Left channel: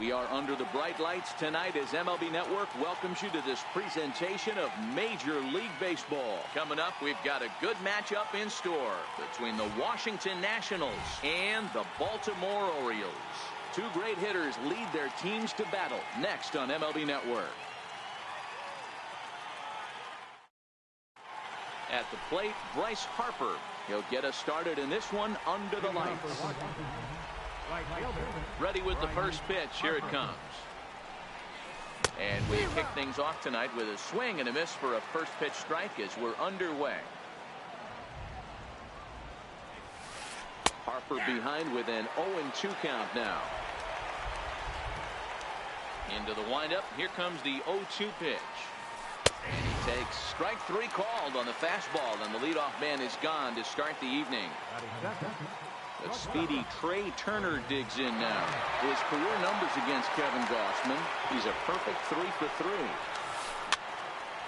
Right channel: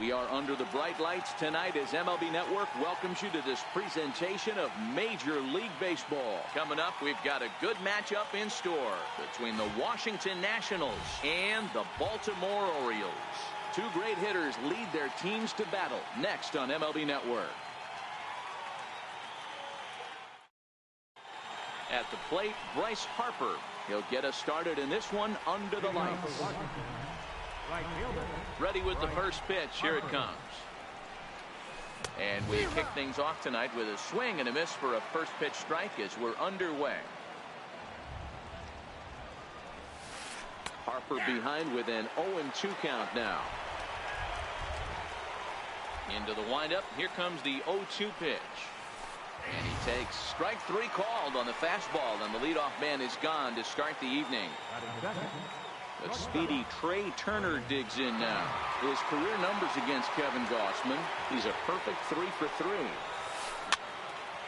We are under the bright lights tonight as MLB Network welcomes you to this presentation of Major League Baseball. Coming up, we've got a good matchup in store between the Washington Nationals and the Baltimore Orioles. Two great hitters lead their teams to battle next on MLB Network. At the plate, Bryce Harper. He'll get us started in this one under the lights. Ready with the first pitch. Here it comes. And we kick things off tonight with a swing and a miss for a first pitch strike as we're underway. Harper behind with an 0-2 count now. Into the windup. Here comes the 0-2 pitch. And he takes strike three called on the fastball, and the leadoff man is gone to start the evening. The speedy Trey Turner digs in now. His career numbers against Kevin Gausman. He's a perfect 3 for 3.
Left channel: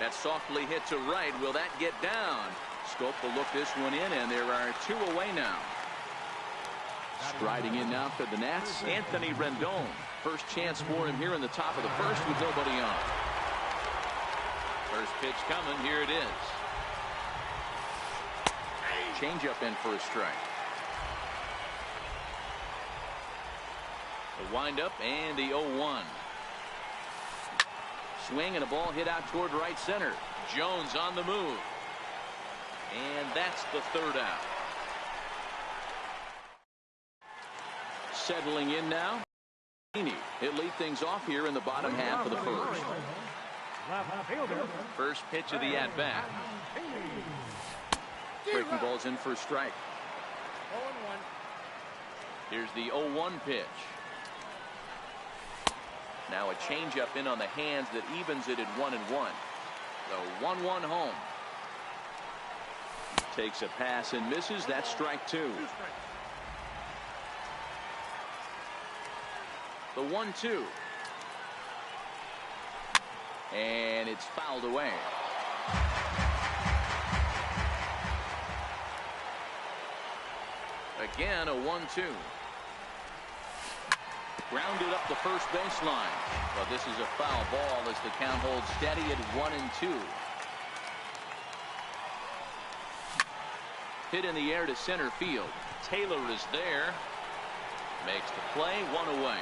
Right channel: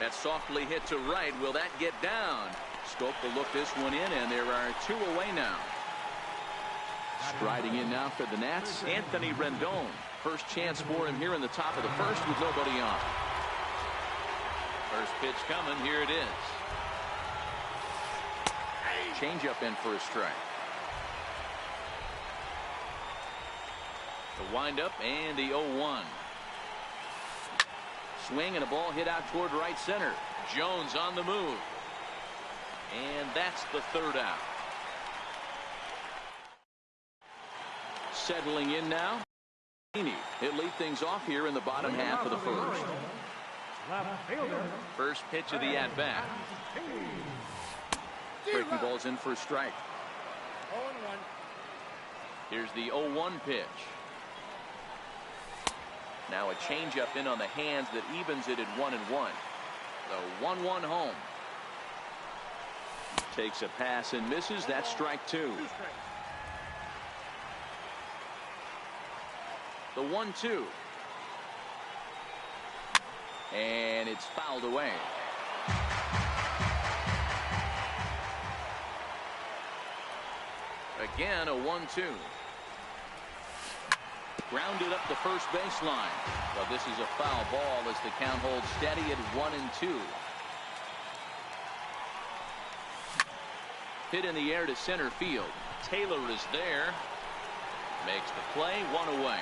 That's softly hit to right. Will that get down? Scope will look this one in, and there are two away now. Striding in now for the Nats, Anthony Rendon. First chance for him here in the top of the first with nobody on. First pitch coming. Here it is. Changeup in for a strike. The windup and the 0-1. Swing and a ball hit out toward right center. Jones on the move. And that's the third out. Settling in now. He'll lead things off here in the bottom half of the first. First pitch of the at-bat. Breaking ball's in for a strike. 0-1. Here's the 0-1 pitch. Now a changeup in on the hands that evens it at 1-1. The 1-1 home. Takes a pass and misses. That's strike two. The 1-2. And it's fouled away. Again, a 1-2. Grounded up the first baseline. Well, this is a foul ball as the count holds steady at 1-2. Hit in the air to center field. Taylor is there. Makes the play, one away.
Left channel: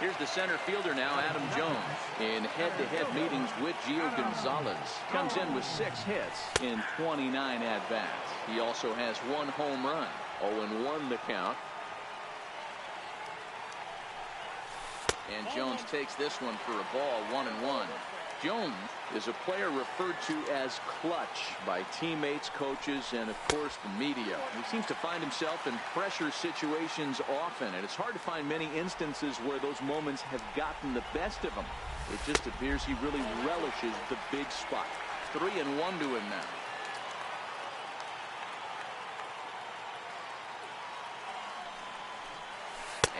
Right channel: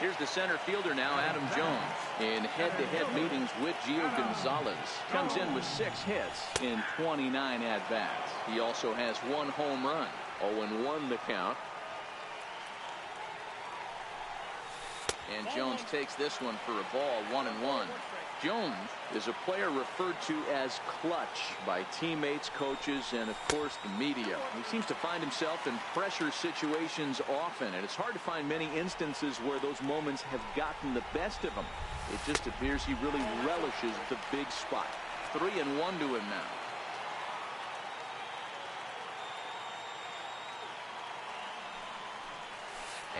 Here's the center fielder now, Adam Jones. In head-to-head meetings with Gio Gonzalez. Comes in with 6 hits in 29 at-bats. He also has 1 home run. 0-1 the count. And Jones takes this one for a ball, 1-1. Jones is a player referred to as clutch by teammates, coaches, and of course the media. He seems to find himself in pressure situations often, and it's hard to find many instances where those moments have gotten the best of him. It just appears he really relishes the big spot. 3-1 to him now.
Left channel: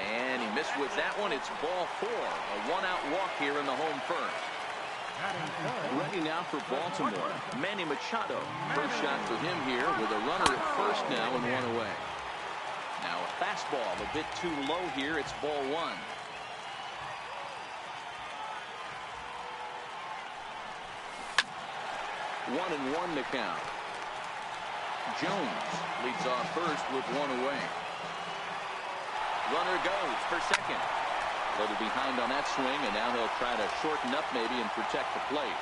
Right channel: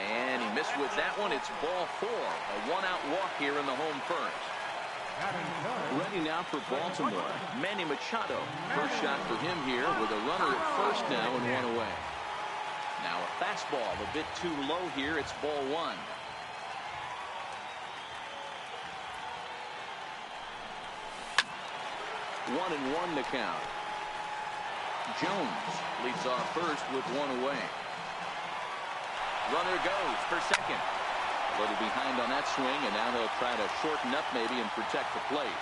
And he missed with that one. It's ball 4. A 1-out walk here in the home first. Ready now for Baltimore. Manny Machado. First shot for him here with a runner at first now and 1 away. Now a fastball a bit too low here. It's ball 1. One and 1 to count. Jones leads off first with 1 away. Runner goes for second. A little behind on that swing, and now he'll try to shorten up maybe and protect the plate.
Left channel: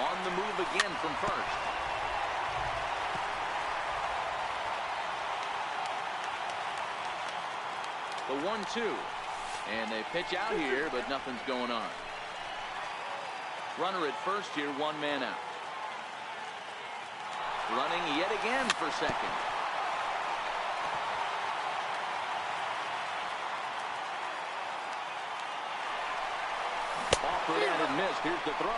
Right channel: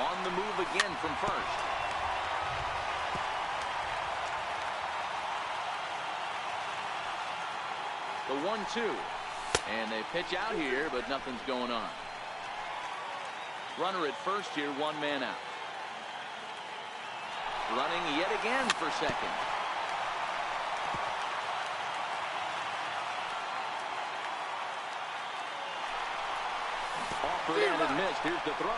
On the move again from first. The 1-2. And they pitch out here, but nothing's going on. Runner at first here, 1 man out. Running yet again for second. Offered and missed. Here's the throw.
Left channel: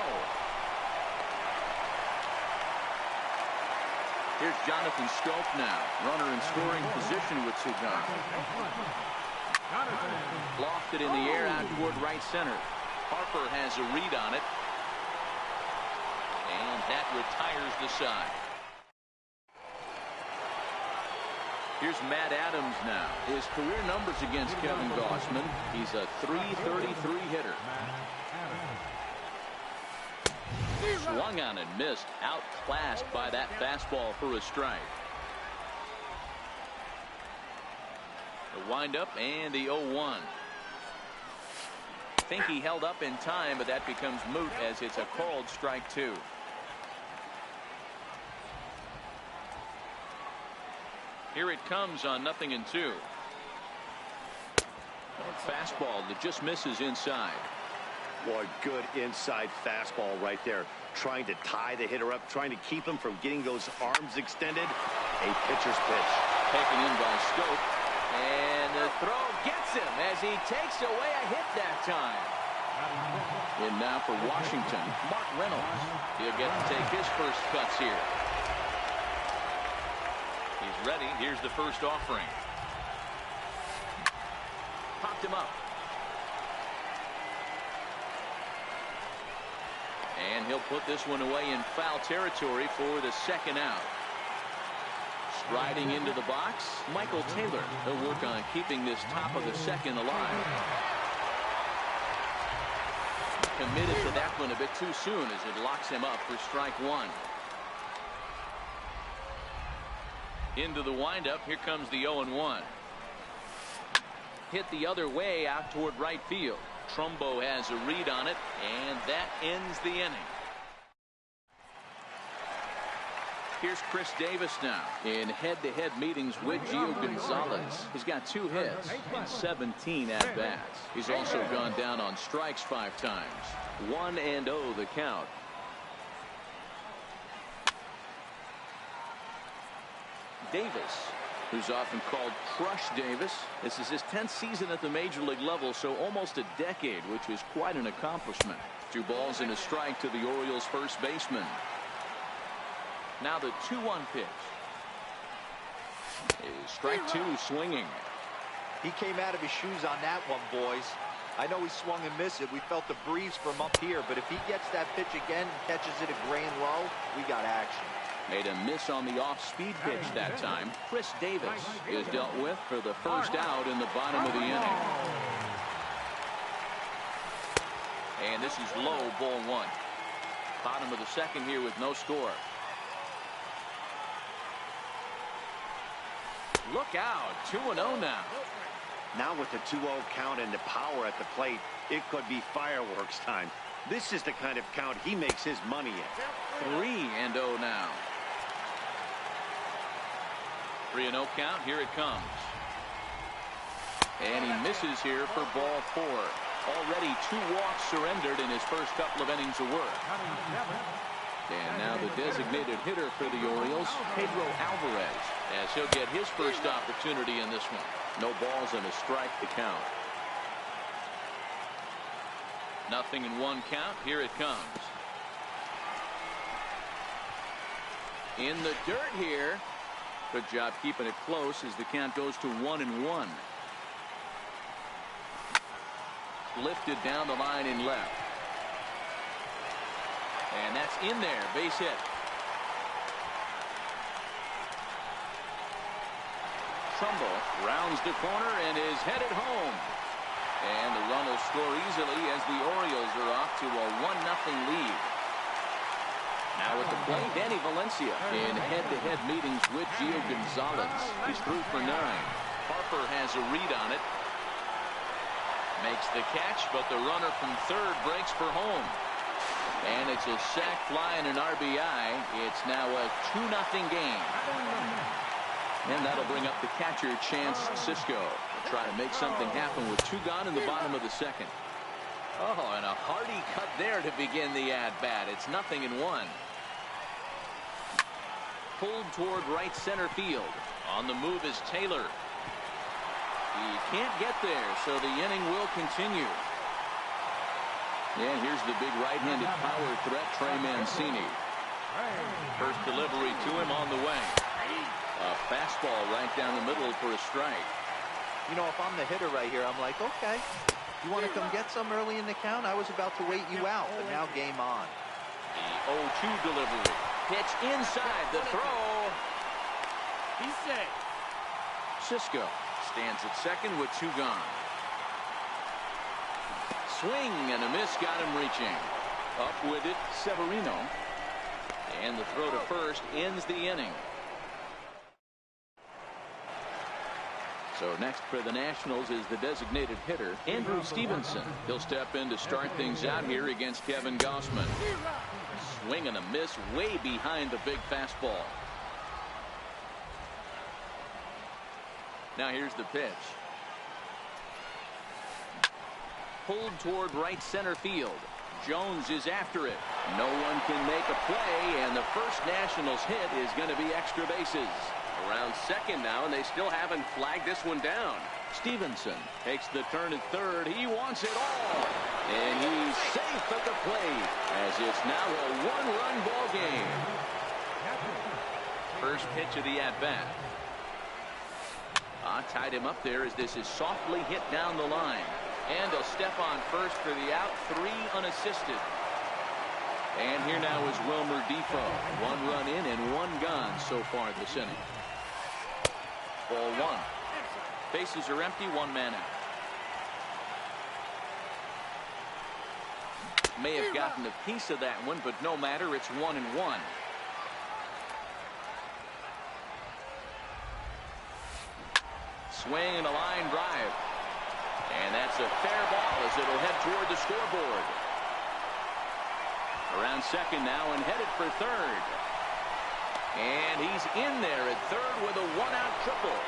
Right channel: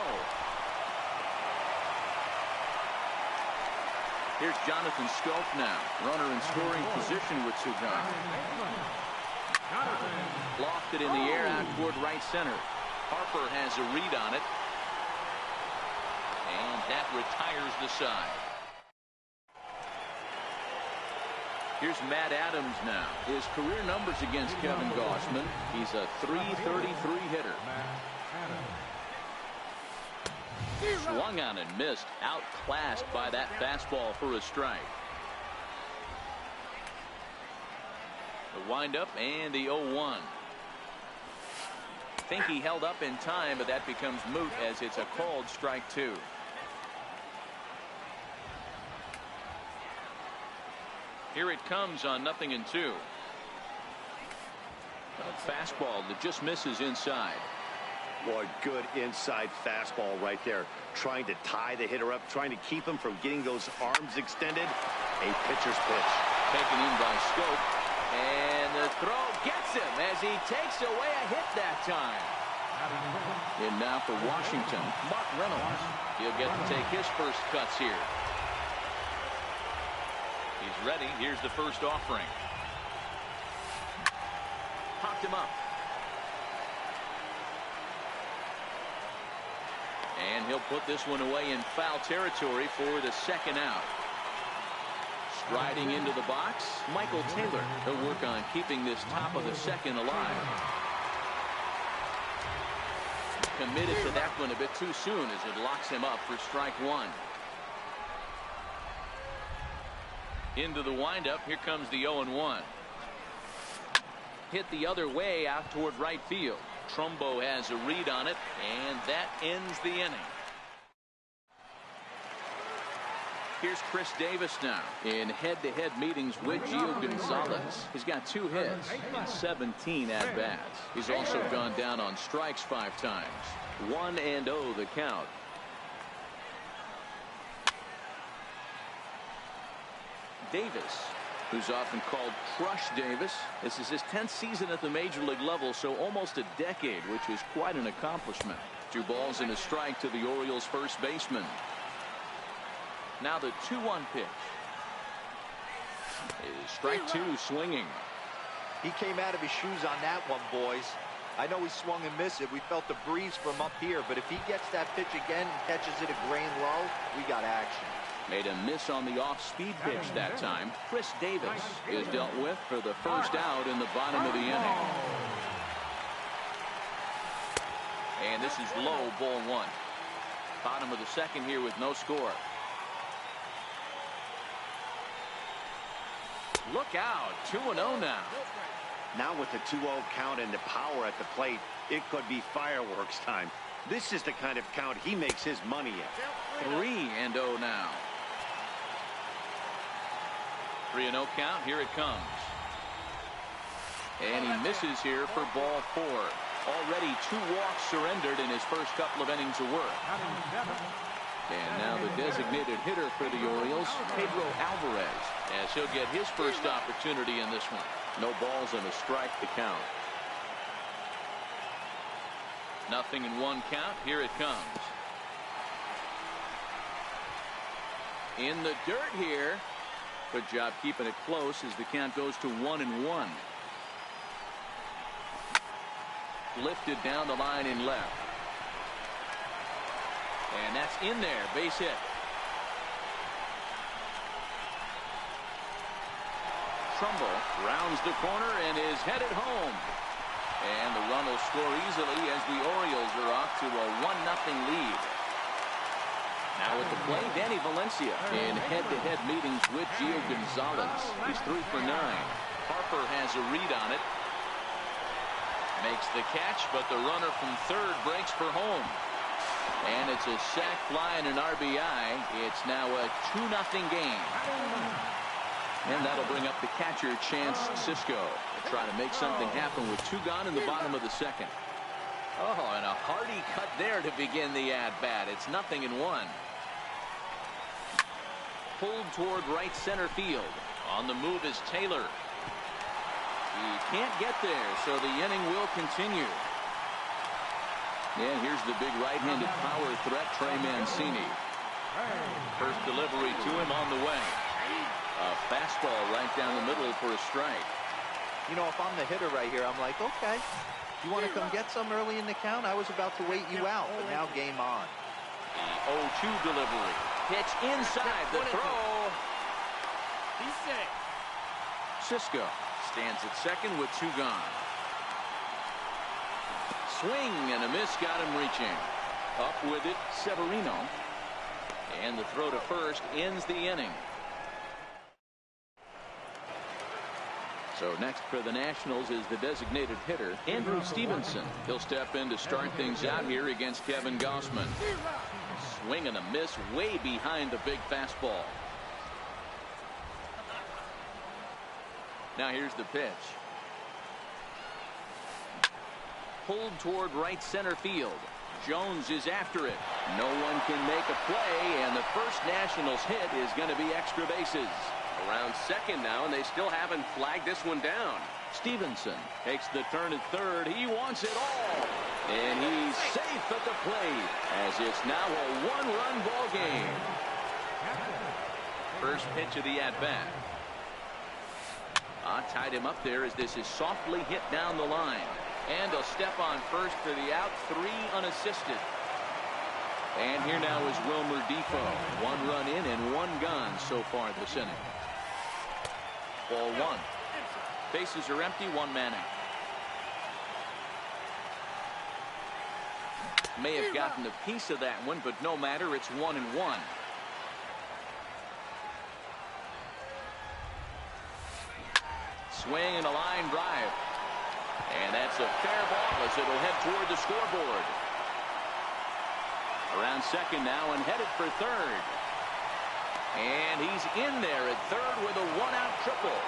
Here's Jonathan Scope now. Runner in scoring position with 2 guys. Lofted in the air out toward right center. Harper has a read on it. And that retires the side. Here's Matt Adams now. His career numbers against Kevin Gossman. He's a .333 hitter. Swung on and missed. Outclassed by that fastball for a strike. The windup and the 0-1. Think he held up in time, but that becomes moot as it's a called strike 2. Here it comes on 0-2. A fastball that just misses inside. Boy, good inside fastball right there. Trying to tie the hitter up, trying to keep him from getting those arms extended. A pitcher's pitch. Taken in by Scope. And the throw gets him as he takes away a hit that time. And now for Washington, Mark Reynolds. He'll get to take his first cuts here. He's ready. Here's the first offering. Popped him up. And he'll put this one away in foul territory for the second out. Striding into the box, Michael Taylor. He'll work on keeping this top of the second alive. Committed to that one a bit too soon as it locks him up for strike 1. Into the windup. Here comes the 0-1. Hit the other way out toward right field. Trumbo has a read on it, and that ends the inning. Here's Chris Davis now in head-to-head meetings with Gio Gonzalez. He's got 2 hits and 17 at-bats. He's also gone down on strikes 5 times. 1-0 the count. Davis, who's often called Crush Davis. This is his 10th season at the major league level, so almost a decade, which is quite an accomplishment. 2 balls and a strike to the Orioles first baseman. Now the 2-1 pitch. Is strike 2 swinging. He came out of his shoes on that one, boys. I know he swung and missed it. We felt the breeze from up here, but if he gets that pitch again and catches it a grain low, we got action. Made a miss on the off-speed pitch that time. Chris Davis is dealt with for the first out in the bottom of the inning. And this is low, ball 1. Bottom of the second here with no score. Look out, 2-0 now. Now with the 2-0 count and the power at the plate, it could be fireworks time. This is the kind of count he makes his money in. 3-0 now. 3-0 count. Here it comes. And he misses here for ball 4. Already 2 walks surrendered in his first couple of innings of work. And now the designated hitter for the Orioles, Pedro Alvarez, as he'll get his first opportunity in this one. No balls and a strike to count. 0-1 count. Here it comes. In the dirt here. Good job keeping it close as the count goes to 1-1. Lifted down the line in left. And that's in there. Base hit. Trumbo rounds the corner and is headed home. And the run will score easily as the Orioles are off to a 1-0 lead. Now at the plate, Danny Valencia in head-to-head meetings with Gio Gonzalez. He's 3 for 9. Harper has a read on it. Makes the catch, but the runner from third breaks for home. And it's a sac fly and an RBI. It's now a 2-0 game. And that'll bring up the catcher, Chance Sisco. They'll try to make something happen with 2 gone in the bottom of the second. Oh, and a hearty cut there to begin the at-bat. It's 0-1. Pulled toward right center field. On the move is Taylor. He can't get there, so the inning will continue. And here's the big right-handed power threat, Trey Mancini. First delivery to him on the way. A fastball right down the middle for a strike. You know, if I'm the hitter right here, I'm like, okay, you want to come get some early in the count? I was about to wait you out, but now game on. The 0-2 delivery. Pitch inside the throw. He's safe. Cisco stands at second with 2 gone. Swing and a miss, got him reaching. Up with it, Severino. And the throw to first ends the inning. So next for the Nationals is the designated hitter, Andrew Stevenson. He'll step in to start things out here against Kevin Gausman. Swing and a miss way behind the big fastball. Now here's the pitch. Pulled toward right center field. Jones is after it. No one can make a play, and the first Nationals hit is going to be extra bases. Around second now, and they still haven't flagged this one down. Stevenson takes the turn at third. He wants it all, and he's safe at the plate as it's now a 1-run ball game. First pitch of the at-bat. Tied him up there as this is softly hit down the line. And he'll step on first for the out, 3 unassisted. And here now is Wilmer Defoe. 1 run in and 1 gone so far this inning. Ball 1. Bases are empty, 1 man out. May have gotten a piece of that one, but no matter, it's 1-1. Swing and a line drive. And that's a fair ball as it'll head toward the scoreboard. Around second now and headed for third. And he's in there at third with a 1-out triple.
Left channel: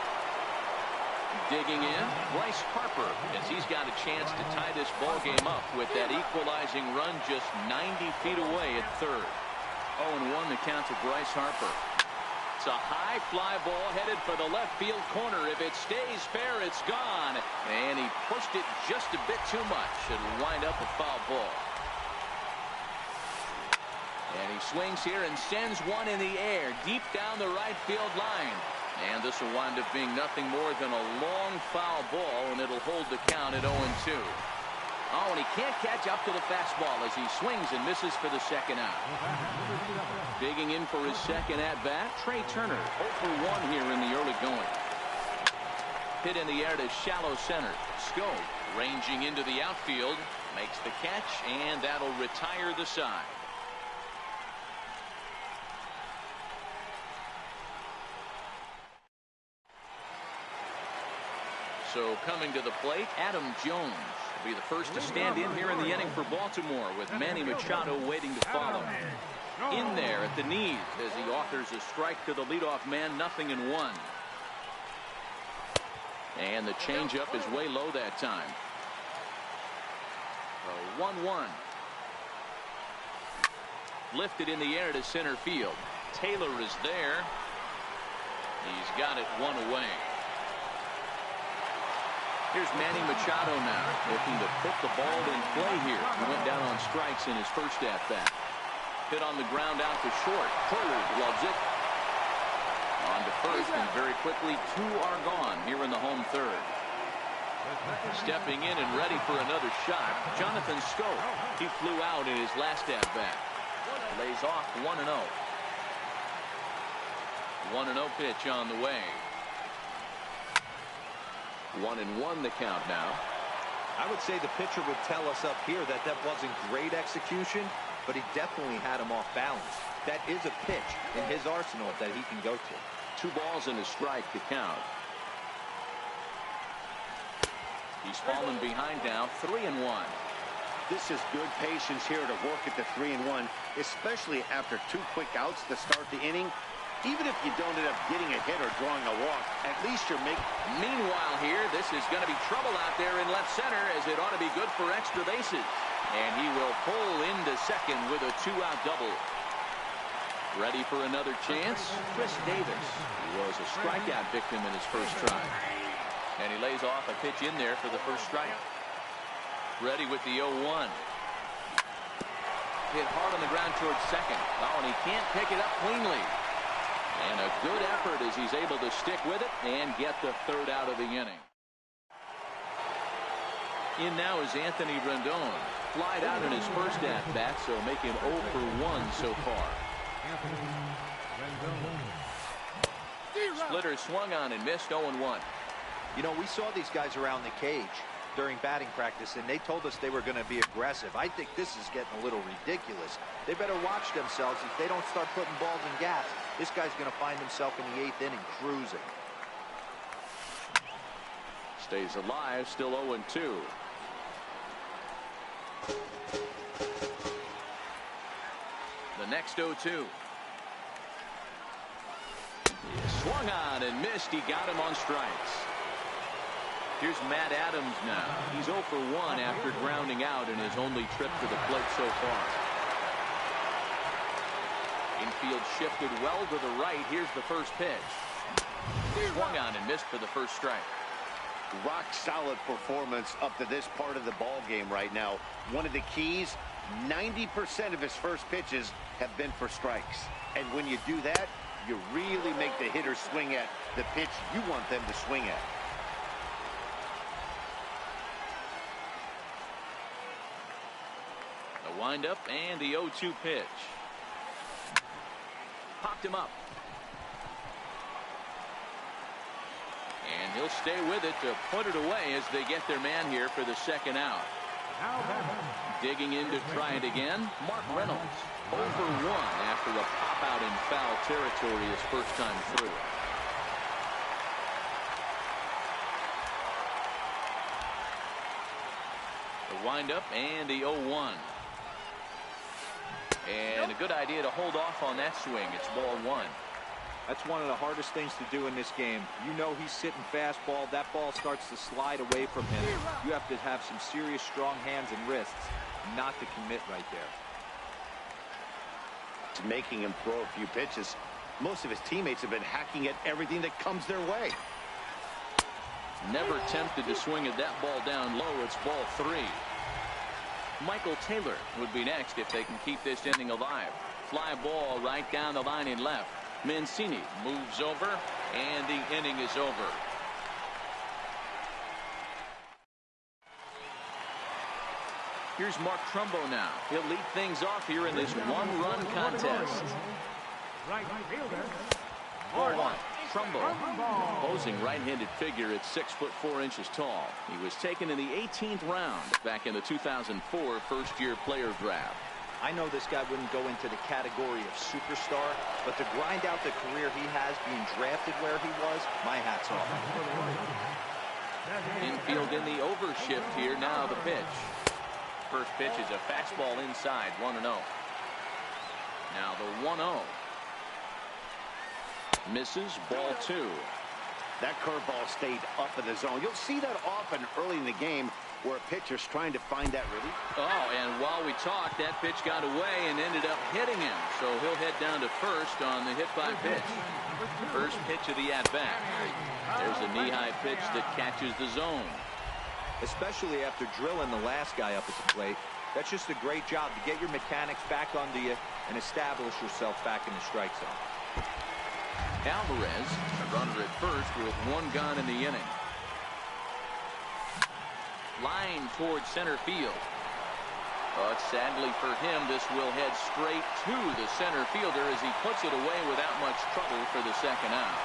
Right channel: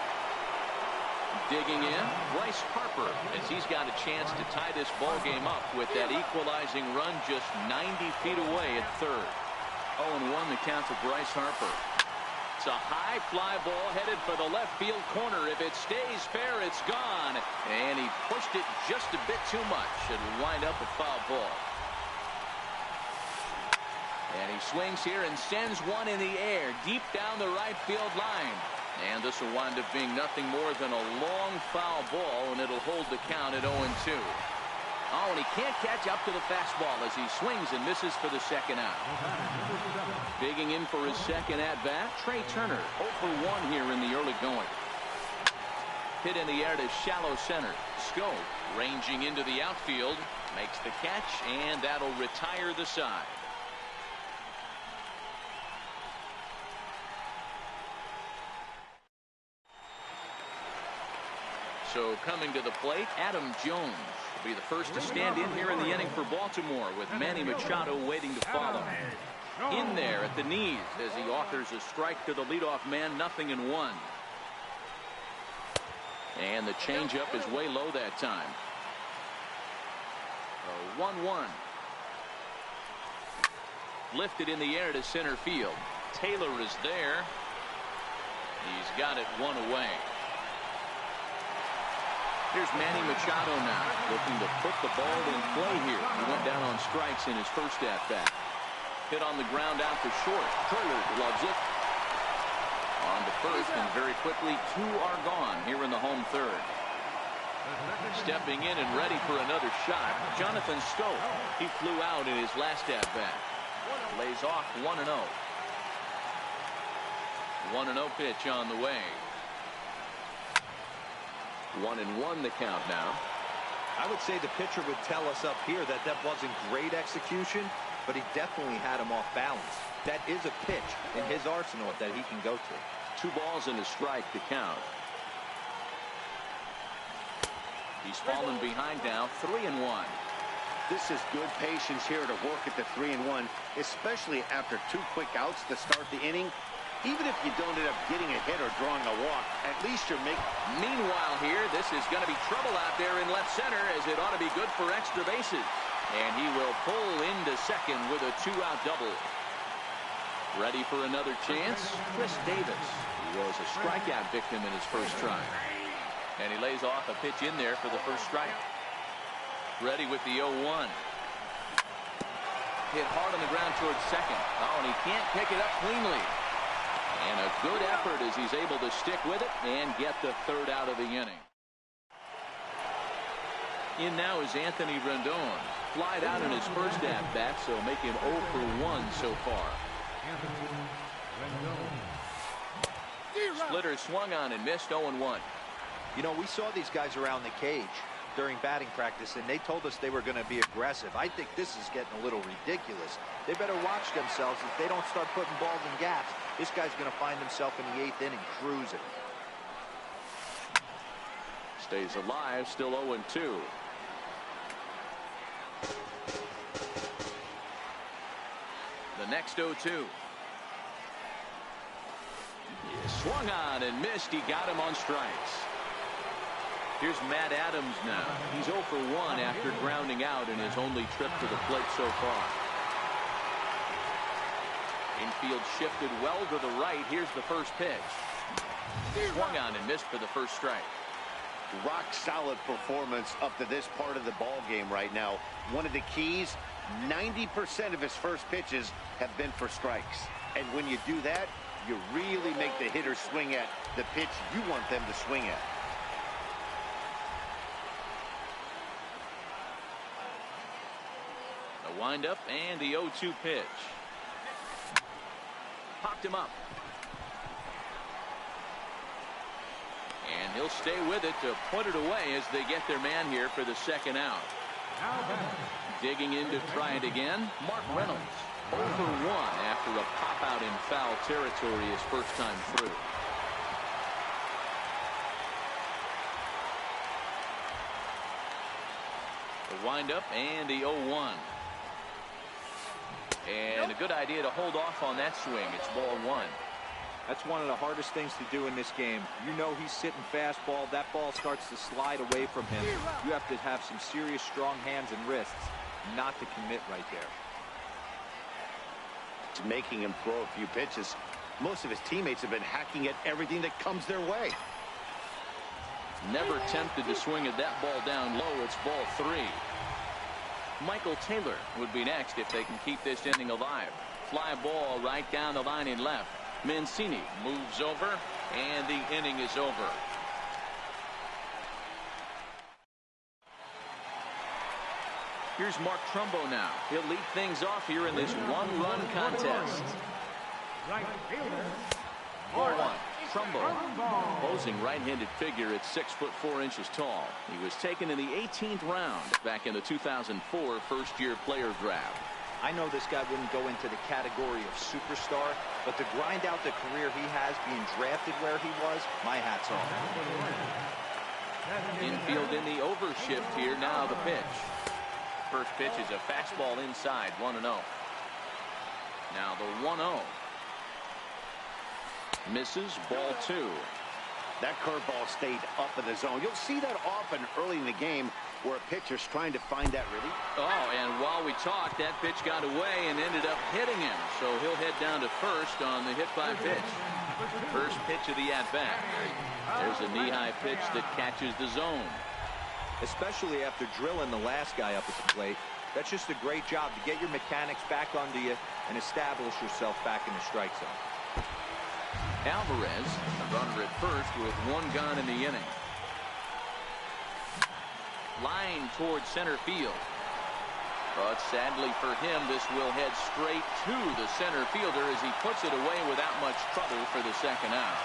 Digging in, Bryce Harper, as he's got a chance to tie this ball game up with that equalizing run just 90 feet away at third. 0-1 the count to Bryce Harper. It's a high fly ball headed for the left field corner. If it stays fair, it's gone. And he pushed it just a bit too much. It'll wind up a foul ball. And he swings here and sends one in the air deep down the right field line. And this will wind up being nothing more than a long foul ball, and it'll hold the count at 0-2. Oh, and he can't catch up to the fastball as he swings and misses for the second out. Digging in for his second at-bat, Trey Turner, 0 for 1 here in the early going. Hit in the air to shallow center. Scope ranging into the outfield, makes the catch, and that'll retire the side. So coming to the plate, Adam Jones will be the first to stand in here in the inning for Baltimore, with Manny Machado waiting to follow. In there at the knees as he offers a strike to the leadoff man, 0-1. And the changeup is way low that time. 1-1. Lifted in the air to center field. Taylor is there. He's got it 1 away. Here's Manny Machado now, looking to put the ball in play here. He went down on strikes in his first at-bat. Hit on the ground out to short. Turner loves it. On to first, and very quickly 2 are gone here in the home third. Stepping in and ready for another shot, Jonathan Scope. He flew out in his last at-bat. Lays off 1-0. 1-0 pitch on the way. 1-1 the count now. I would say the pitcher would tell us up here that wasn't great execution, but he definitely had him off balance. That is a pitch in his arsenal that he can go to. 2 balls and a strike to count. He's fallen behind now, 3-1. This is good patience here to work at the 3-1, especially after 2 quick outs to start the inning. Even if you don't end up getting a hit or drawing a walk, at least you're making. Meanwhile here, this is going to be trouble out there in left center, as it ought to be good for extra bases. And he will pull into second with a 2-out double. Ready for another chance? Chris Davis, who was a strikeout victim in his first try. And he lays off a pitch in there for the first strike. Ready with the 0-1. Hit hard on the ground towards second. Oh, and he can't pick it up cleanly. And a good effort as he's able to stick with it and get the 3rd out of the inning. In now is Anthony Rendon. Flied out in his first at-bat, so make him 0 for 1 so far. Splitter swung on and missed. 0-1. You know, we saw these guys around the cage during batting practice, and they told us they were going to be aggressive. I think this is getting a little ridiculous. They better watch themselves. If they don't start putting balls in gaps, this guy's going to find himself in the 8th inning cruising. Stays alive, still 0-2. The next 0-2. He swung on and missed. He got him on strikes. Here's Matt Adams now. He's 0 for 1 after grounding out in his only trip to the plate so far. Infield shifted well to the right. Here's the first pitch. Swung on and missed for the first strike. Rock solid performance up to this part of the ball game right now. One of the keys, 90% of his first pitches have been for strikes. And when you do that, you really make the hitter swing at the pitch you want them to swing at. The windup and the 0-2 pitch. Popped him up. And he'll stay with it to put it away as they get their man here for the second out. Digging in to try it again, Mark Reynolds. 0 for 1 after a pop out in foul territory his first time through. The windup and the 0-1. And a good idea to hold off on that swing. It's ball 1. That's one of the hardest things to do in this game. You know he's sitting fastball. That ball starts to slide away from him. You have to have some serious strong hands and wrists not to commit right there. It's making him throw a few pitches. Most of his teammates have been hacking at everything that comes their way. Never tempted to swing at that ball down low. It's ball 3. Michael Taylor would be next if they can keep this inning alive. Fly ball right down the line in left. Mancini moves over, and the inning is over. Here's Mark Trumbo now. He'll lead things off here in this one-run contest. Right fielder. Ball 1. Trumbo, posing right-handed figure at 6'4" tall. He was taken in the 18th round back in the 2004 first-year player draft. I know this guy wouldn't go into the category of superstar, but to grind out the career he has being drafted where he was, my hat's off. Infield in the overshift here. Now the pitch. First pitch is a fastball inside. 1-0. Now the 1-0. Misses. Ball 2. That curveball stayed up in the zone. You'll see that often early in the game where a pitcher's trying to find that relief. Oh, and while we talked, that pitch got away and ended up hitting him. So he'll head down to first on the hit by pitch. First pitch of the at-bat. There's a knee-high pitch that catches the zone. Especially after drilling the last guy up at the plate. That's just a great job to get your mechanics back onto you and establish yourself back in the strike zone. Alvarez, a runner at first with 1 gone in the inning. Line towards center field. But sadly for him, this will head straight to the center fielder as he puts it away without much trouble for the second out.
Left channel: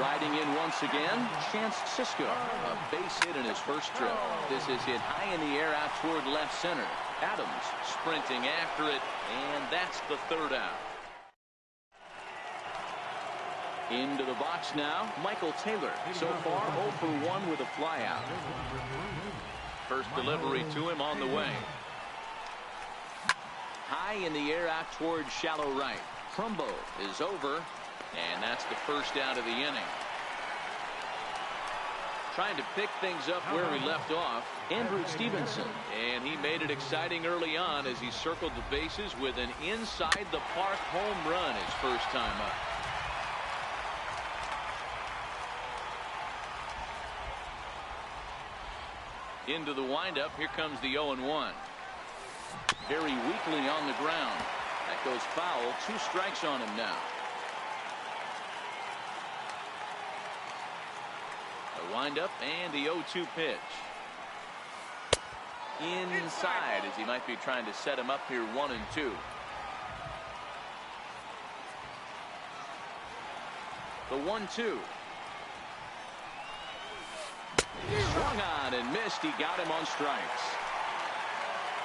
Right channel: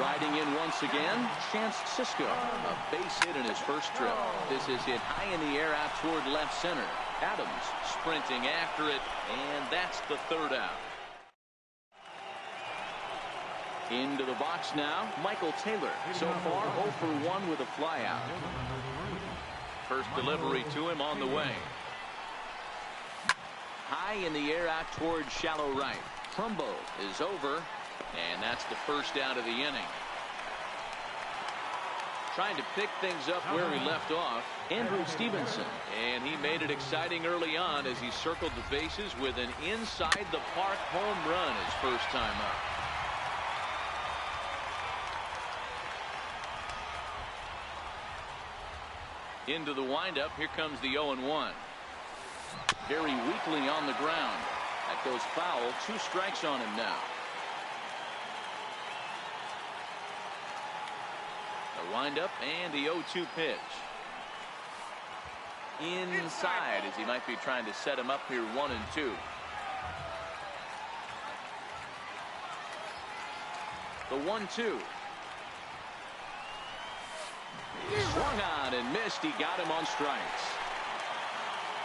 Riding in once again, Chance Sisco, a base hit in his first trip. This is hit high in the air out toward left center. Adams sprinting after it, and that's the third out. Into the box now, Michael Taylor. So far 0 for 1 with a flyout. First delivery to him on the way. High in the air out towards shallow right. Trumbo is over, and that's the first out of the inning. Trying to pick things up where we left off, Andrew Stevenson. And he made it exciting early on as he circled the bases with an inside the park home run his first time up. Into the windup. Here comes the 0-1. Very weakly on the ground. That goes foul. 2 strikes on him now. The windup and the 0-2 pitch. Inside as he might be trying to set him up here 1-2. The 1-2. Swung on and missed. He got him on strikes.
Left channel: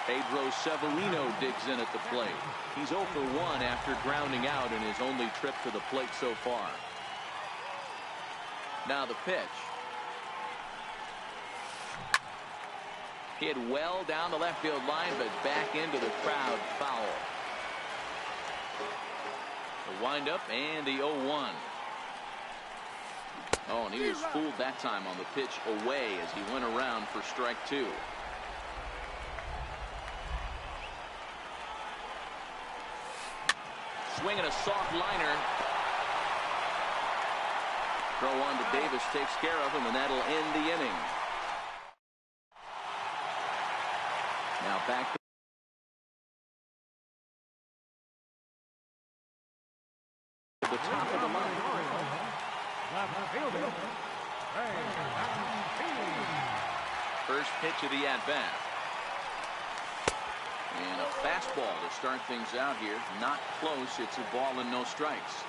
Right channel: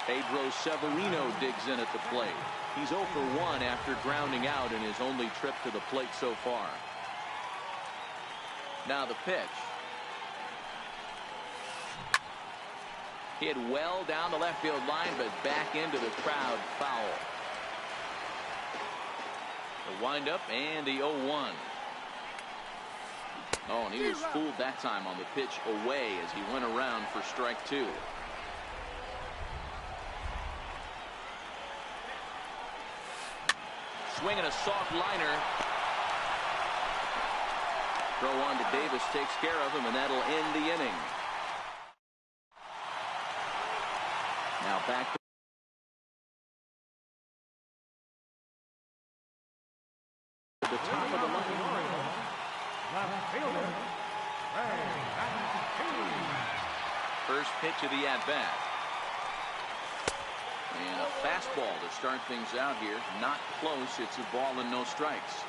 Pedro Severino digs in at the plate. He's 0 for 1 after grounding out in his only trip to the plate so far. Now the pitch. Hit well down the left field line, but back into the crowd, foul. The windup and the 0-1. Oh, and he was fooled that time on the pitch away as he went around for strike 2. Swinging a soft liner. Throw on to Davis takes care of him, and that'll end the inning. Now back to the top of the line. Left fielder, First pitch of the at-bat. And a fastball to start things out here. Not close. It's a ball and no strikes.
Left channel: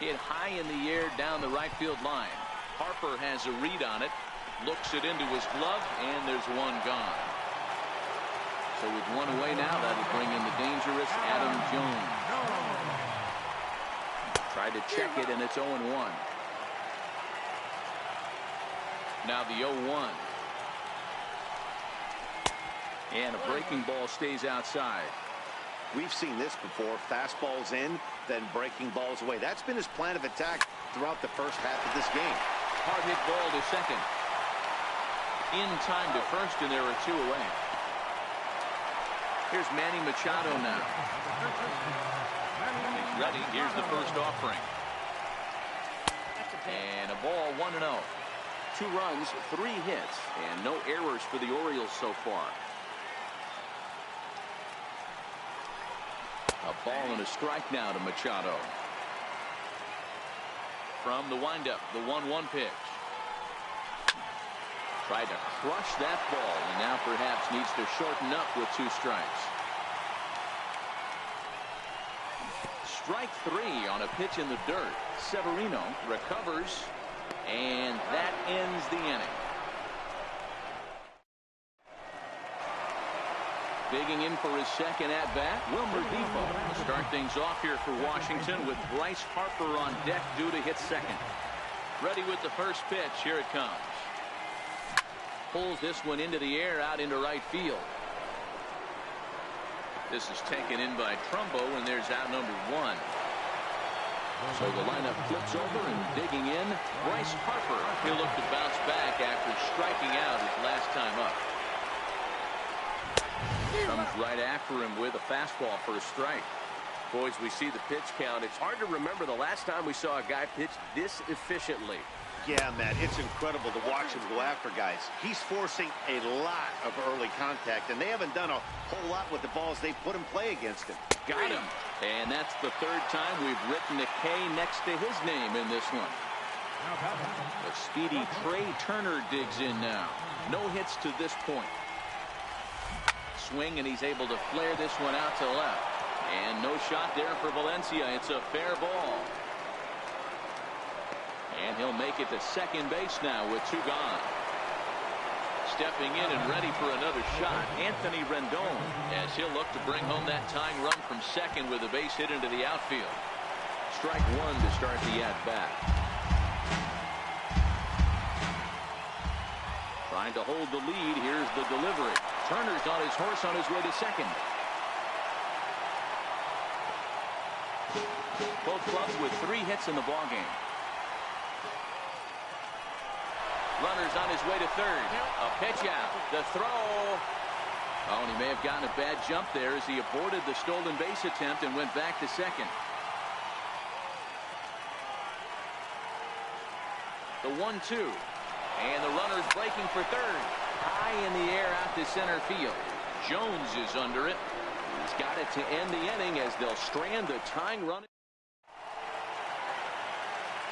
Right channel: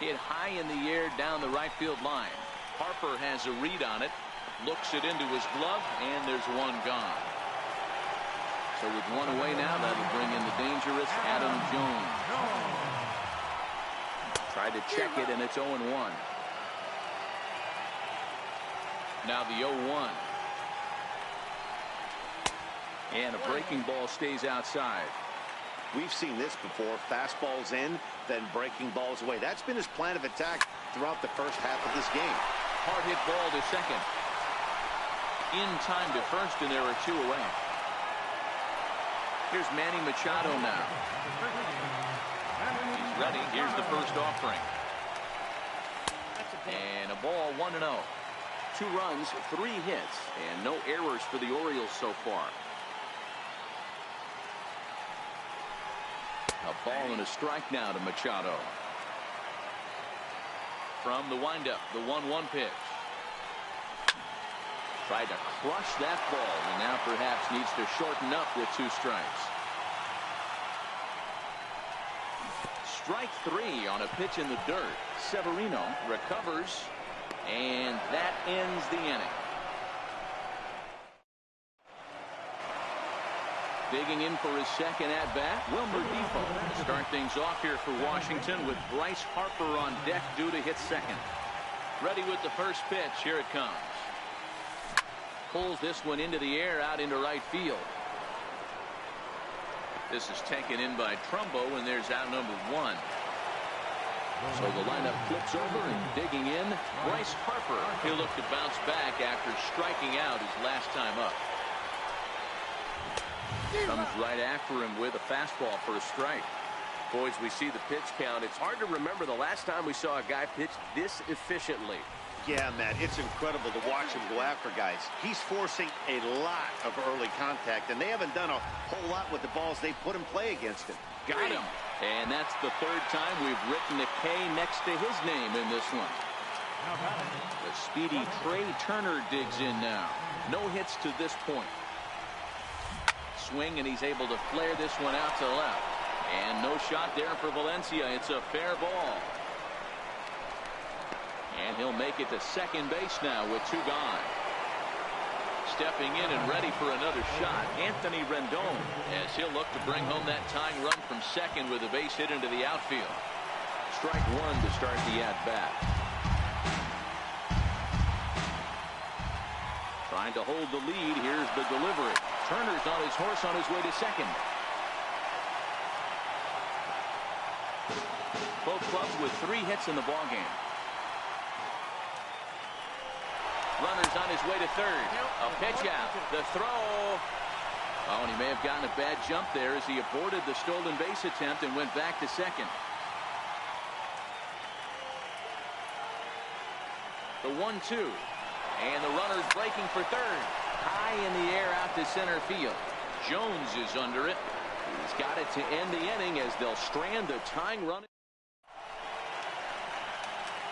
Hit high in the air down the right field line. Harper has a read on it. Looks it into his glove, and there's one gone. So with one away now, that'll bring in the dangerous Adam Jones. Tried to check it, and it's 0-1. Now the 0-1. And a breaking ball stays outside. We've seen this before. Fastballs in, then breaking balls away. That's been his plan of attack throughout the first half of this game. Hard hit ball to second. In time to first, and there are 2 away. Here's Manny Machado now. He's ready. Here's the first offering. And a ball, 1-0. 2 runs, 3 hits, and no errors for the Orioles so far. A ball and a strike now to Machado. From the windup, the 1-1 pitch. Tried to crush that ball, and now perhaps needs to shorten up with 2 strikes. Strike 3 on a pitch in the dirt. Severino recovers, and that ends the inning. Digging in for his second at-bat, Wilmer Depot will start things off here for Washington with Bryce Harper on deck due to hit second. Ready with the first pitch. Here it comes. Pulls this one into the air out into right field. This is taken in by Trumbo, and there's out number 1. So the lineup flips over, and digging in, Bryce Harper. He'll look to bounce back after striking out his last time up. Comes right after him with a fastball for a strike. Boys, we see the pitch count. It's hard to remember the last time we saw a guy pitch this efficiently. Yeah, Matt, it's incredible to watch him go after guys. He's forcing a lot of early contact, and they haven't done a whole lot with the balls they put in play against him. Got him. And that's the 3rd time we've written a K next to his name in this one. The speedy Trey Turner digs in now. No hits to this point. Swing, and he's able to flare this one out to left. And no shot there for Valencia. It's a fair ball. And he'll make it to second base now with 2 gone. Stepping in and ready for another shot, Anthony Rendon, as he'll look to bring home that tying run from second with a base hit into the outfield. Strike 1 to start the at-bat. Trying to hold the lead. Here's the delivery. Turner's on his horse on his way to second. Both clubs with 3 hits in the ballgame. Runner's on his way to third. A pitch out. The throw. Oh, and he may have gotten a bad jump there as he aborted the stolen base attempt and went back to second. The 1-2. And the runner's breaking for third. High in the air out to center field. Jones is under it. He's got it to end the inning as they'll strand the tying run.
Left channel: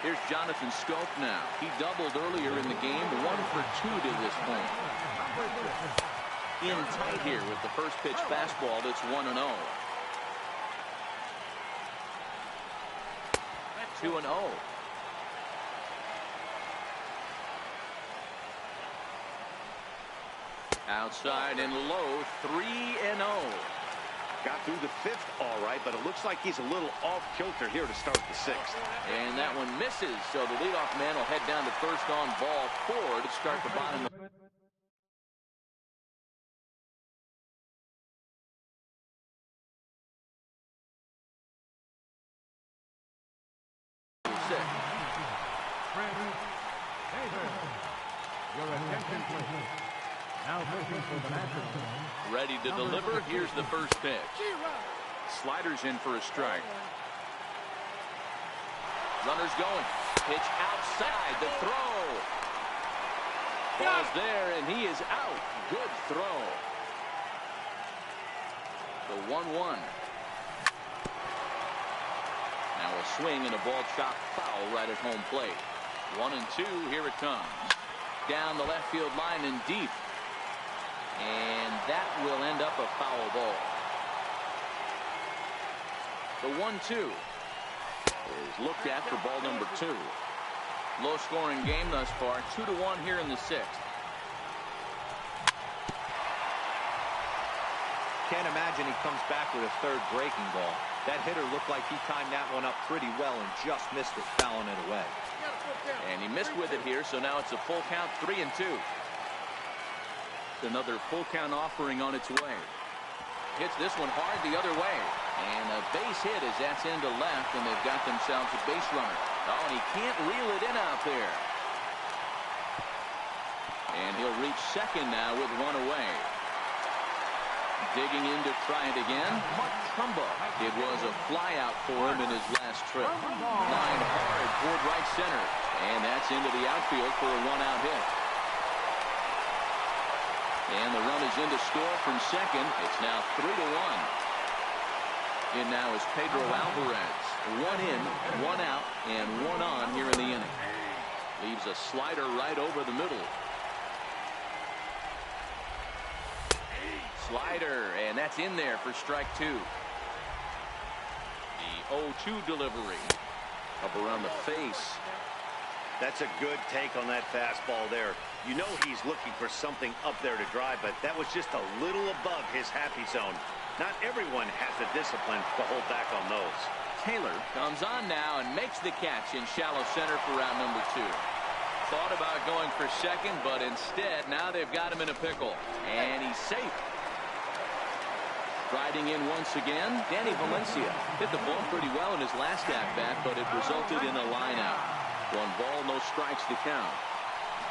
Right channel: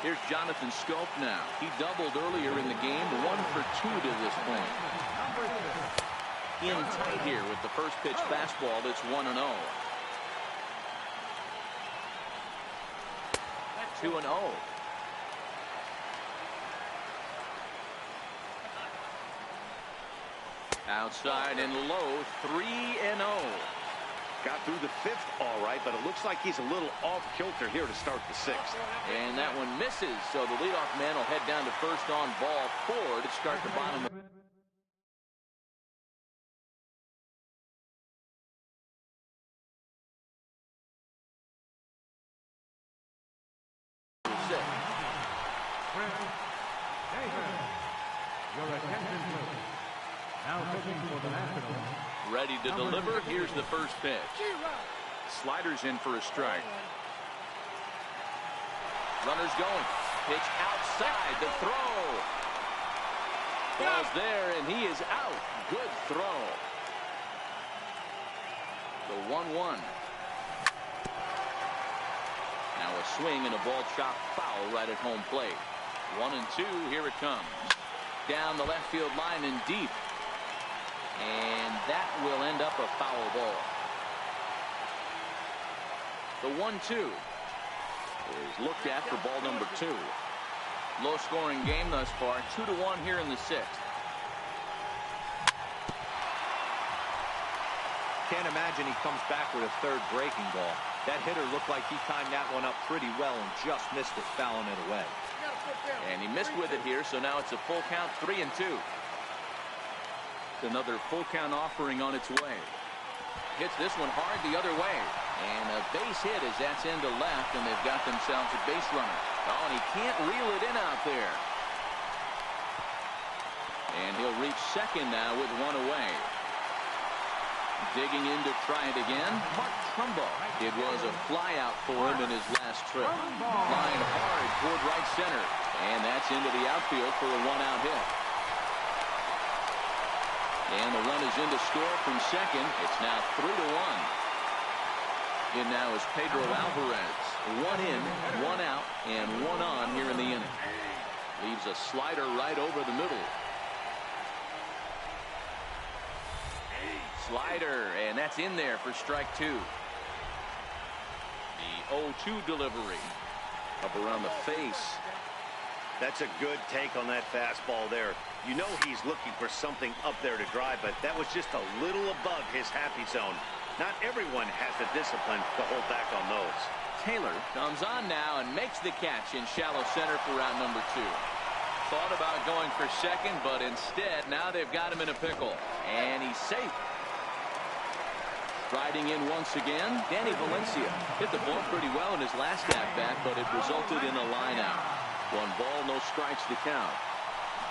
Here's Jonathan Scope now. He doubled earlier in the game. 1 for 2 to this point. In tight here with the first pitch fastball that's 1-0. 2-0. Outside and low, 3-0. Got through the 5th all right, but it looks like he's a little off kilter here to start the 6th. And that one misses, so the leadoff man will head down to first on ball 4 to start the bottom of the 6th. Your attention, please. Now pitching for the Nationals. Ready to deliver. Here's the first pitch. Sliders in for a strike. Runners going. Pitch outside. The throw. Ball's there, and he is out. Good throw. The 1-1. Now a swing and a ball chopped foul right at home plate. 1-2. Here it comes. Down the left field line and deep. And that will end up a foul ball. The 1-2 is looked at for ball number 2. Low scoring game thus far. 2-1 here in the 6th. Can't imagine he comes back with a 3rd breaking ball. That hitter looked like he timed that one up pretty well and just missed it, fouling it away. And he missed with it here, so now it's a full count, 3-2. Another full count offering on its way. Hits this one hard the other way. And a base hit as that's into left, and they've got themselves a base runner. Oh, and he can't reel it in out there. And he'll reach second now with one away. Digging in to try it again. Mark Trumbo. It was a fly out for him in his last trip. Line hard toward right center. And that's into the outfield for a 1-out hit. And the run is in to score from second. It's now 3-1. In now is Pedro Alvarez. 1 in, 1 out, and 1 on here in the inning. Leaves a slider right over the middle. Slider, and that's in there for strike 2. The 0-2 delivery. Up around the face. That's a good take on that fastball there. You know he's looking for something up there to drive, but that was just a little above his happy zone. Not everyone has the discipline to hold back on those. Taylor comes on now and makes the catch in shallow center for round number 2. Thought about going for second, but instead now they've got him in a pickle. And he's safe. Striding in once again, Danny Valencia hit the ball pretty well in his last at-bat, but it resulted in a line-out. 1 ball, no strikes to count.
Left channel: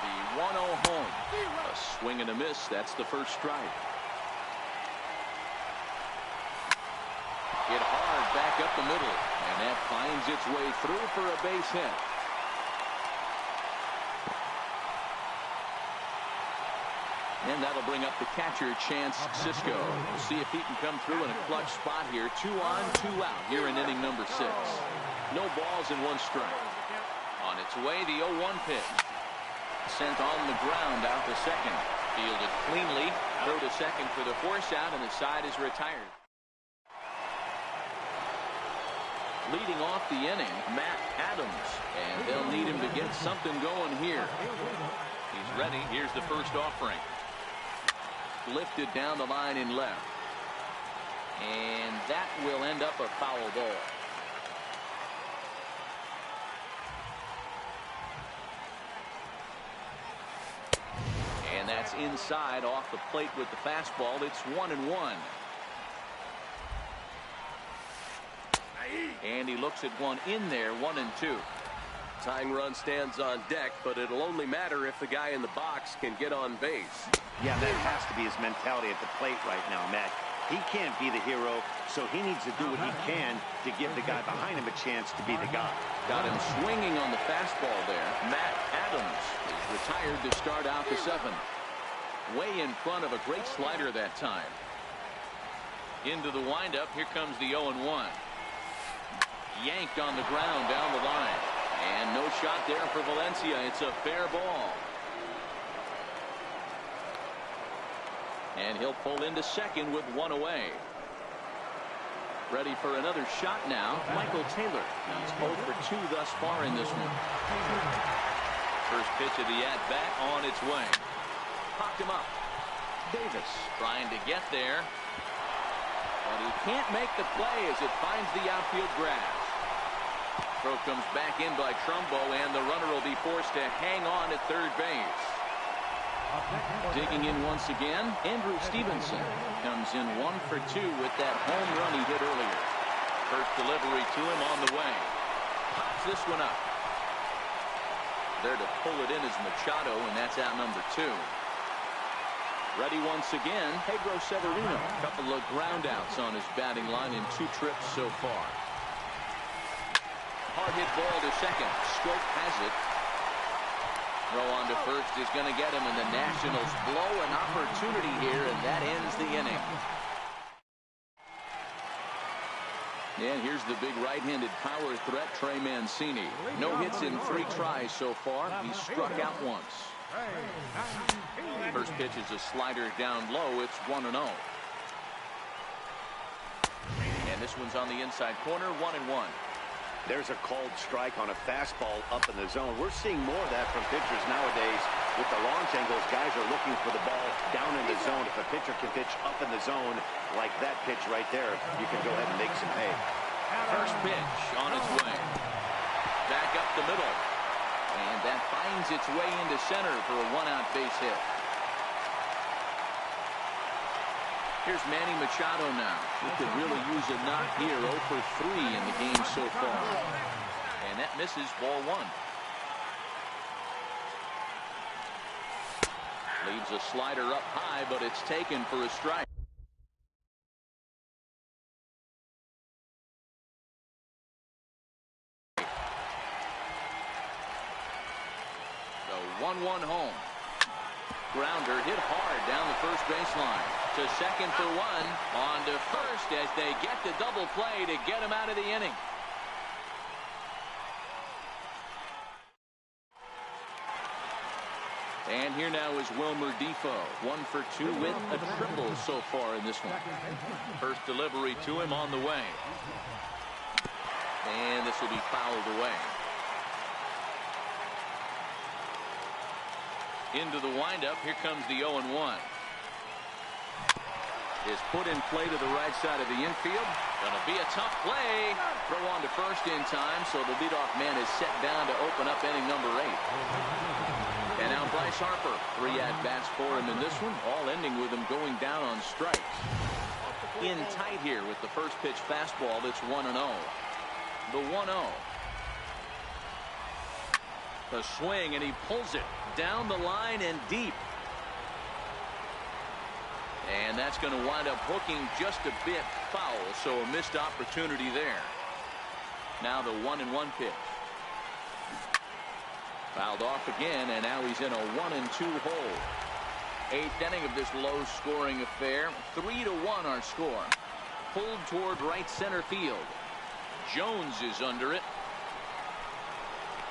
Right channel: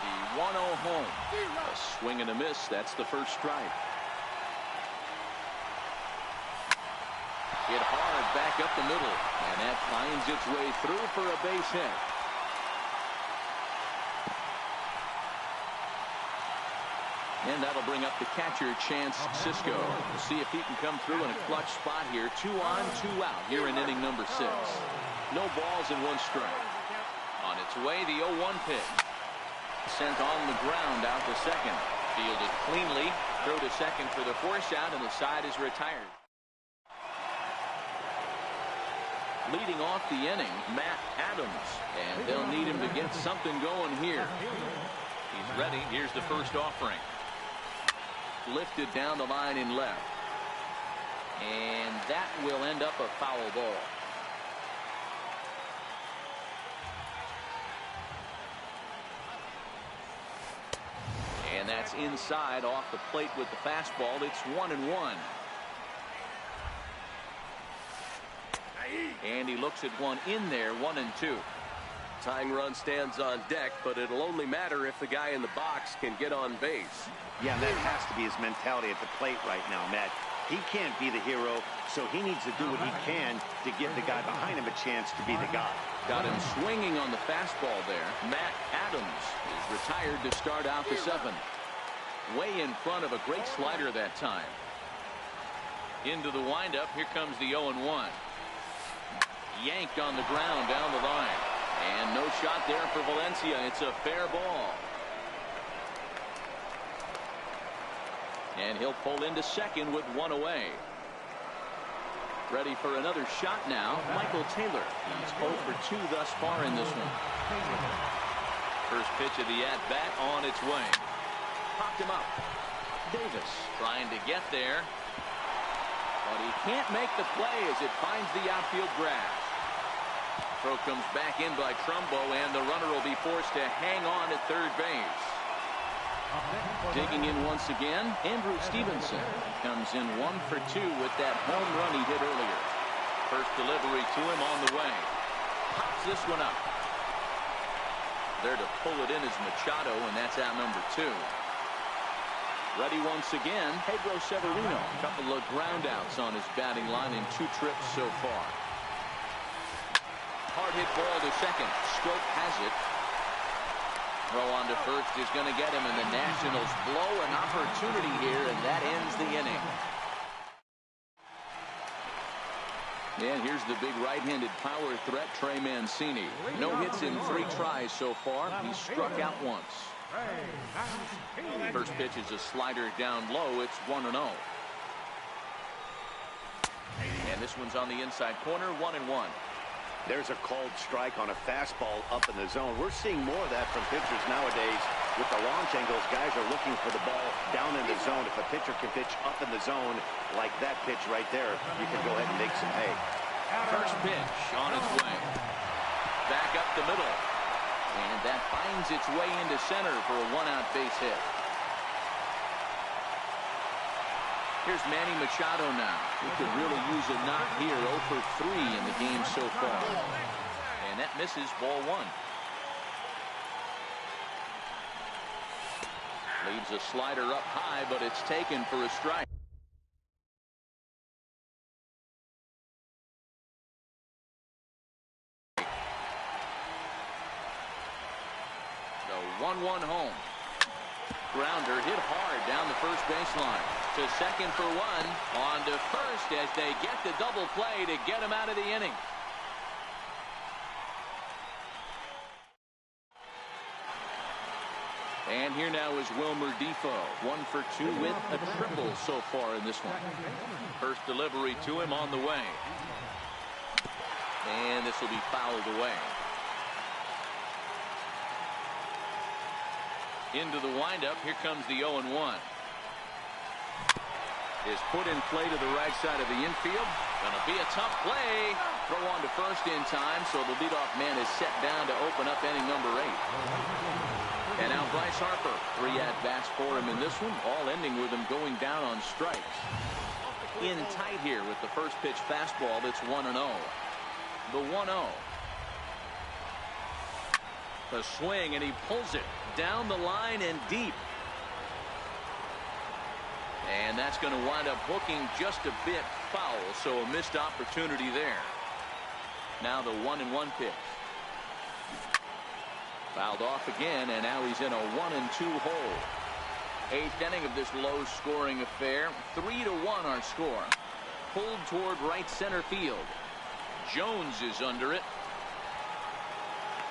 The 1-0 home. A swing and a miss. That's the first strike. Hit hard back up the middle, and that finds its way through for a base hit. And that'll bring up the catcher, Chance Sisco. We'll see if he can come through in a clutch spot here. 2 on, 2 out here in inning number 6. No balls and 1 strike. On its way, the 0-1 pitch. Sent on the ground out to second. Fielded cleanly. Throw to second for the force out, and the side is retired. Leading off the inning, Matt Adams. And they'll need him to get something going here. He's ready. Here's the first offering. Lifted down the line in left. And that will end up a foul ball. And that's inside off the plate with the fastball. It's 1-1. And he looks at one in there, 1-2. Tying run stands on deck, but it'll only matter if the guy in the box can get on base. Yeah, that has to be his mentality at the plate right now, Matt. He can't be the hero, so he needs to do what he can to give the guy behind him a chance to be the guy. Got him swinging on the fastball there. Matt Adams is retired to start out the 7th. Way in front of a great slider that time. Into the windup. Here comes the 0-1. Yanked on the ground down the line. And no shot there for Valencia. It's a fair ball. And he'll pull into second with 1 away. Ready for another shot now, Michael Taylor. He's 0 for 2 thus far in this one. First pitch of the at-bat on its way. Popped him up. Davis trying to get there, but he can't make the play as it finds the outfield grass. Throw comes back in by Trumbo, and the runner will be forced to hang on at third base. Digging in once again, Andrew Stevenson comes in 1 for 2 with that home run he hit earlier. First delivery to him on the way. Pops this one up. There to pull it in is Machado, and that's out number 2. Ready once again, Pedro Severino. A couple of ground outs on his batting line in 2 trips so far. Hard hit ball to second. Scope has it. Throw on to first is going to get him, and the Nationals blow an opportunity here, and that ends the inning. And here's the big right-handed power threat, Trey Mancini. No hits in 3 tries so far. He's struck out once. First pitch is a slider down low. It's 1-0. And this one's on the inside corner, 1-1. There's a called strike on a fastball up in the zone. We're seeing more of that from pitchers nowadays. With the launch angles, guys are looking for the ball down in the zone. If a pitcher can pitch up in the zone like that pitch right there, you can go ahead and make some hay. First pitch on its way. Back up the middle. And that finds its way into center for a 1-out base hit. Here's Manny Machado now. He could really use a knock here. 0 for 3 in the game so far. And that misses, ball 1. Leaves a slider up high, but it's taken for a strike. The 1-1 home. Grounder hit hard down the first baseline. To second for 1. On to first as they get the double play to get him out of the inning. And here now is Wilmer Defoe. 1 for 2 with a triple so far in this one. First delivery to him on the way. And this will be fouled away. Into the windup. Here comes the 0-1. Is put in play to the right side of the infield. Gonna be a tough play. Throw on to first in time, so the leadoff man is set down to open up inning number 8. And now Bryce Harper. 3 at-bats for him in this one, all ending with him going down on strikes. In tight here with the first pitch fastball. That's 1-0. The 1-0. The swing, and he pulls it down the line and deep. And that's going to wind up hooking just a bit foul, so a missed opportunity there. Now the 1-1 pitch. Fouled off again, and now he's in a 1-2 hole. 8th inning of this low-scoring affair. 3-1 our score. Pulled toward right center field. Jones is under it.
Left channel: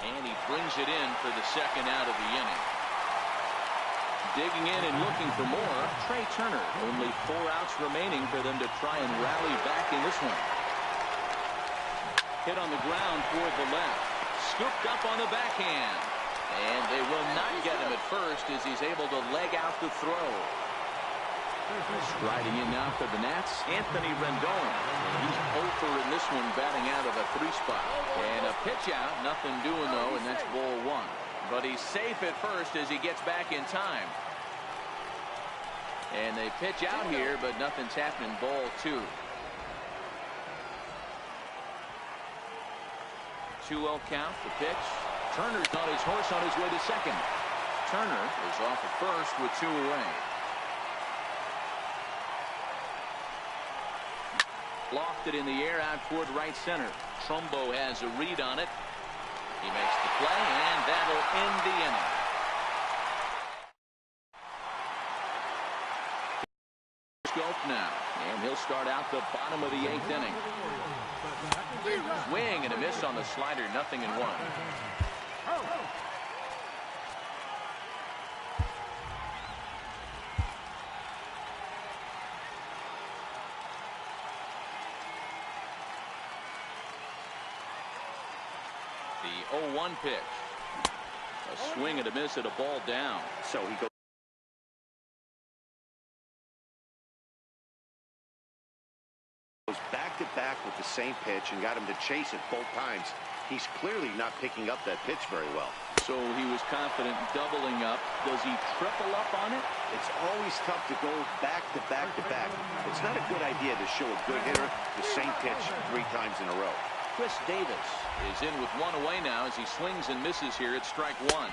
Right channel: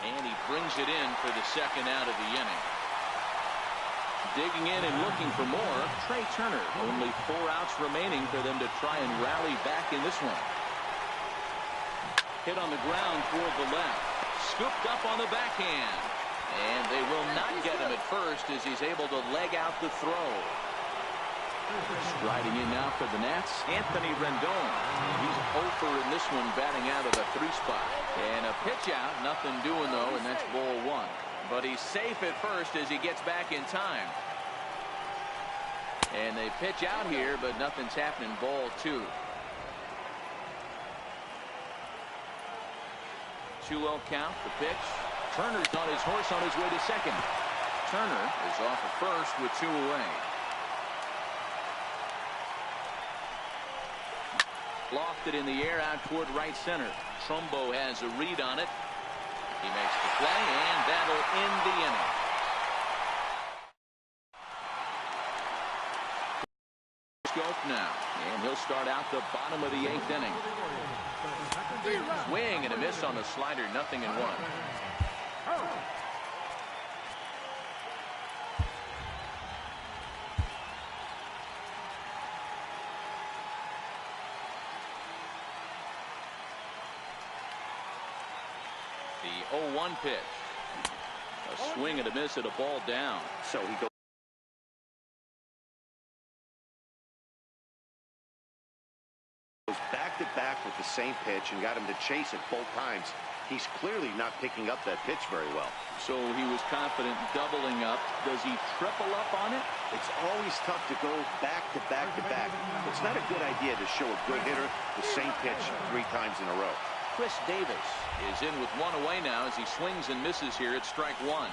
And he brings it in for the second out of the inning. Digging in and looking for more, Trey Turner. Only 4 outs remaining for them to try and rally back in this one. Hit on the ground toward the left. Scooped up on the backhand. And they will not get him at first as he's able to leg out the throw. Striding in now for the Nats, Anthony Rendon. And he's 0 for in this one, batting out of the 3 spot. And a pitch out, nothing doing though, and that's ball 1. But he's safe at first as he gets back in time. And they pitch out here, but nothing's happening. Ball 2. 2-0 count. The pitch. Turner's on his horse on his way to second. Turner is off at first with 2 away. Lofted in the air out toward right center. Trumbo has a read on it. He makes the play, and that'll end the inning. Scope now, and he'll start out the bottom of the 8th inning. Swing and a miss on the slider, 0-1. The 0-1 pitch. A swing and a miss at a ball down. So he goes back-to-back with the same pitch and got him to chase it both times. He's clearly not picking up that pitch very well. So he was confident doubling up. Does he triple up on it? It's always tough to go back-to-back-to-back. It's not a good idea to show a good hitter the same pitch 3 times in a row. Chris Davis is in with 1 away now as he swings and misses here at strike 1.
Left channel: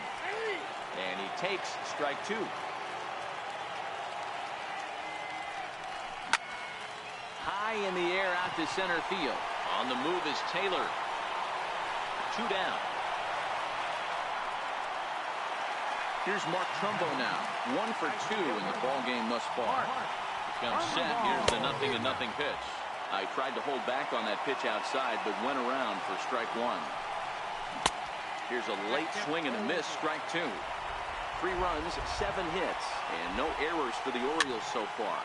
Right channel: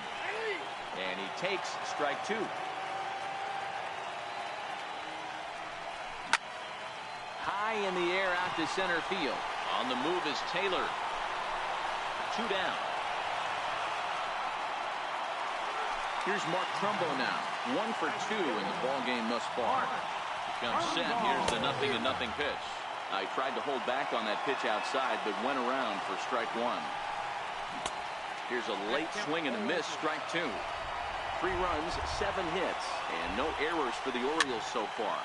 And he takes strike 2. High in the air out to center field. On the move is Taylor. 2 down. Here's Mark Trumbo now. 1 for 2 in the ball game thus far. He comes set. Here's the 0-0 pitch. I tried to hold back on that pitch outside, but went around for strike 1. Here's a late swing and a miss, strike 2. 3 runs, 7 hits, and no errors for the Orioles so far.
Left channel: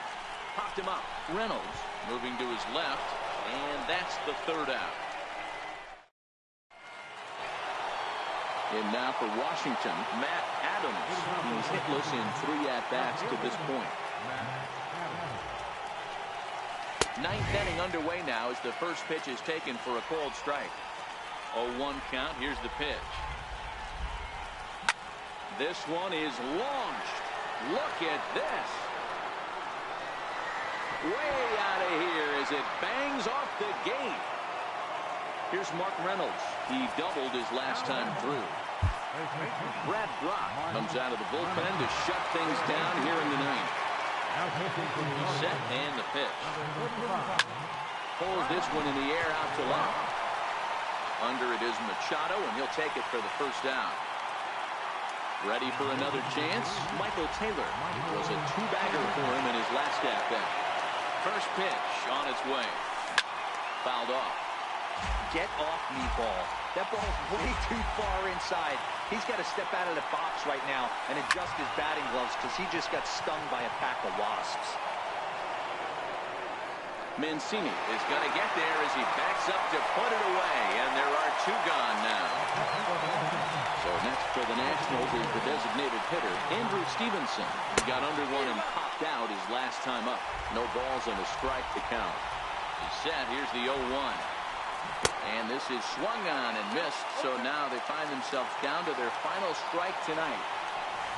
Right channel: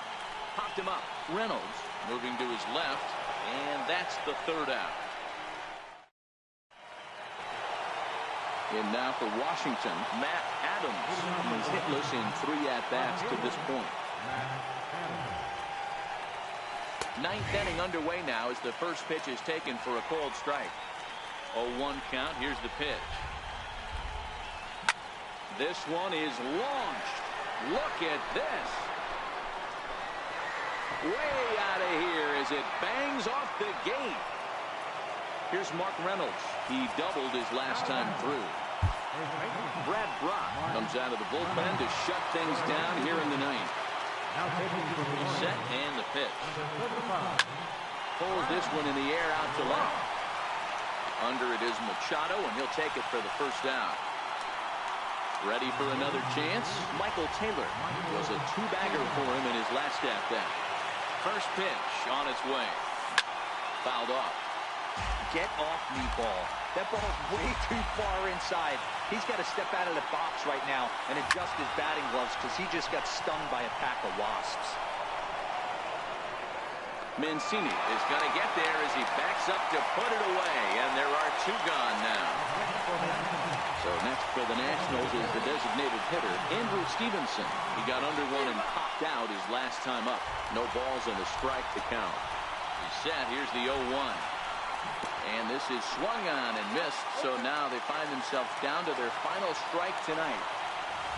Popped him up. Reynolds moving to his left, and that's the 3rd out. And now for Washington, Matt Adams. He's hitless in 3 at-bats to this point. 9th inning underway now as the first pitch is taken for a called strike. 0-1 count. Here's the pitch. This one is launched. Look at this. Way out of here as it bangs off the gate. Here's Mark Reynolds. He doubled his last time through. Brad Brock comes out of the bullpen to shut things down here in the 9th. He's set and the pitch. Pulls this one in the air out to left. Under it is Machado, and he'll take it for the 1st out. Ready for another chance? Michael Taylor. It was a 2-bagger for him in his last at-bat. First pitch on its way. Fouled off. Get off me, ball. That ball's way too far inside. He's got to step out of the box right now and adjust his batting gloves because he just got stung by a pack of wasps. Mancini is going to get there as he backs up to put it away, and there are 2 gone now. So next for the Nationals is the designated hitter, Andrew Stevenson. He got under one and popped out his last time up. No balls and a strike to count. He's set. Here's the 0-1. And this is swung on and missed, so now they find themselves down to their final strike tonight.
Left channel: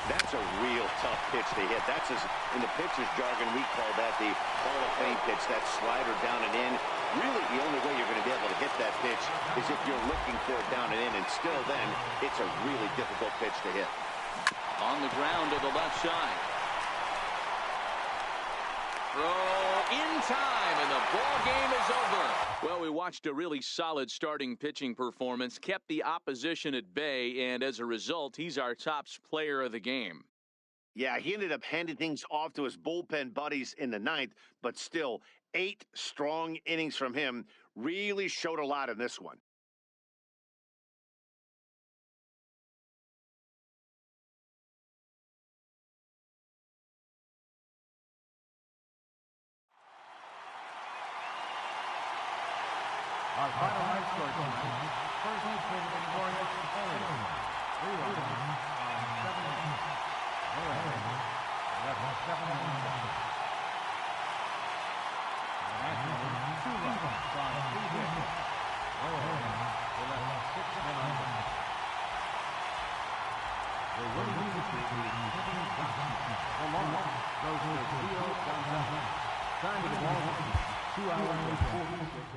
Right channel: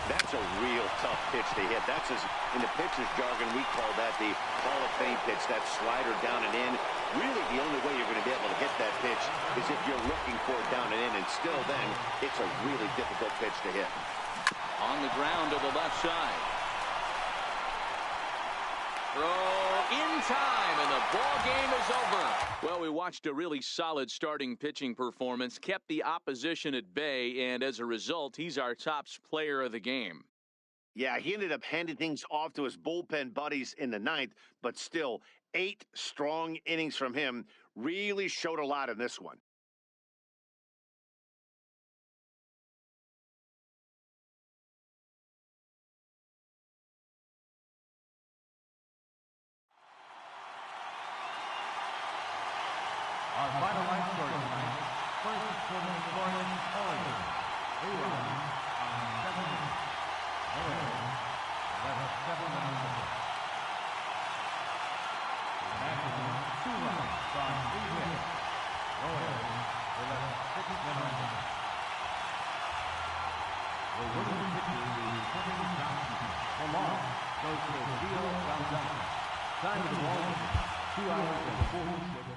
That's a real tough pitch to hit. That's in the pitcher's jargon, we call that the Hall of Fame pitch, that slider down and in. Really, the only way you're going to be able to hit that pitch is if you're looking for it down and in, and still then, it's a really difficult pitch to hit. On the ground to the left side. Throw in time, and the ball game is over. Well, we watched a really solid starting pitching performance, kept the opposition at bay, and as a result, he's our top player of the game. Yeah, he ended up handing things off to his bullpen buddies in the 9th, but still, 8 strong innings from him really showed a lot in this one. Our final line score tonight, first for the victorious Orioles. 3 runs on 7 hits. No errors. Left 7 men on base. The Nationals, 2 runs on 8 hits. No errors. They left 6 men on base. The winning pitcher is Kevin Johnson. The loss goes to Gio Gonzalez. Time of the ball game, 2 hours and 46 minutes.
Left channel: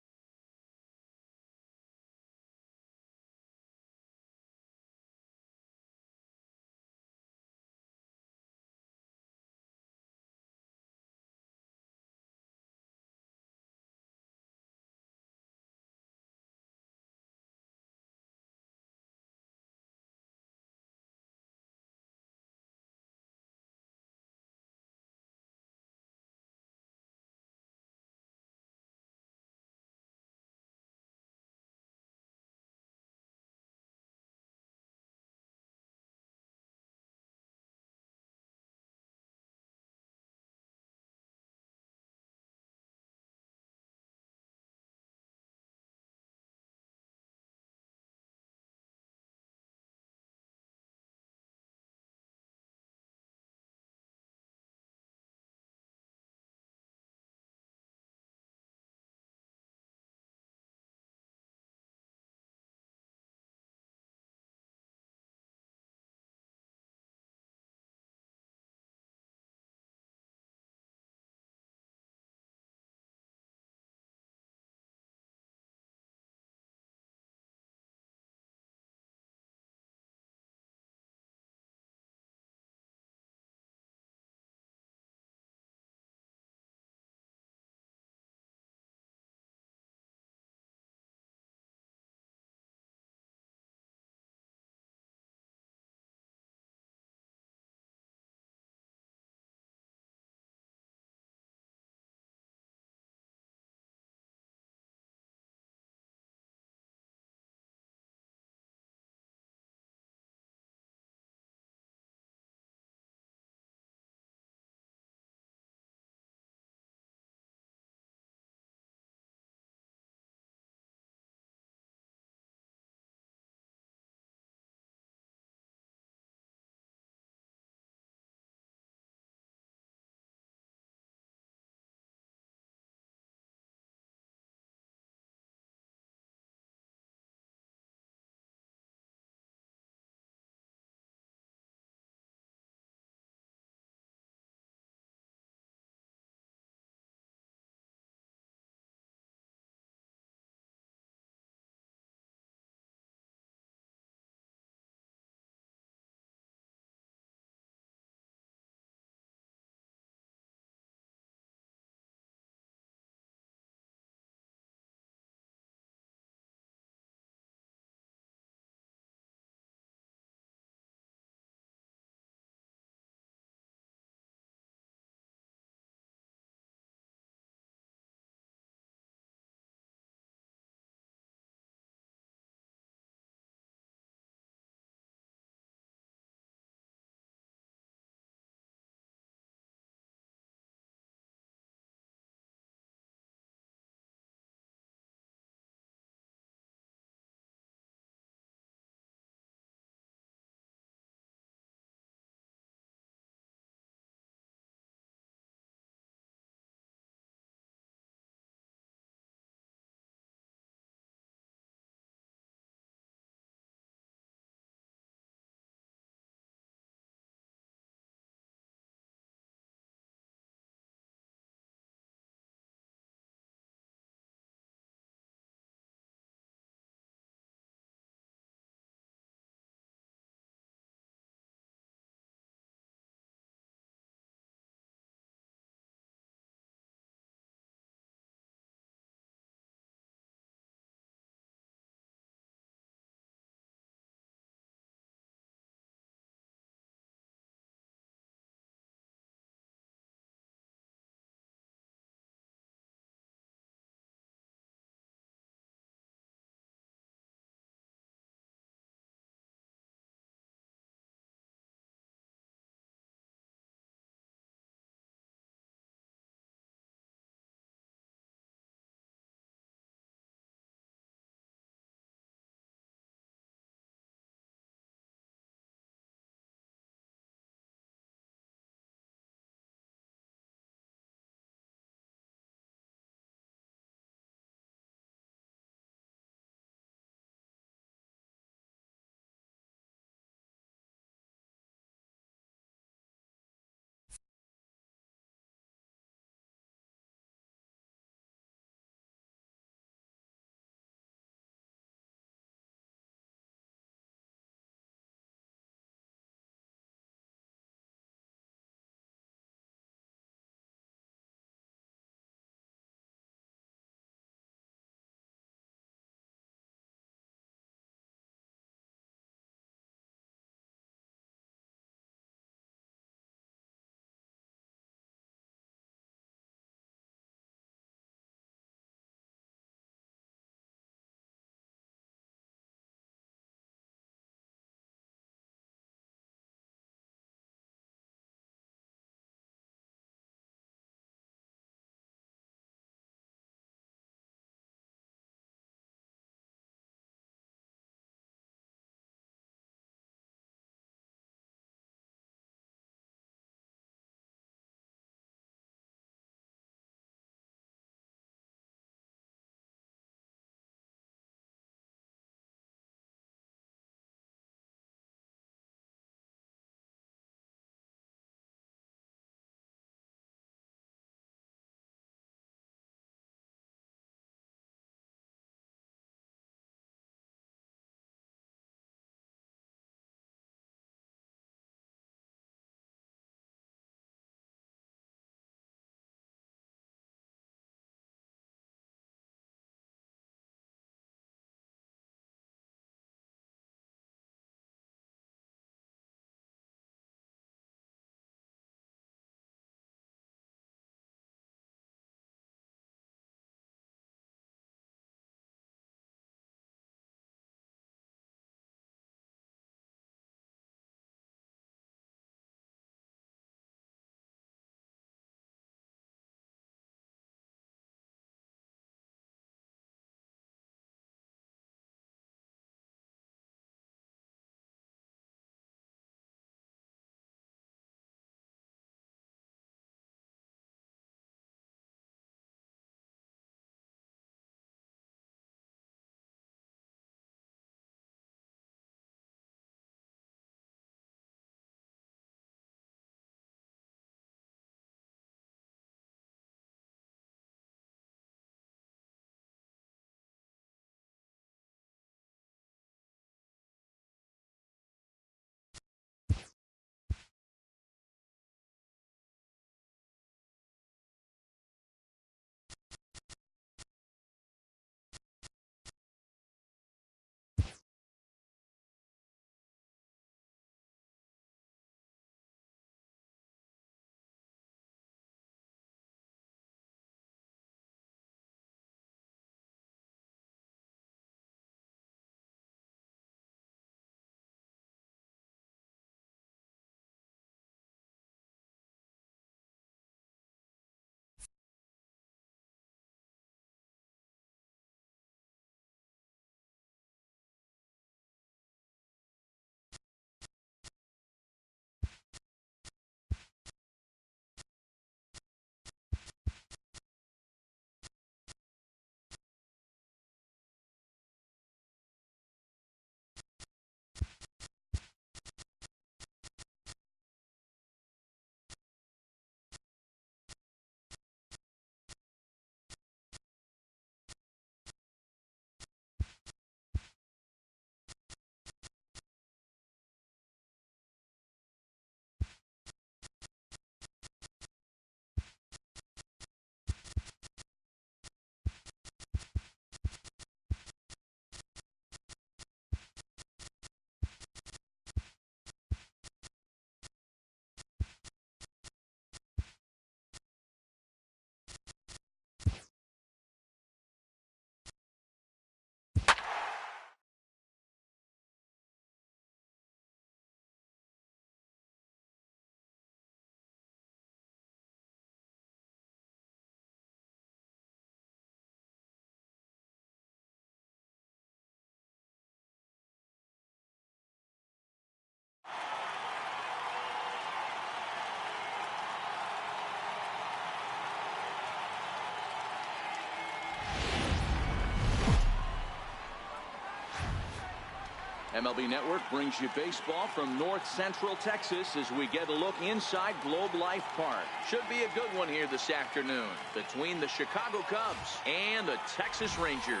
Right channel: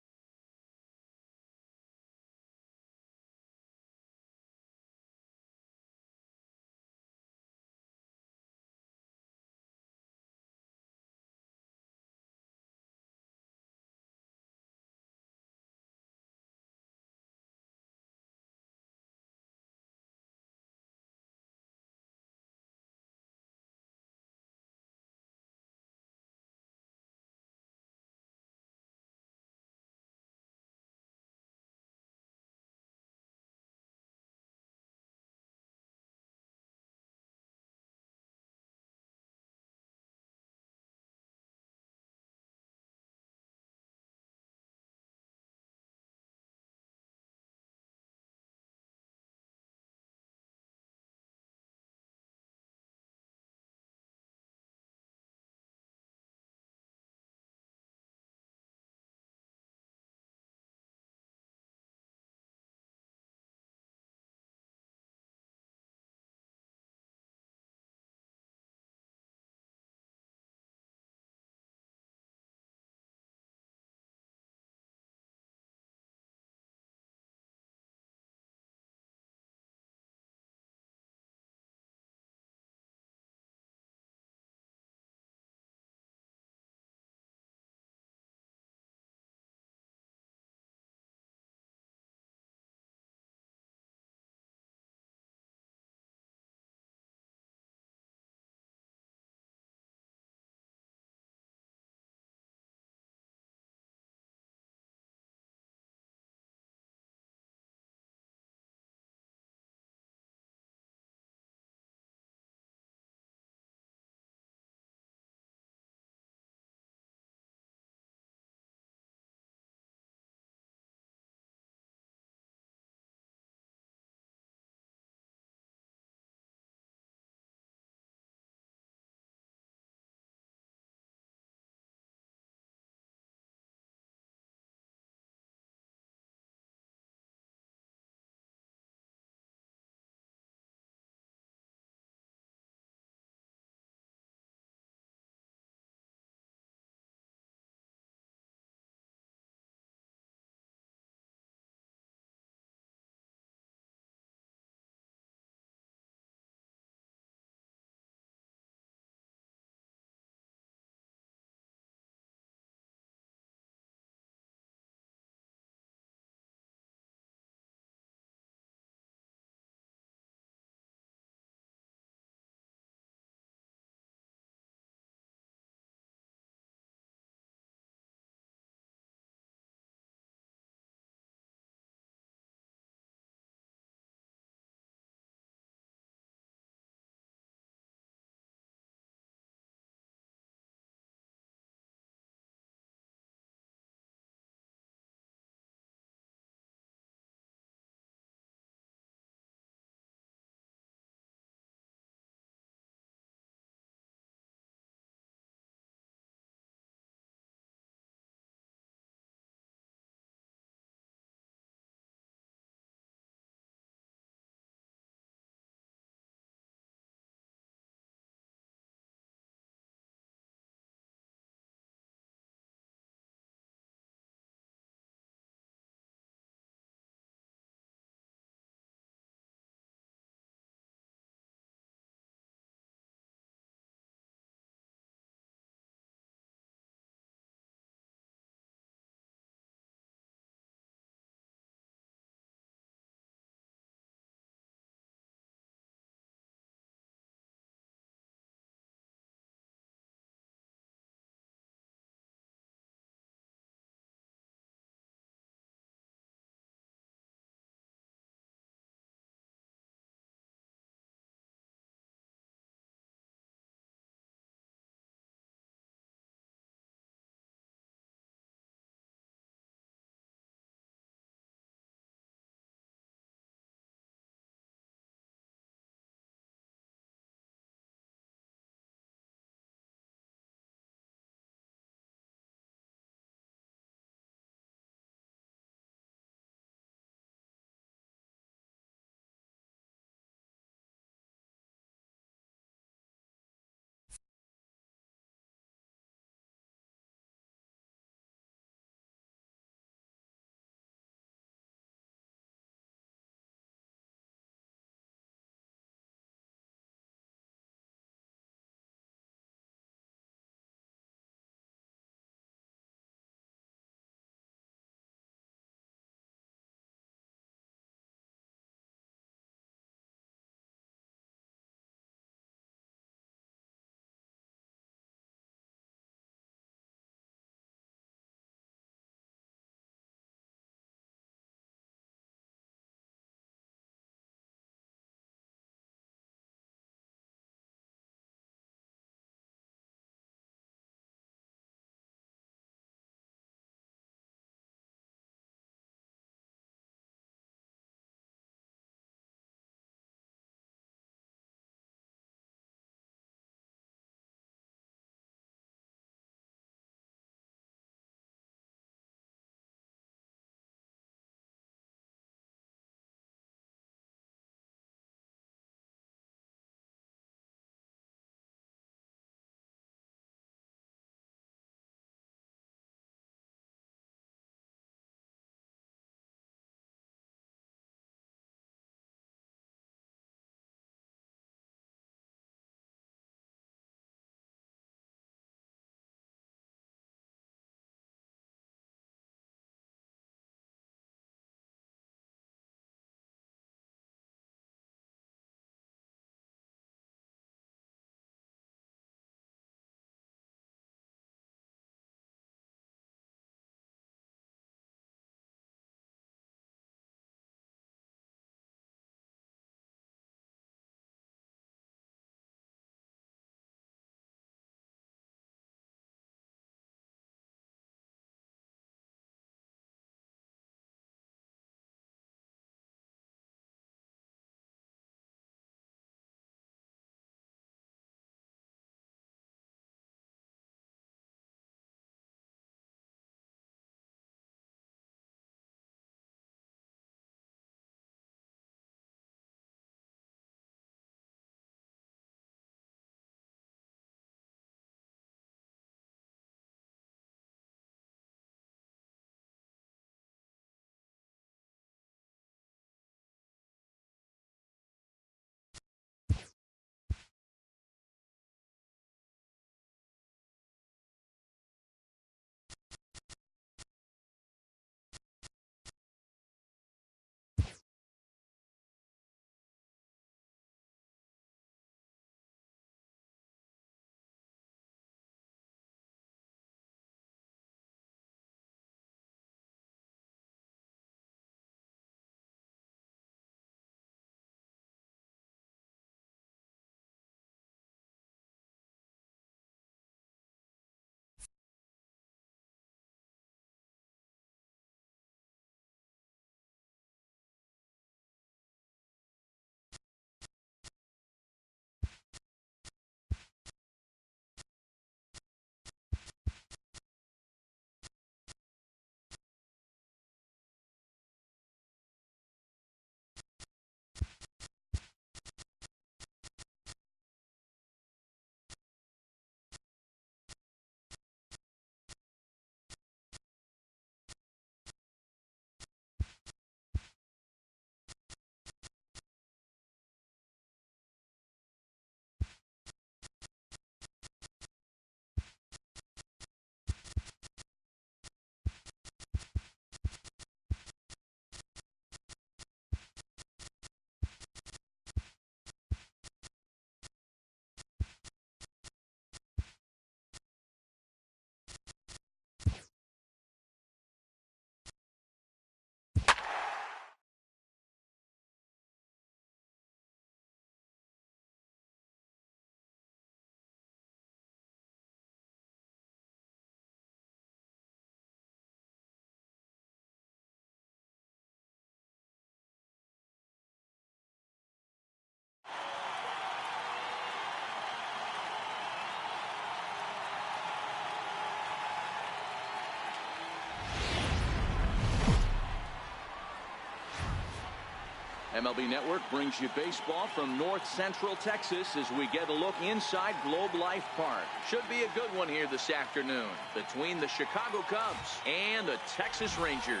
MLB Network brings you baseball from North Central Texas as we get a look inside Globe Life Park. Should be a good one here this afternoon between the Chicago Cubs and the Texas Rangers.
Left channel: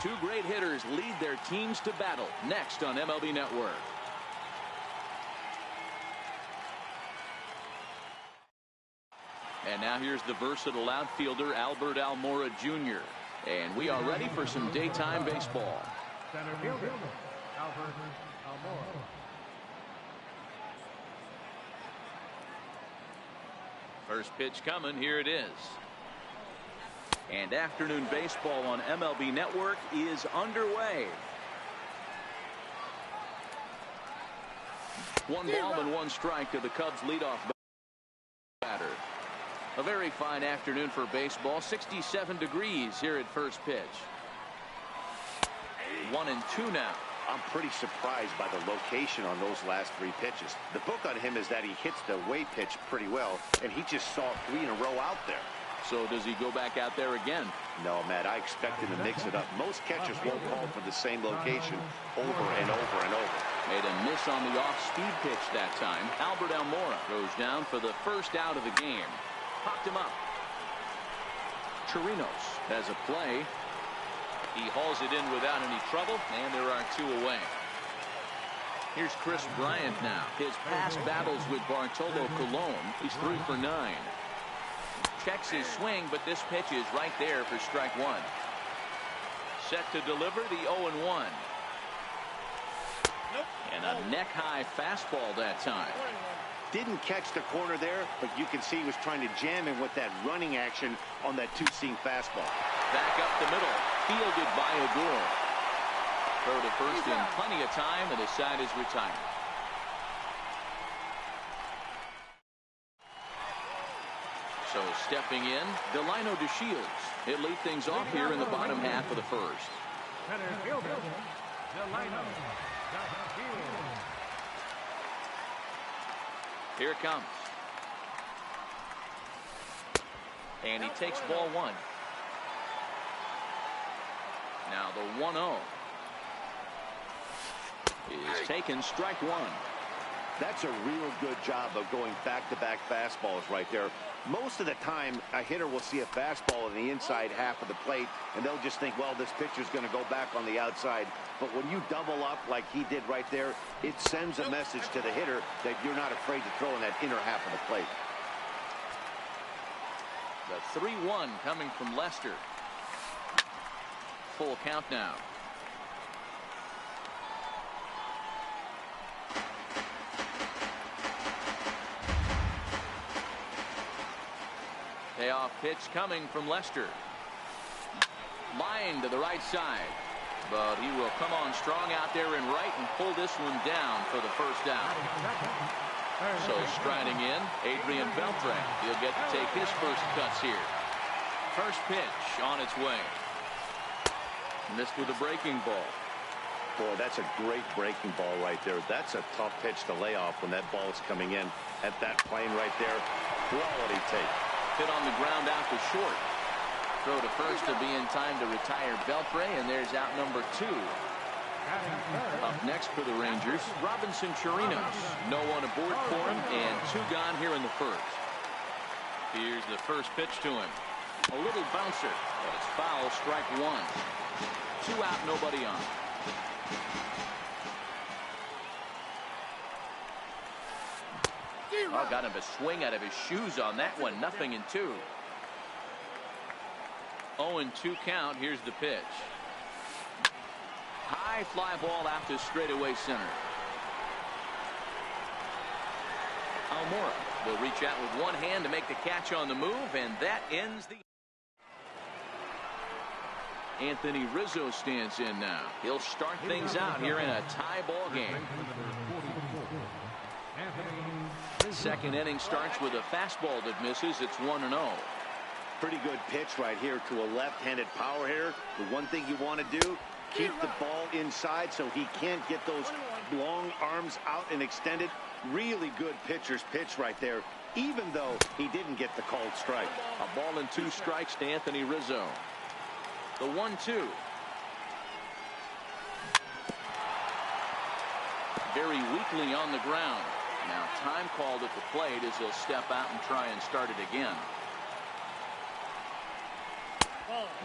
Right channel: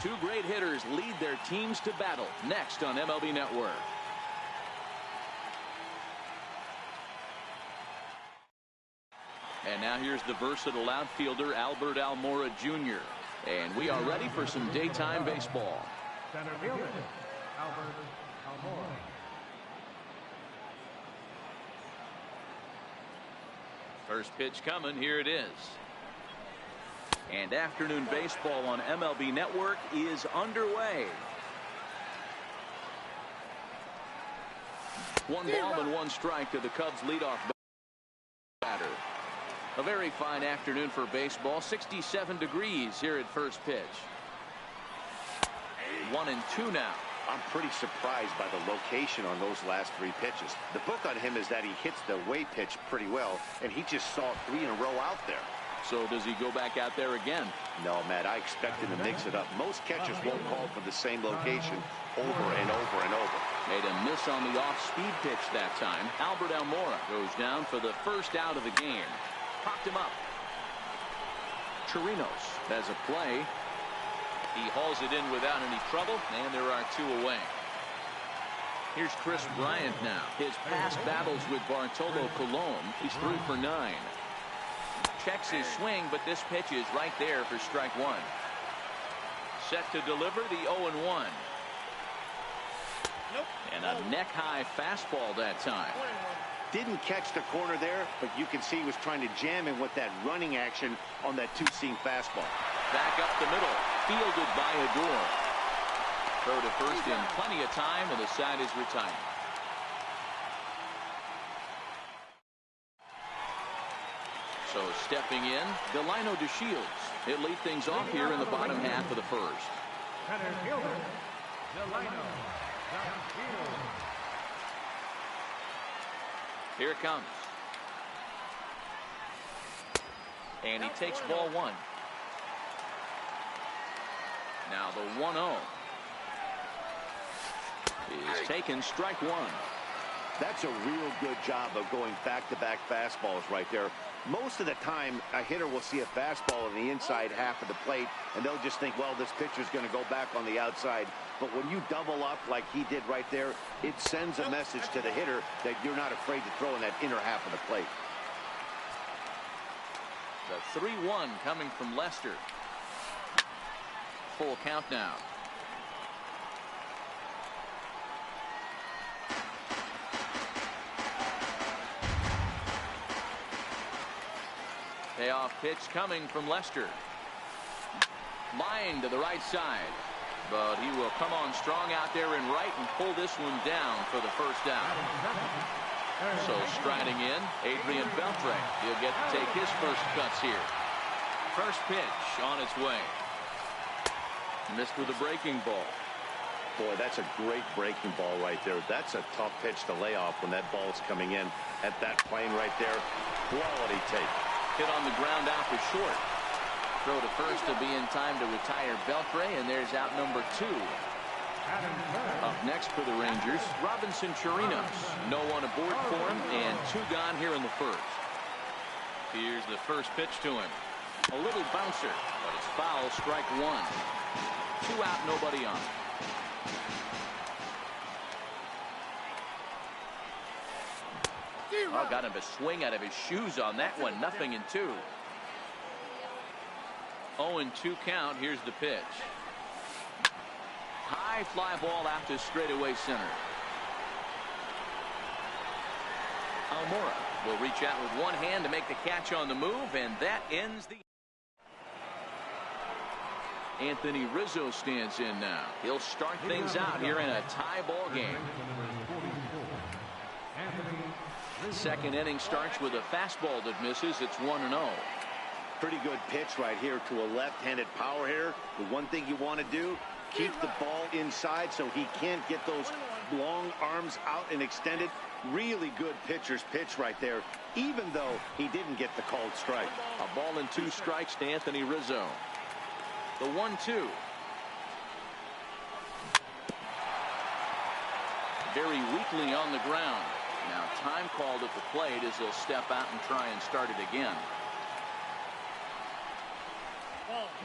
Two great hitters lead their teams to battle next on MLB Network. And now here's the versatile outfielder Albert Almora Jr. And we are ready for some daytime baseball. Center fielder, Albert Almora. First pitch coming. Here it is. And afternoon baseball on MLB Network is underway. One ball and one strike to the Cubs leadoff batter. A very fine afternoon for baseball. 67 degrees here at first pitch. 1-2 now. I'm pretty surprised by the location on those last three pitches. The book on him is that he hits the away pitch pretty well, and he just saw 3 in a row out there. So does he go back out there again? No, Matt, I expect him to mix it up. Most catchers won't call for the same location over and over and over. Made a miss on the off-speed pitch that time. Albert Almora goes down for the first out of the game. Popped him up. Chirinos has a play. He hauls it in without any trouble, and there are 2 away. Here's Chris Bryant now. His past battles with Bartolo Colon. He's 3 for 9. Checks his swing, but this pitch is right there for strike 1. Set to deliver the 0-1. Nope. And a neck-high fastball that time. Didn't catch the corner there, but you can see he was trying to jam him with that running action on that 2-seam fastball. Back up the middle. Fielded by Adore. Throw to first in plenty of time, and the side is retired. So stepping in, Delino DeShields. He'll lead things off here in the bottom half of the first. Center fielder, Delino DeShields. Here it comes. And he takes ball 1. Now the 1-0 is taken, strike 1. That's a real good job of going back-to-back fastballs right there. Most of the time, a hitter will see a fastball in the inside half of the plate, and they'll just think, well, this pitcher's going to go back on the outside. But when you double up like he did right there, it sends a message to the hitter that you're not afraid to throw in that inner half of the plate. The 3-1 coming from Lester. Full count now. Payoff pitch coming from Lester. Line to the right side. But he will come on strong out there in right and pull this one down for the first out. So striding in, Adrian Beltre. He'll get to take his first cuts here. First pitch on its way. Missed with a breaking ball. Boy, that's a great breaking ball right there. That's a tough pitch to lay off when that ball's coming in at that plane right there. Quality take. Hit on the ground out to short. Throw to first to be in time to retire Beltre, and there's out number 2. Up next for the Rangers, Robinson Chirinos. No one aboard for him, and 2 gone here in the first. Here's the first pitch to him. A little bouncer, but it's foul, strike 1. 2 out, nobody on. Oh, got him to swing out of his shoes on that one. 0-2. 0-2 count. Here's the pitch. High fly ball out to straightaway center. Almora will reach out with one hand to make the catch on the move, and that ends the. Anthony Rizzo stands in now. He'll start things out here in a tie ball game. Second inning starts with a fastball that misses. It's 1-0. Pretty good pitch right here to a left-handed power hitter. The one thing you want to do, keep the ball inside so he can't get those long arms out and extended. Really good pitcher's pitch right there, even though he didn't get the called strike. A ball and 2 strikes to Anthony Rizzo. The 1-2. very weakly on the ground. Now time called at the plate as he'll step out and try and start it again.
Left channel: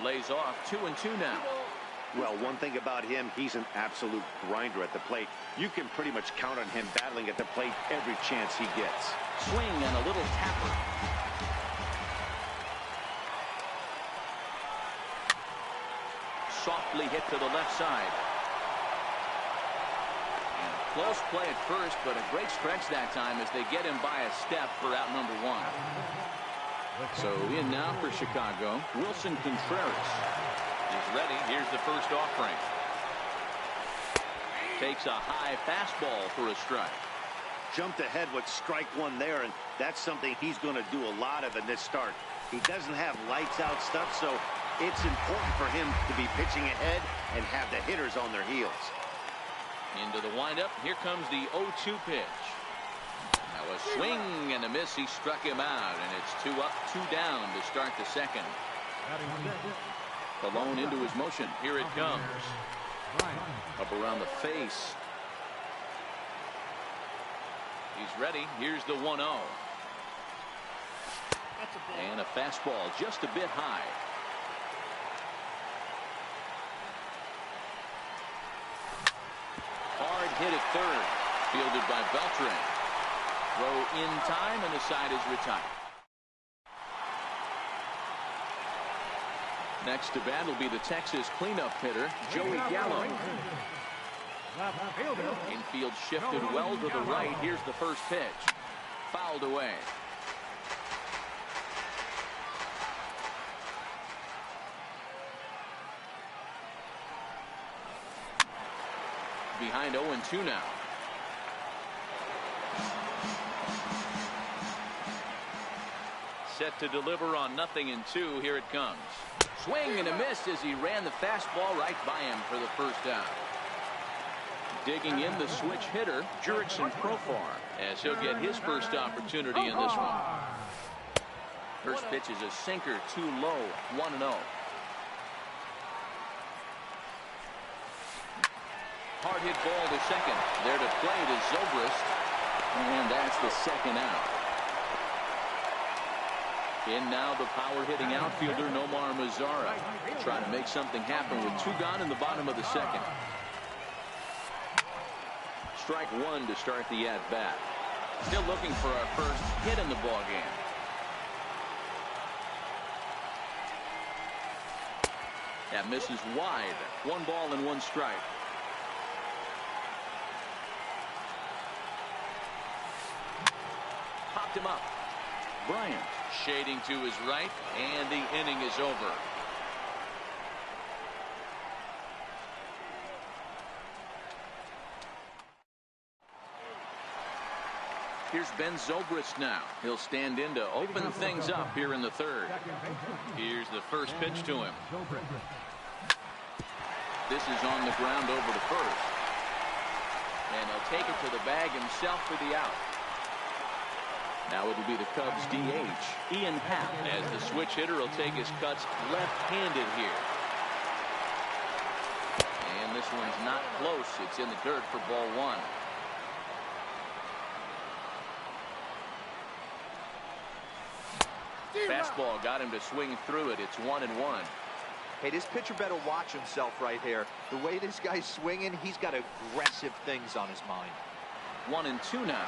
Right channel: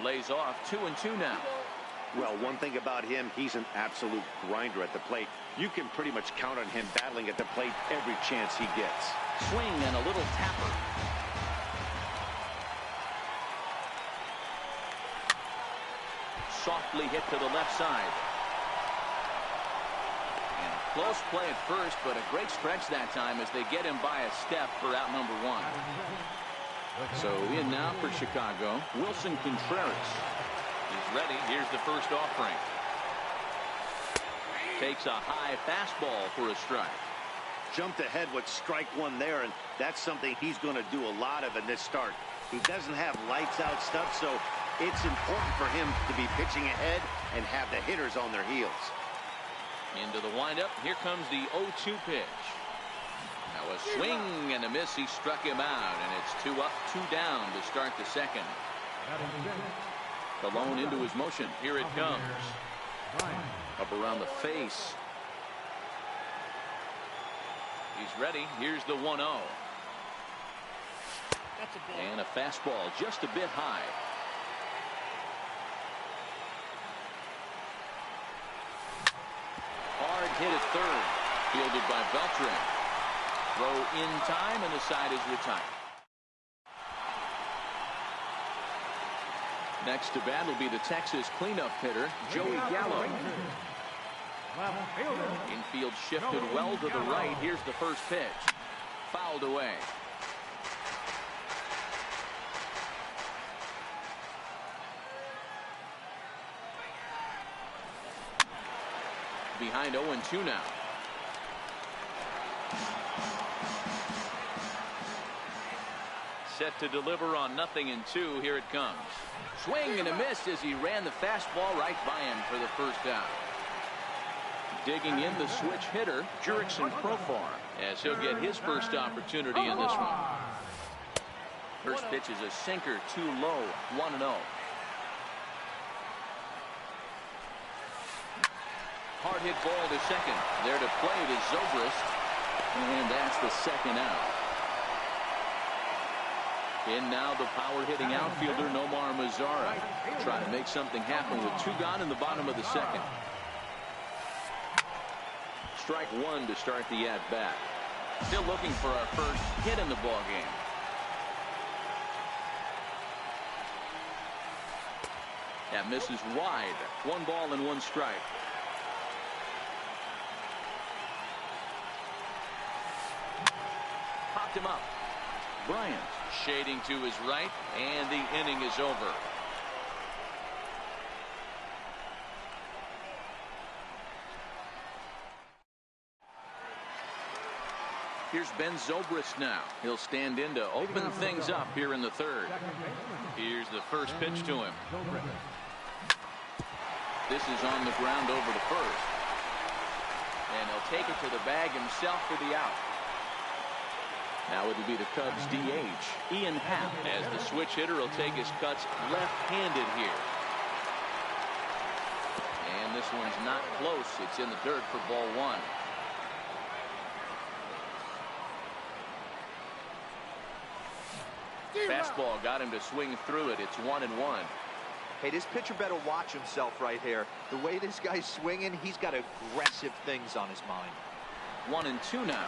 Lays off 2-2 now. Well, one thing about him, he's an absolute grinder at the plate. You can pretty much count on him battling at the plate every chance he gets. Swing and a little tapper. Softly hit to the left side. And a close play at first, but a great stretch that time as they get him by a step for out number one. So in now for Chicago, Wilson Contreras. He's ready. Here's the first offering. Takes a high fastball for a strike. Jumped ahead with strike one there, and that's something he's going to do a lot of in this start. He doesn't have lights out stuff, so it's important for him to be pitching ahead and have the hitters on their heels. Into the windup. Here comes the 0-2 pitch. Now a swing and a miss. He struck him out, and it's 2 up, 2 down to start the second. Colon into his motion. Here it comes. Up around the face. He's ready. Here's the 1-0. And a fastball just a bit high. Hard hit at third. Fielded by Beltran. Throw in time, and the side is retired. Next to bat will be the Texas cleanup hitter, Joey Gallo. Infield shifted well to the right. Here's the first pitch. Fouled away. Behind 0-2 now. Set to deliver on 0-2. Here it comes. Swing and a miss as he ran the fastball right by him for the first down. Digging in the switch hitter, Jurickson Profar, as he'll get his first opportunity in this one. First pitch is a sinker, too low, 1-0. Hard hit ball to second. There to play it is Zobrist, and that's the second out. In now the power-hitting outfielder Nomar Mazara. Trying to make something happen with 2 gone in the bottom of the second. Strike 1 to start the at-bat. Still looking for our first hit in the ballgame. That misses wide. 1 ball and 1 strike. Popped him up. Bryant shading to his right, and the inning is over. Here's Ben Zobrist now. He'll stand in to open things up here in the third. Here's the first pitch to him. This is on the ground over to first. And he'll take it to the bag himself for the out. Now it'll be the Cubs DH, Ian Happ, as the switch hitter will take his cuts left-handed here. And this one's not close. It's in the dirt for ball 1. Fastball got him to swing through it. It's 1-1. Hey, this pitcher better watch himself right here. The way this guy's swinging, he's got aggressive things on his mind. 1-2 now.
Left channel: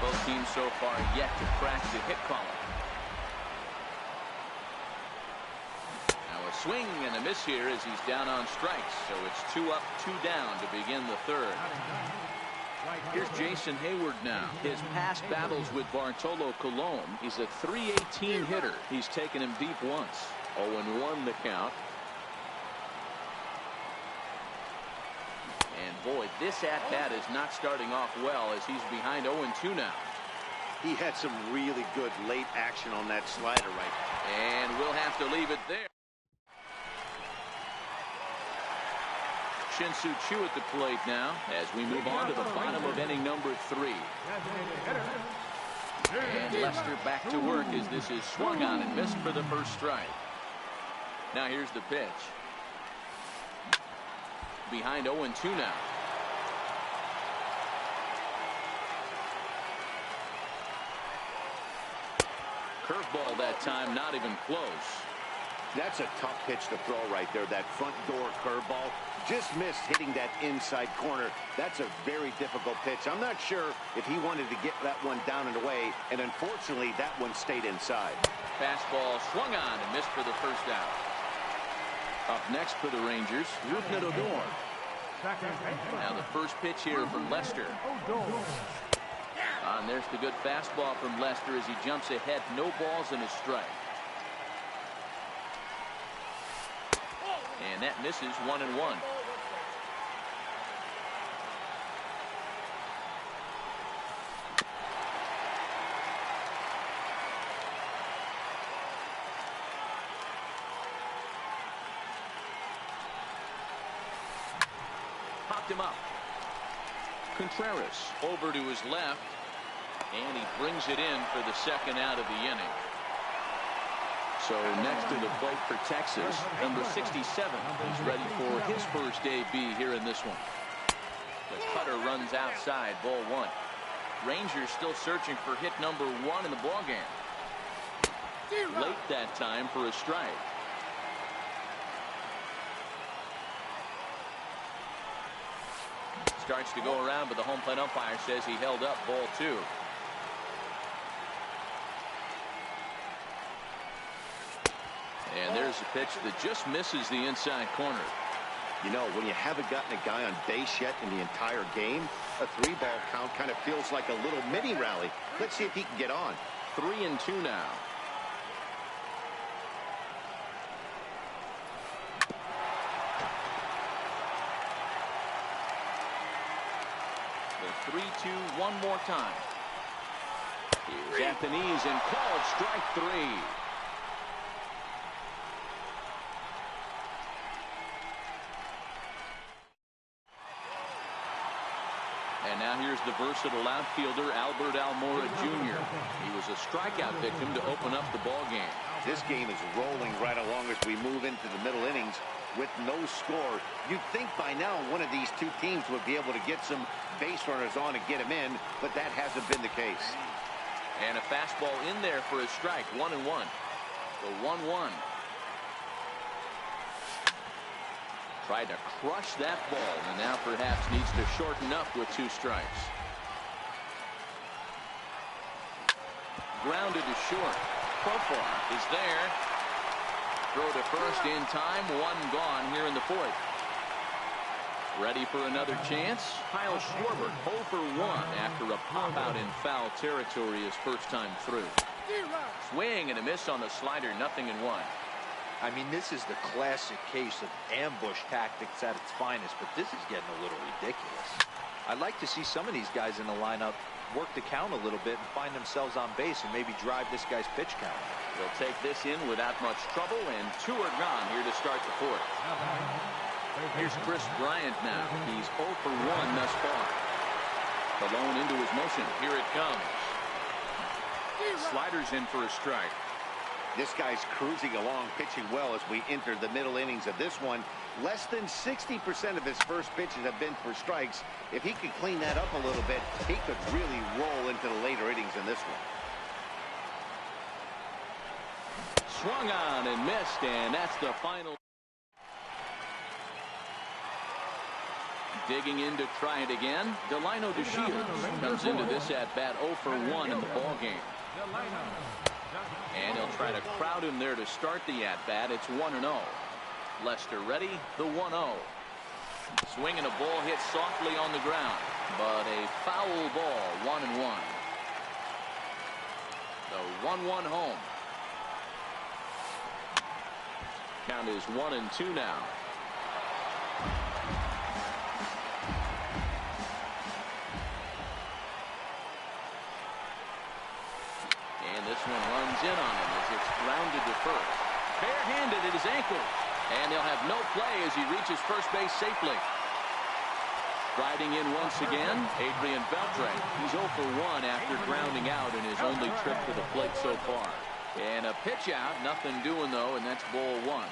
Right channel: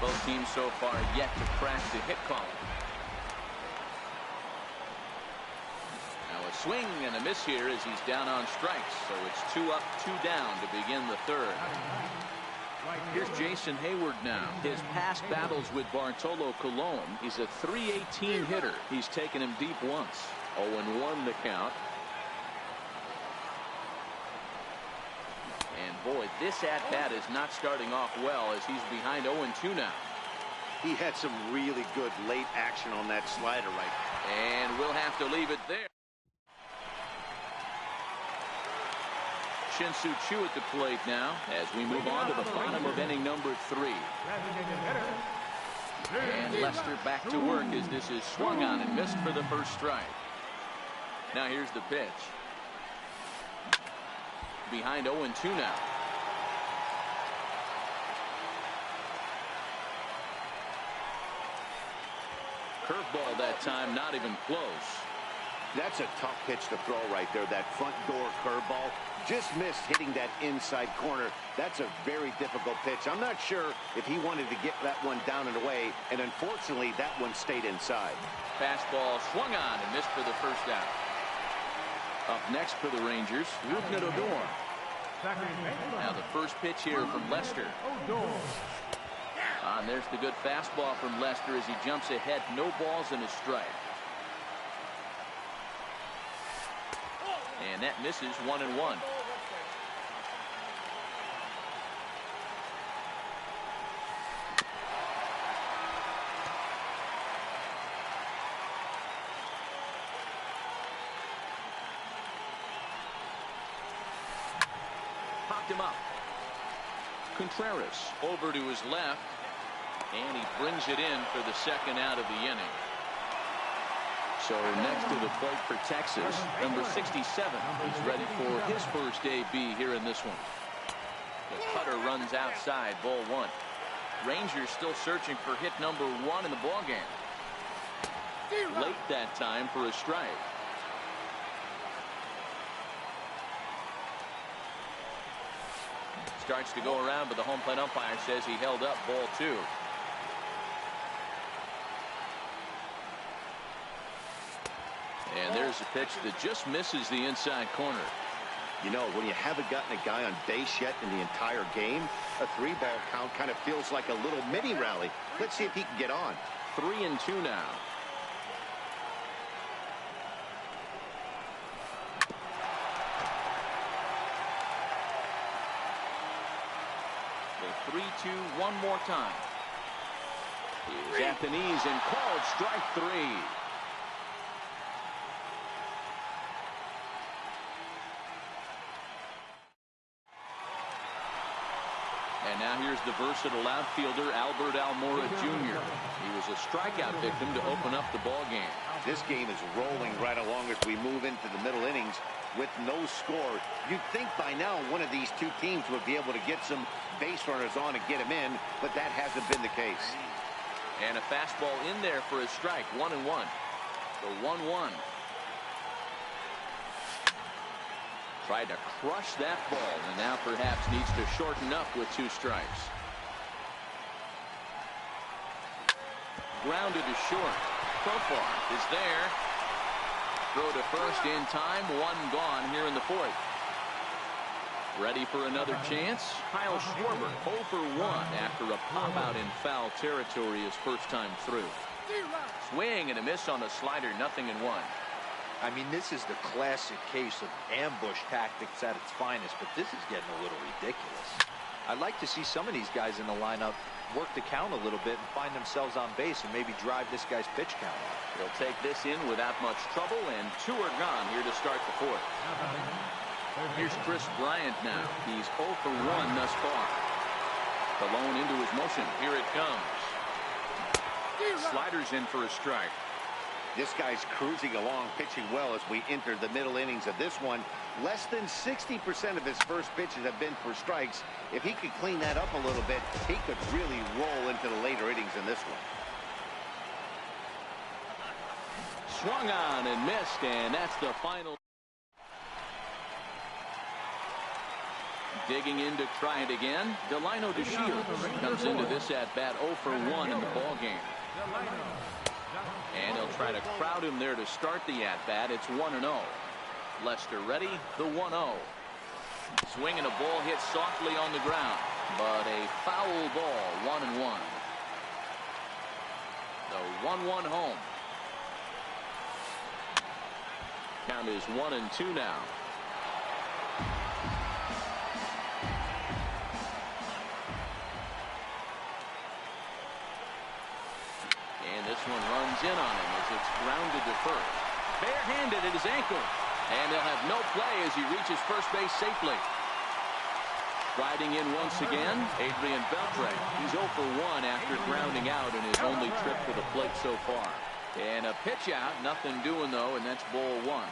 Both teams so far yet to crack the hit column. Now a swing and a miss here as he's down on strikes. So it's 2 up, 2 down to begin the third. Here's Jason Hayward now. His past battles with Bartolo Colon. He's a .318 hitter. He's taken him deep once. 0-1 the count. And boy, this at-bat is not starting off well as he's behind 0-2 now. He had some really good late action on that slider right. And we'll have to leave it there. Shin-Soo Choo at the plate now as we move on to the bottom of inning number 3. And Lester back to work as this is swung on and missed for the first strike. Now here's the pitch. Behind 0-2 now. Curveball that time, not even close. That's a tough pitch to throw right there. That front door curveball just missed hitting that inside corner. That's a very difficult pitch. I'm not sure if he wanted to get that one down and away, and unfortunately that one stayed inside. Fastball swung on and missed for the first out. Up next for the Rangers, Rougned Odor. Now the first pitch here from Lester. And there's the good fastball from Lester as he jumps ahead. No balls and a strike. And that misses 1-1. Popped him up. Contreras over to his left, and he brings it in for the second out of the inning. So next to the plate for Texas, number 67. He's ready for his first AB here in this one. The cutter runs outside, ball one. Rangers still searching for hit number 1 in the ballgame. Late that time for a strike. Starts to go around, but the home plate umpire says he held up, ball 2. And there's a pitch that just misses the inside corner. You know, when you haven't gotten a guy on base yet in the entire game, a 3-ball count kind of feels like a little mini rally. Let's see if he can get on. 3-2 now. The 3-2 one more time. Here's at the knees and called strike 3. And now here's the versatile outfielder Albert Almora Jr. He was a strikeout victim to open up the ball game. This game is rolling right along as we move into the middle innings with no score. You'd think by now one of these two teams would be able to get some base runners on and get them in, but that hasn't been the case. And a fastball in there for a strike, 1-1. The 1-1. Tried to crush that ball, and now perhaps needs to shorten up with 2 strikes. Grounded to short. Profar is there. Throw to first in time. 1 gone here in the 4th. Ready for another chance? Kyle Schwarber 0 for 1 after a pop out in foul territory his first time through. Swing and a miss on the slider, 0-1. I mean, this is the classic case of ambush tactics at its finest, but this is getting a little ridiculous. I'd like to see some of these guys in the lineup work the count a little bit and find themselves on base and maybe drive this guy's pitch count. He'll take this in without much trouble, and 2 are gone here to start the 4th. Here's Chris Bryant now. He's 0 for 1 thus far. Stallone into his motion. Here it comes. Sliders in for a strike. This guy's cruising along, pitching well as we enter the middle innings of this one. Less than 60% of his first pitches have been for strikes. If he could clean that up a little bit, he could really roll into the later innings in this one. Swung on and missed, and that's the final. Digging in to try it again. Delino DeShields comes into this at bat 0 for 1 in the ball game. And he'll try to crowd him there to start the at-bat. It's 1-0. Lester ready, the 1-0. Swinging a ball hit softly on the ground, but a foul ball, 1-1. The 1-1 home. Count is 1-2 now. And this one runs in on him as it's grounded to first. Barehanded at his ankle. And they'll have no play as he reaches first base safely. Riding in once again, Adrian Beltre. He's 0 for 1 after grounding out in his only trip to the plate so far. And a pitch out, nothing doing though, and that's ball 1.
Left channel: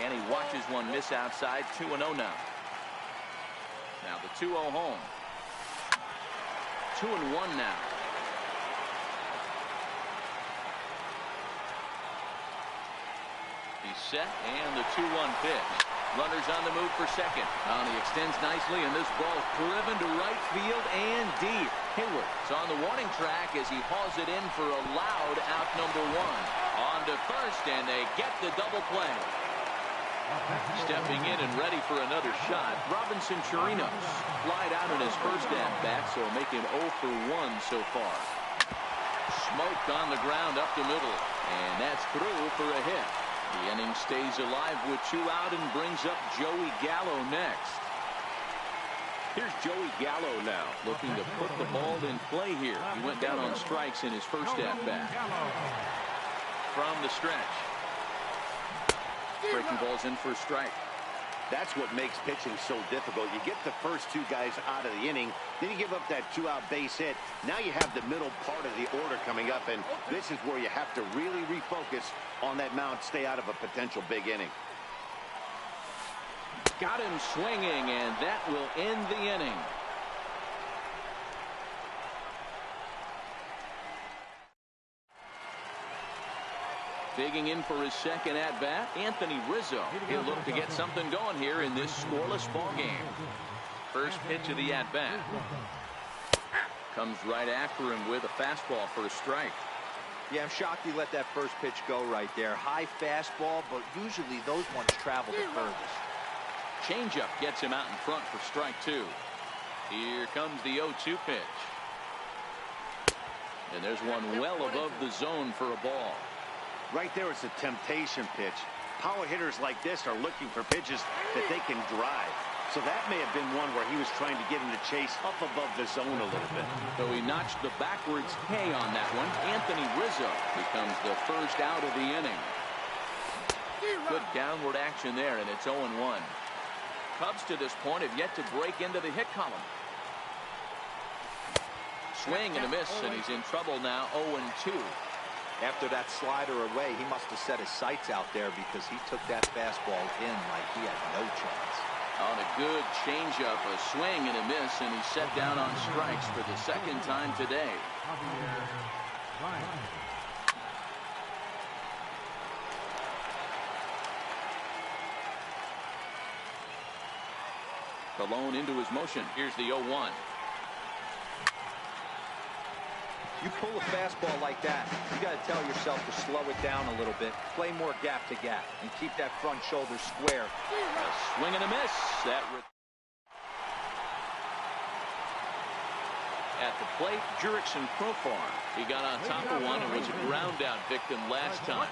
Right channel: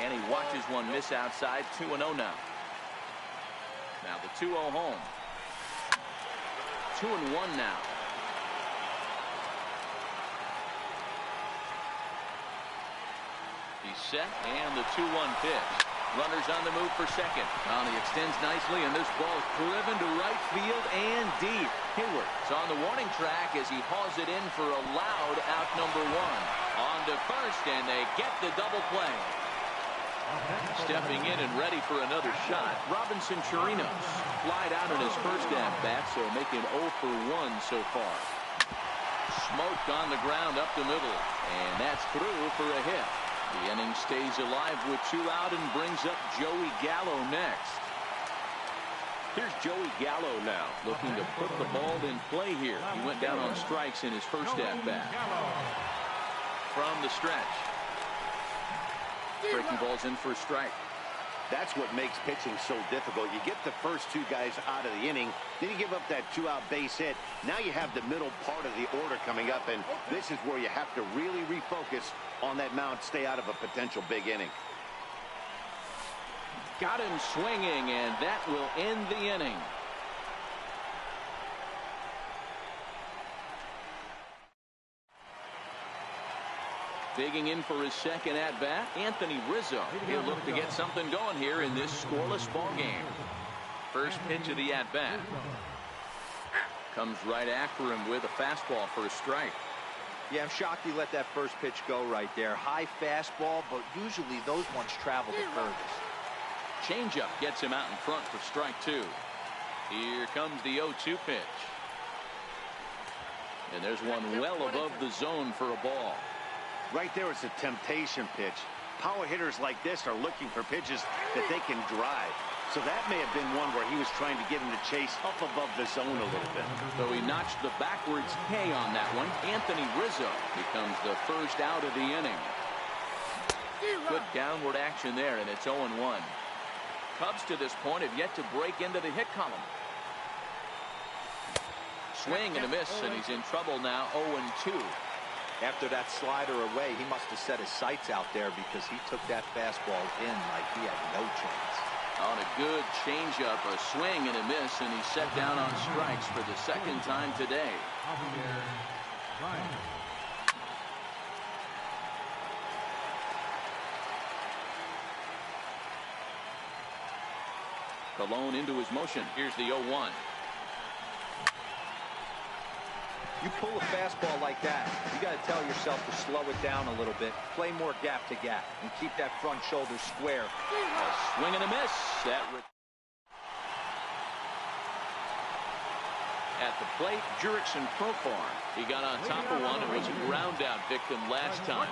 And he watches one miss outside, 2-0 now. Now the 2-0 home. 2-1 now. He's set, and the 2-1 pitch. Runners on the move for second. Well, he extends nicely, and this ball is driven to right field and deep. Hayward is on the warning track as he hauls it in for a loud out number 1. On to first, and they get the double play. Stepping in and ready for another shot, Robinson Chirinos flied out in his first at-bat, so make him 0 for 1 so far. Smoked on the ground up the middle, and that's through for a hit. The inning stays alive with 2 out and brings up Joey Gallo next. Here's Joey Gallo now, looking to put the ball in play here. He went down on strikes in his first at-bat. From the stretch. Breaking balls in for a strike. That's what makes pitching so difficult. You get the first 2 guys out of the inning, then you give up that 2-out base hit. Now you have the middle part of the order coming up, and this is where you have to really refocus on that mound, stay out of a potential big inning. Got him swinging, and that will end the inning. Digging in for his second at-bat, Anthony Rizzo. He'll look to get something going here in this scoreless ball game. First pitch of the at-bat. Comes right after him with a fastball for a strike. Yeah, I'm shocked he let that first pitch go right there. High fastball, but usually those ones travel the furthest. Changeup gets him out in front for strike 2. Here comes the 0-2 pitch. And there's one well above the zone for a ball. Right there is a temptation pitch. Power hitters like this are looking for pitches that they can drive. So that may have been one where he was trying to get him to chase up above the zone a little bit. So he notched the backwards K on that one. Anthony Rizzo becomes the first out of the inning. Good downward action there, and it's 0-1. Cubs to this point have yet to break into the hit column. Swing and a miss, and he's in trouble now. 0-2. After that slider away, he must have set his sights out there because he took that fastball in like he had no chance. On a good changeup, a swing and a miss, and he's set down on strikes for the second time today. Colon into his motion. Here's the 0-1. You pull a fastball like that, you got to tell yourself to slow it down a little bit, play more gap to gap, and keep that front shoulder square. A swing and a miss. At the plate, Jurickson Profar. He got on top of one and was a ground out victim last time.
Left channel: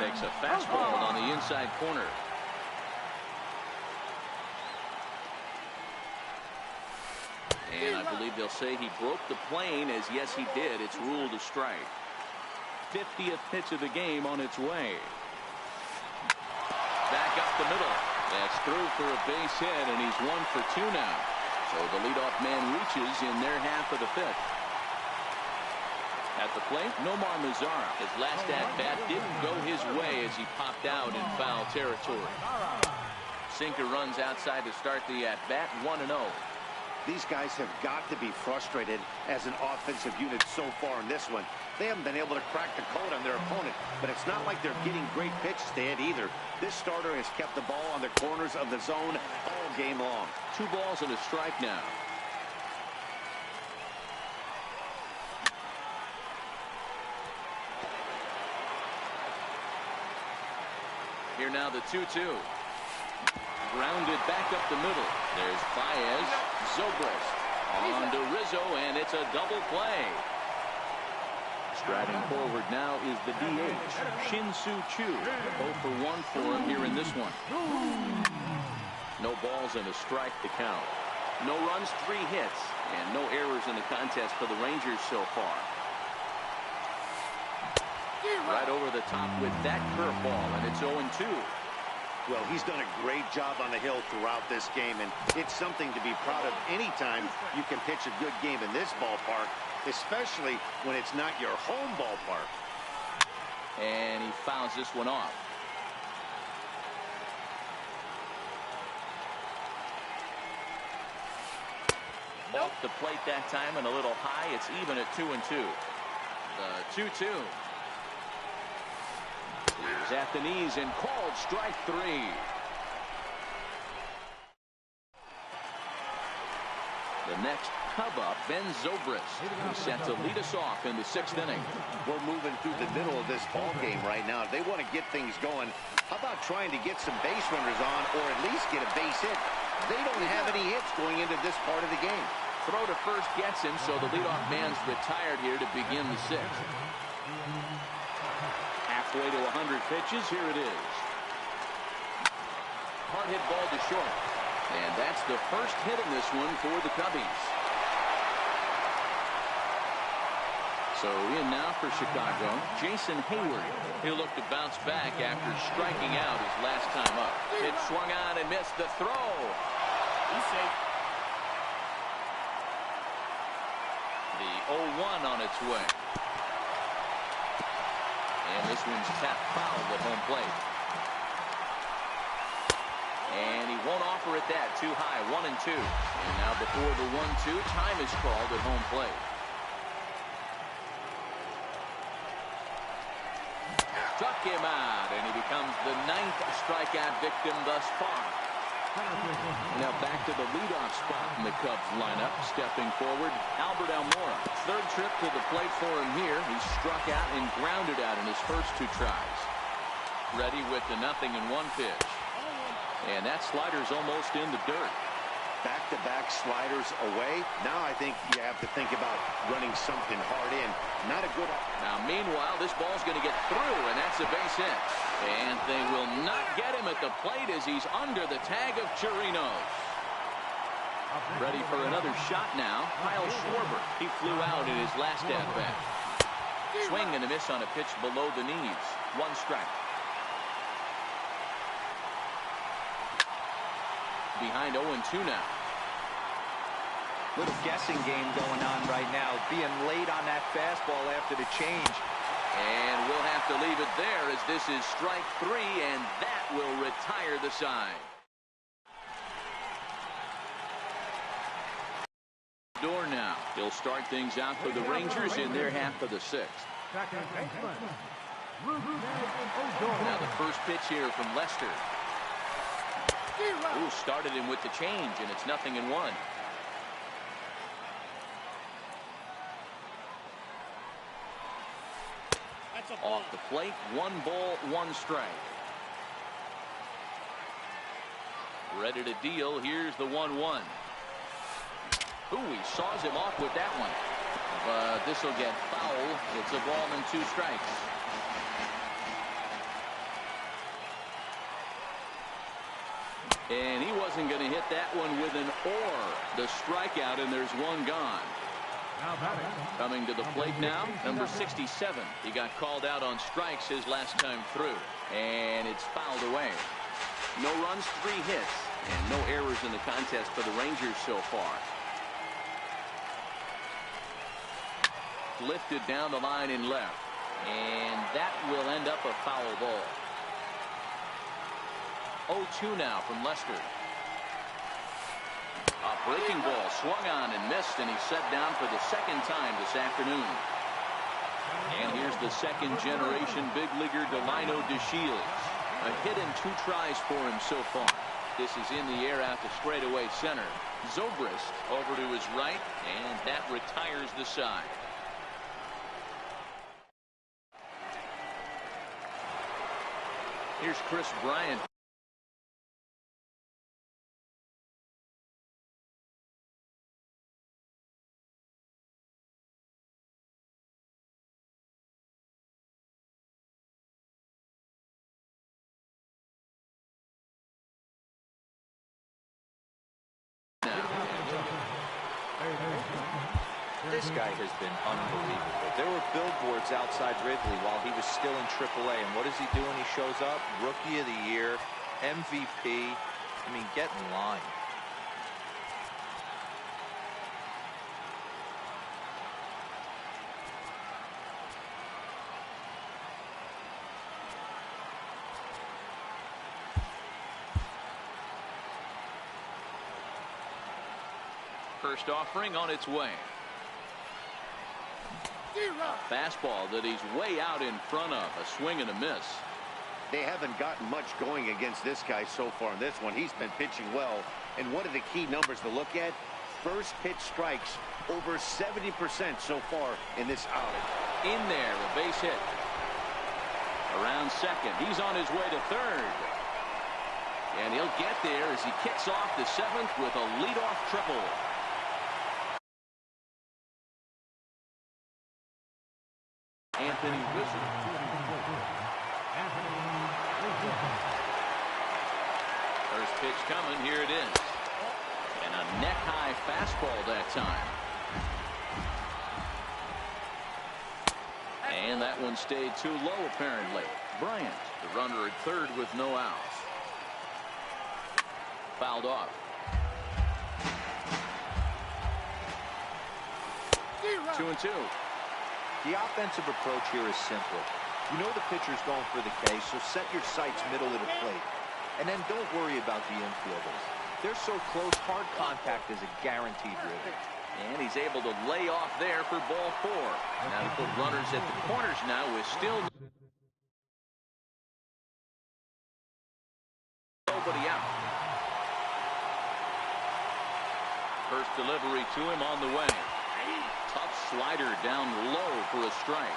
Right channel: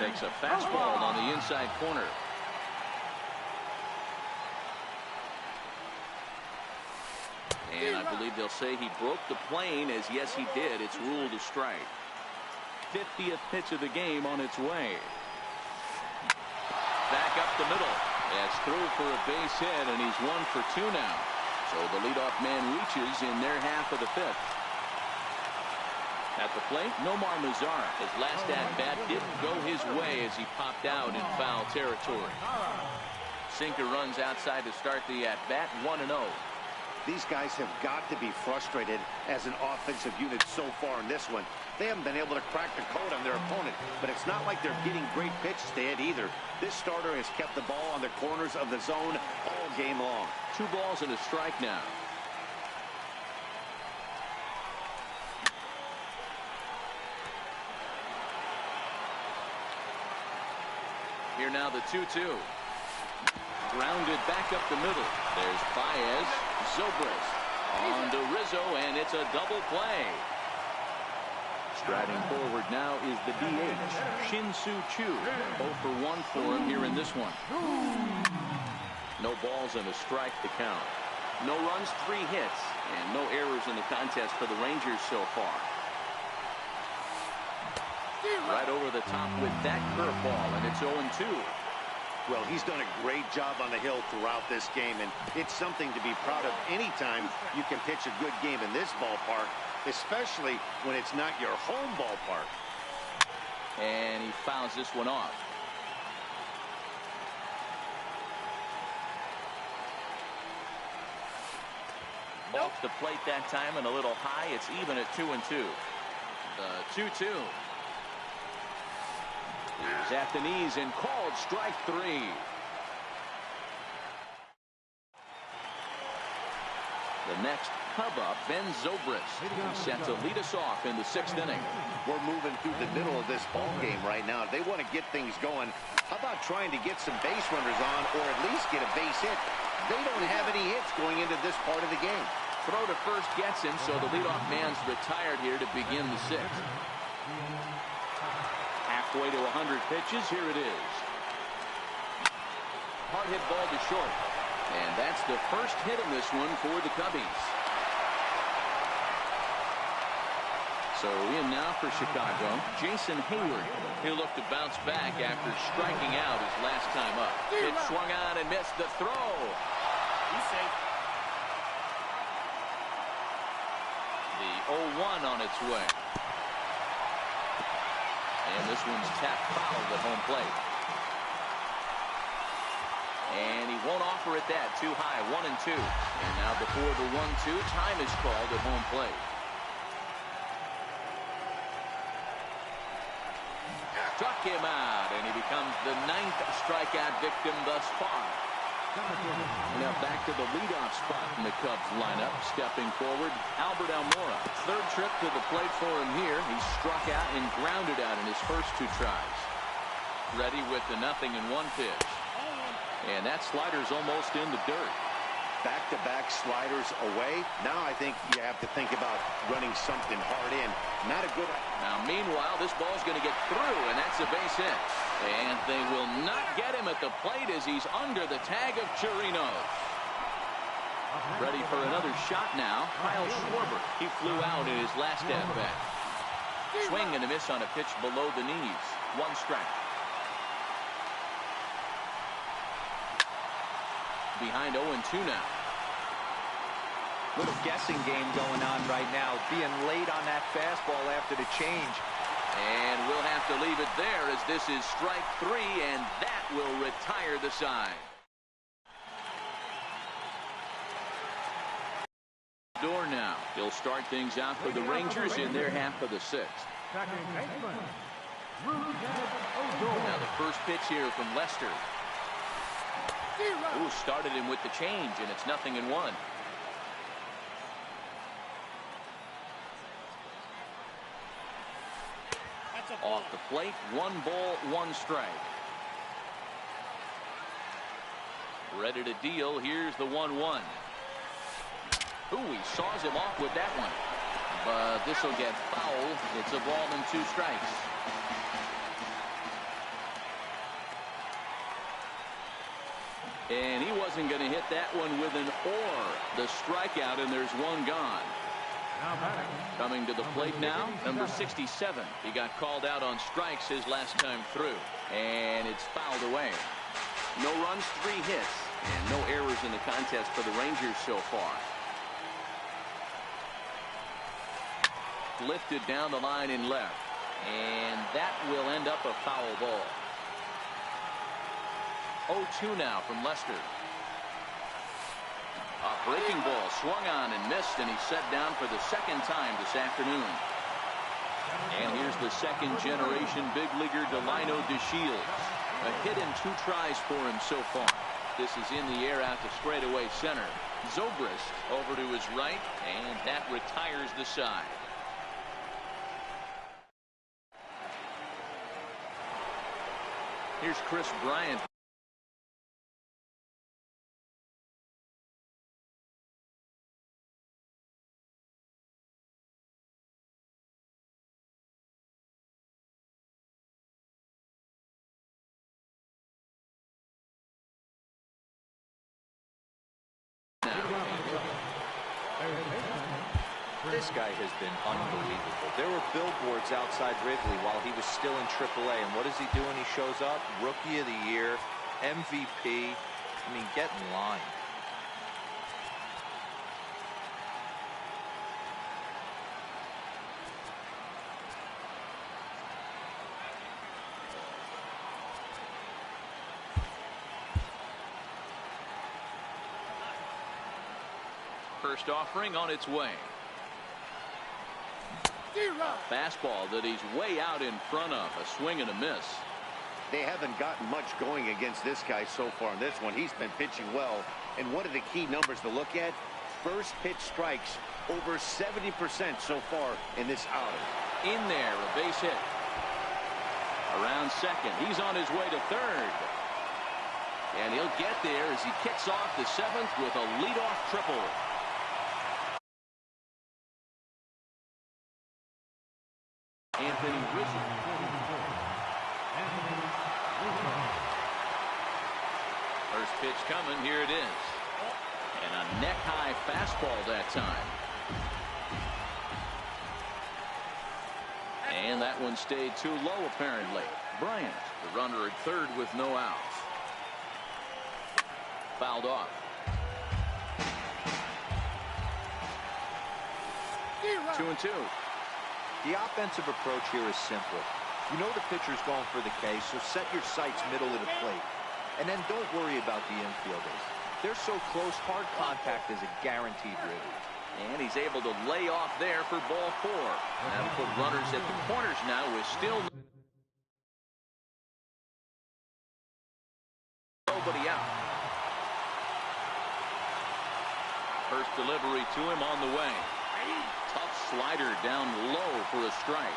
Takes a fastball on the inside corner. And I believe they'll say he broke the plane, as yes he did. It's ruled a strike. 50th pitch of the game on its way. Back up the middle. That's through for a base hit, and he's 1 for 2 now. So the leadoff man reaches in their half of the 5th. At the plate, Nomar Mazara. His last at-bat didn't go his way as he popped out in foul territory. Sinker runs outside to start the at-bat, 1-0. These guys have got to be frustrated as an offensive unit so far in this one. They haven't been able to crack the code on their opponent, but it's not like they're getting great pitches to hit either. This starter has kept the ball on the corners of the zone all game long. 2 balls and a strike now. Here now the 2-2. Grounded back up the middle. There's Baez. Zobrist on to Rizzo, and it's a double play. Striding forward now is the DH, Shin-Soo Choo. 0 for 1 for him here in this one. No balls and a strike to count. No runs, 3 hits, and no errors in the contest for the Rangers so far. Right over the top with that curveball, and it's 0-2. Well, he's done a great job on the hill throughout this game, and it's something to be proud of anytime you can pitch a good game in this ballpark, especially when it's not your home ballpark. And he fouls this one off. Off the plate that time and a little high. It's even at 2-2. The 2-2. He's at the knees and called strike 3. The next Cub up, Ben Zobrist, who's set to lead us off in the 6th inning. We're moving through the middle of this ball game right now. If they want to get things going, how about trying to get some base runners on or at least get a base hit? They don't have any hits going into this part of the game. Throw to first gets him, so the leadoff man's retired here to begin the 6th. Halfway to 100 pitches, here it is. Hard hit ball to short. And that's the first hit in this one for the Cubbies. So in now for Chicago, Jason Hayward. He'll look to bounce back after striking out his last time up. It swung on and missed the throw. He's safe. The 0-1 on its way. And this one's tapped fouled at home plate. And he won't offer it that. Too high. 1-2. And now before the 1-2, time is called at home plate. Struck him out, and he becomes the 9th strikeout victim thus far. Now back to the leadoff spot in the Cubs lineup. Stepping forward, Albert Almora. 3rd trip to the plate for him here. He struck out and grounded out in his first 2 tries. Ready with the 0-1 pitch. And that slider's almost in the dirt. Back-to-back sliders away. Now I think you have to think about running something hard in. Not a good. Now meanwhile, this ball's going to get through, and that's a base hit. And they will not get him at the plate as he's under the tag of Chirinos. Ready for another shot now. Kyle Schwarber. He flew out in his last at-bat. Swing and a miss on a pitch below the knees. 1 strike. Behind 0-2 now. Little guessing game going on right now. Being late on that fastball after the change. And we'll have to leave it there as this is strike 3, and that will retire the side. Door now. He'll start things out for the Rangers in their half of the 6th. Now the first pitch here from Lester. Ooh, started him with the change, and it's 0-1. Off the plate, 1 ball, 1 strike. Ready to deal. Here's the 1-1. Ooh, he saws him off with that one. But this will get foul. It's a ball and 2 strikes. And he wasn't going to hit that one with an or. The strikeout, and there's 1 gone. Coming to the plate now, number 67. He got called out on strikes his last time through. And it's fouled away. No runs, 3 hits, and no errors in the contest for the Rangers so far. Lifted down the line in left. And that will end up a foul ball. 0-2 now from Lester. A breaking ball swung on and missed, and he's set down for the 2nd time this afternoon. And here's the 2nd generation big leaguer Delino DeShields. A hit in 2 tries for him so far. This is in the air out to straightaway center. Zobrist over to his right, and that retires the side. Here's Chris Bryant. This guy has been unbelievable. There were billboards outside Wrigley while he was still in AAA. And what does he do when he shows up? Rookie of the Year, MVP. I mean, get in line. First offering on its way. A fastball that he's way out in front of. A swing and a miss. They haven't gotten much going against this guy so far in this one. He's been pitching well. And one of the key numbers to look at, first pitch strikes over 70% so far in this outing. In there, a base hit. Around second. He's on his way to third. And he'll get there as he kicks off the seventh with a leadoff triple. Anthony Rizzo. Anthony Rizzo. First pitch coming. Here it is. And a neck-high fastball that time. And that one stayed too low, apparently. Bryant, the runner at third with no outs. Fouled off. 2-2. The offensive approach here is simple. You know the pitcher's going for the K, so set your sights middle of the plate. And then don't worry about the infielders. They're so close, hard contact is a guaranteed ribby. And he's able to lay off there for ball four. Now to put runners at the corners now with still nobody out. First delivery to him on the way. Tough slider down low for a strike.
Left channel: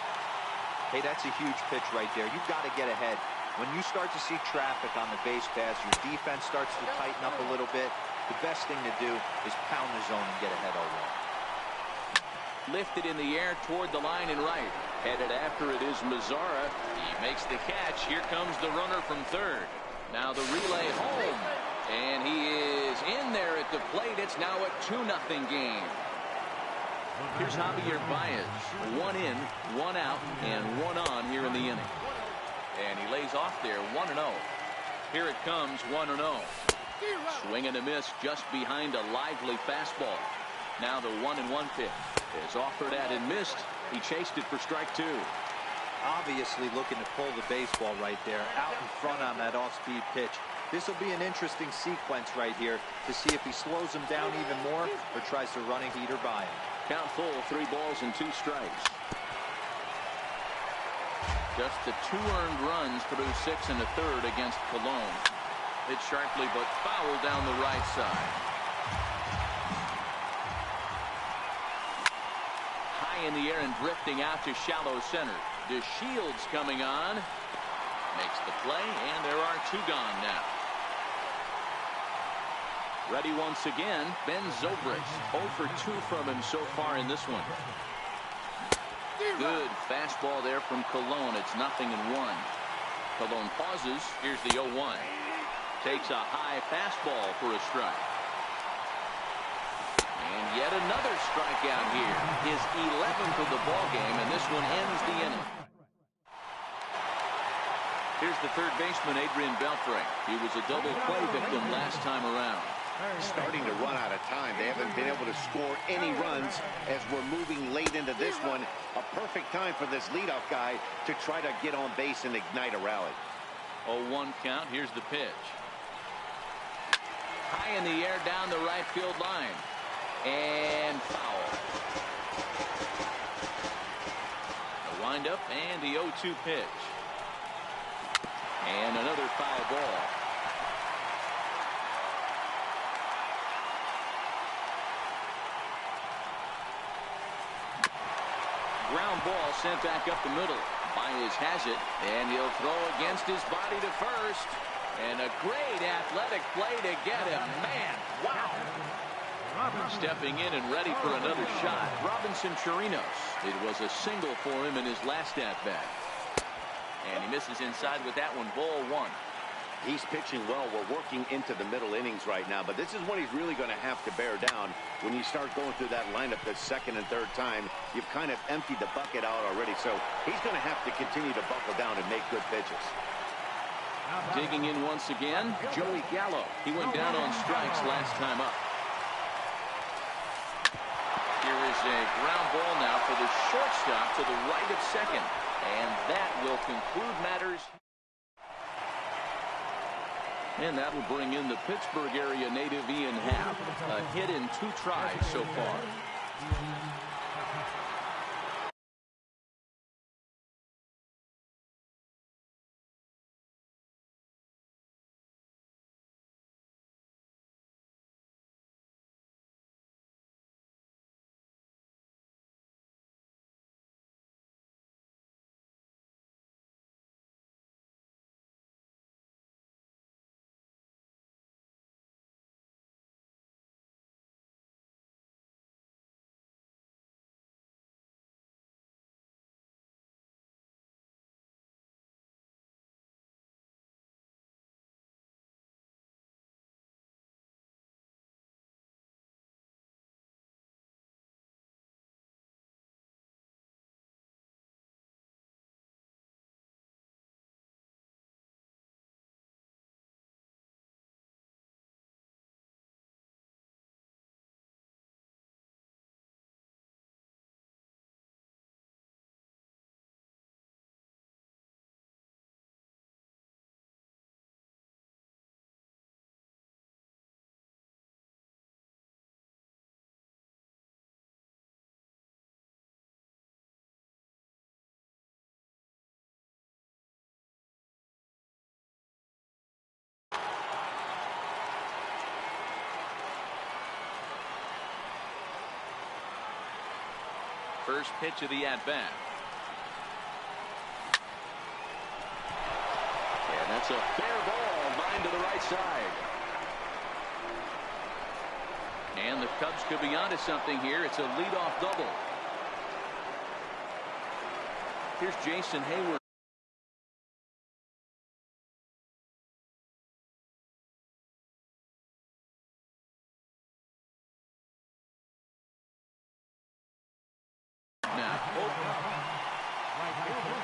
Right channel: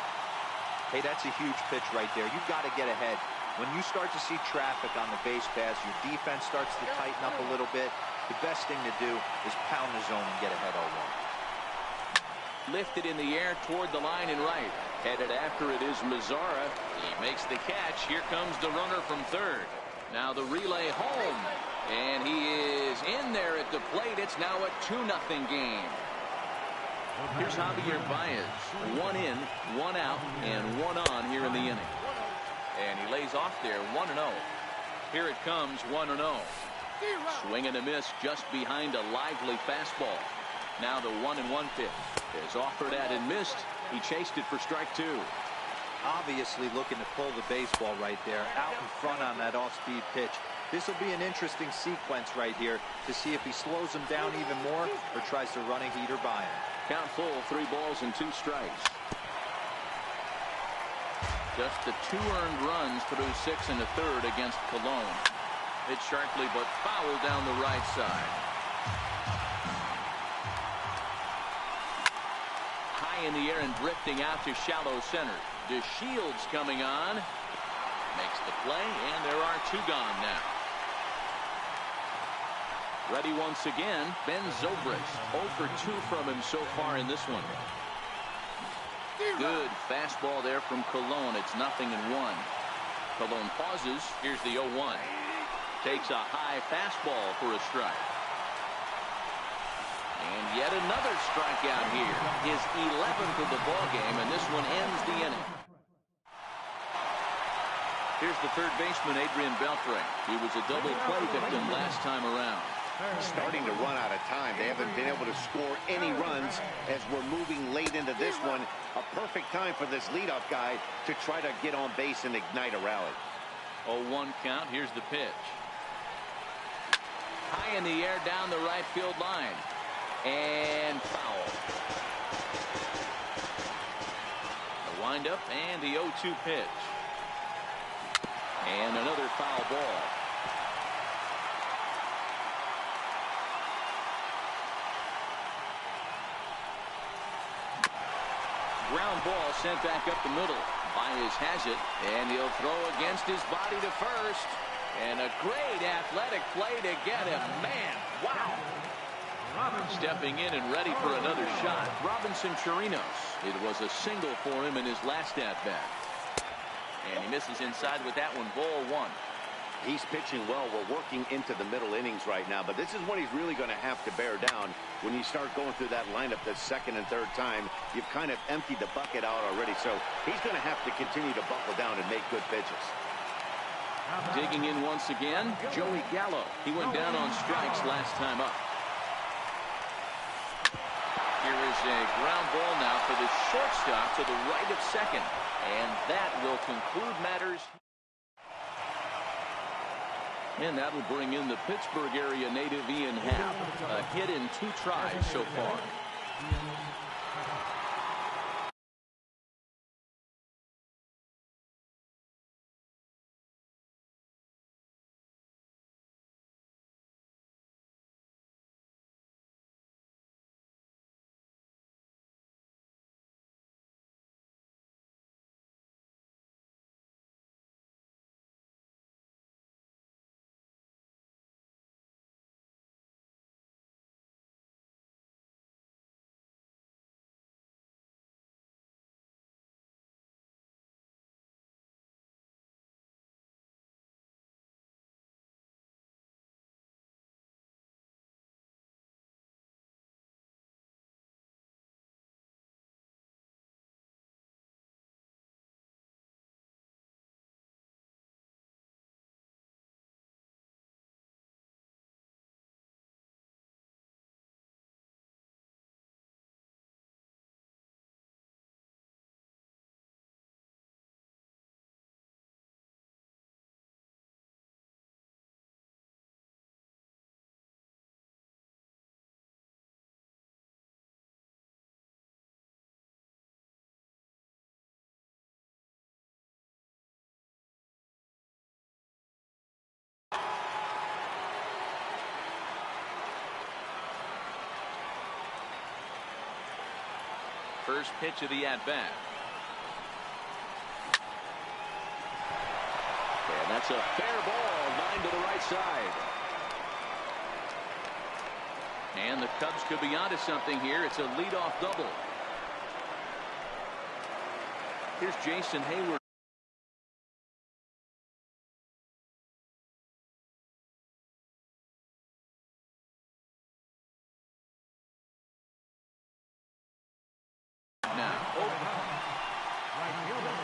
Hey, that's a huge pitch right there. You've got to get ahead. When you start to see traffic on the base pass, your defense starts to tighten up a little bit. The best thing to do is pound the zone and get ahead 0-1. Lifted in the air toward the line and right. Headed after it is Mazzara. He makes the catch. Here comes the runner from third. Now the relay home. And he is in there at the plate. It's now a 2-0 game. Here's Javier Baez. 1 in, 1 out, and 1 on here in the inning. And he lays off there 1-0. Here it comes 1-0. Swing and a miss just behind a lively fastball. Now the 1-1 pitch is offered at and missed. He chased it for strike 2. Obviously looking to pull the baseball right there out in front on that off-speed pitch. This will be an interesting sequence right here to see if he slows him down even more or tries to run a heater by him. Count full, 3 balls and 2 strikes. Just the 2 earned runs through 6 1/3 against Cologne. Hit sharply but foul down the right side. High in the air and drifting out to shallow center. DeShields coming on. Makes the play, and there are 2 gone now. Ready once again, Ben Zobrist. 0 for 2 from him so far in this one. Good fastball there from Cologne. It's 0-1. Cologne pauses. Here's the 0-1. Takes a high fastball for a strike. And yet another strikeout here. His 11th of the ball game, and this one ends the inning. Here's the third baseman, Adrian Beltre. He was a double play victim last time around. Starting to run out of time. They haven't been able to score any runs as we're moving late into this one. A perfect time for this leadoff guy to try to get on base and ignite a rally. 0-1 count. Here's the pitch. High in the air down the right field line. And foul. The windup and the 0-2 pitch. And another foul ball. Ground ball sent back up the middle. Baez has it, and he'll throw against his body to first. And a great athletic play to get him. Man, wow. Stepping in and ready for another shot. Robinson Chirinos. It was a single for him in his last at-bat. And he misses inside with that one. Ball 1. He's pitching well. We're working into the middle innings right now, but this is when he's really going to have to bear down. When you start going through that lineup the second and third time, you've kind of emptied the bucket out already, so he's going to have to continue to buckle down and make good pitches. Digging in once again, Joey Gallo. He went down on strikes last time up. Here is a ground ball now for the shortstop to the right of second, and that will conclude matters. And that'll bring in the Pittsburgh area native Ian Happ. A hit in 2 tries so far. First pitch of the at-bat. And that's a fair ball, line to the right side. And the Cubs could be onto something here. It's a leadoff double. Here's Jason Hayward. Now, Right fielder.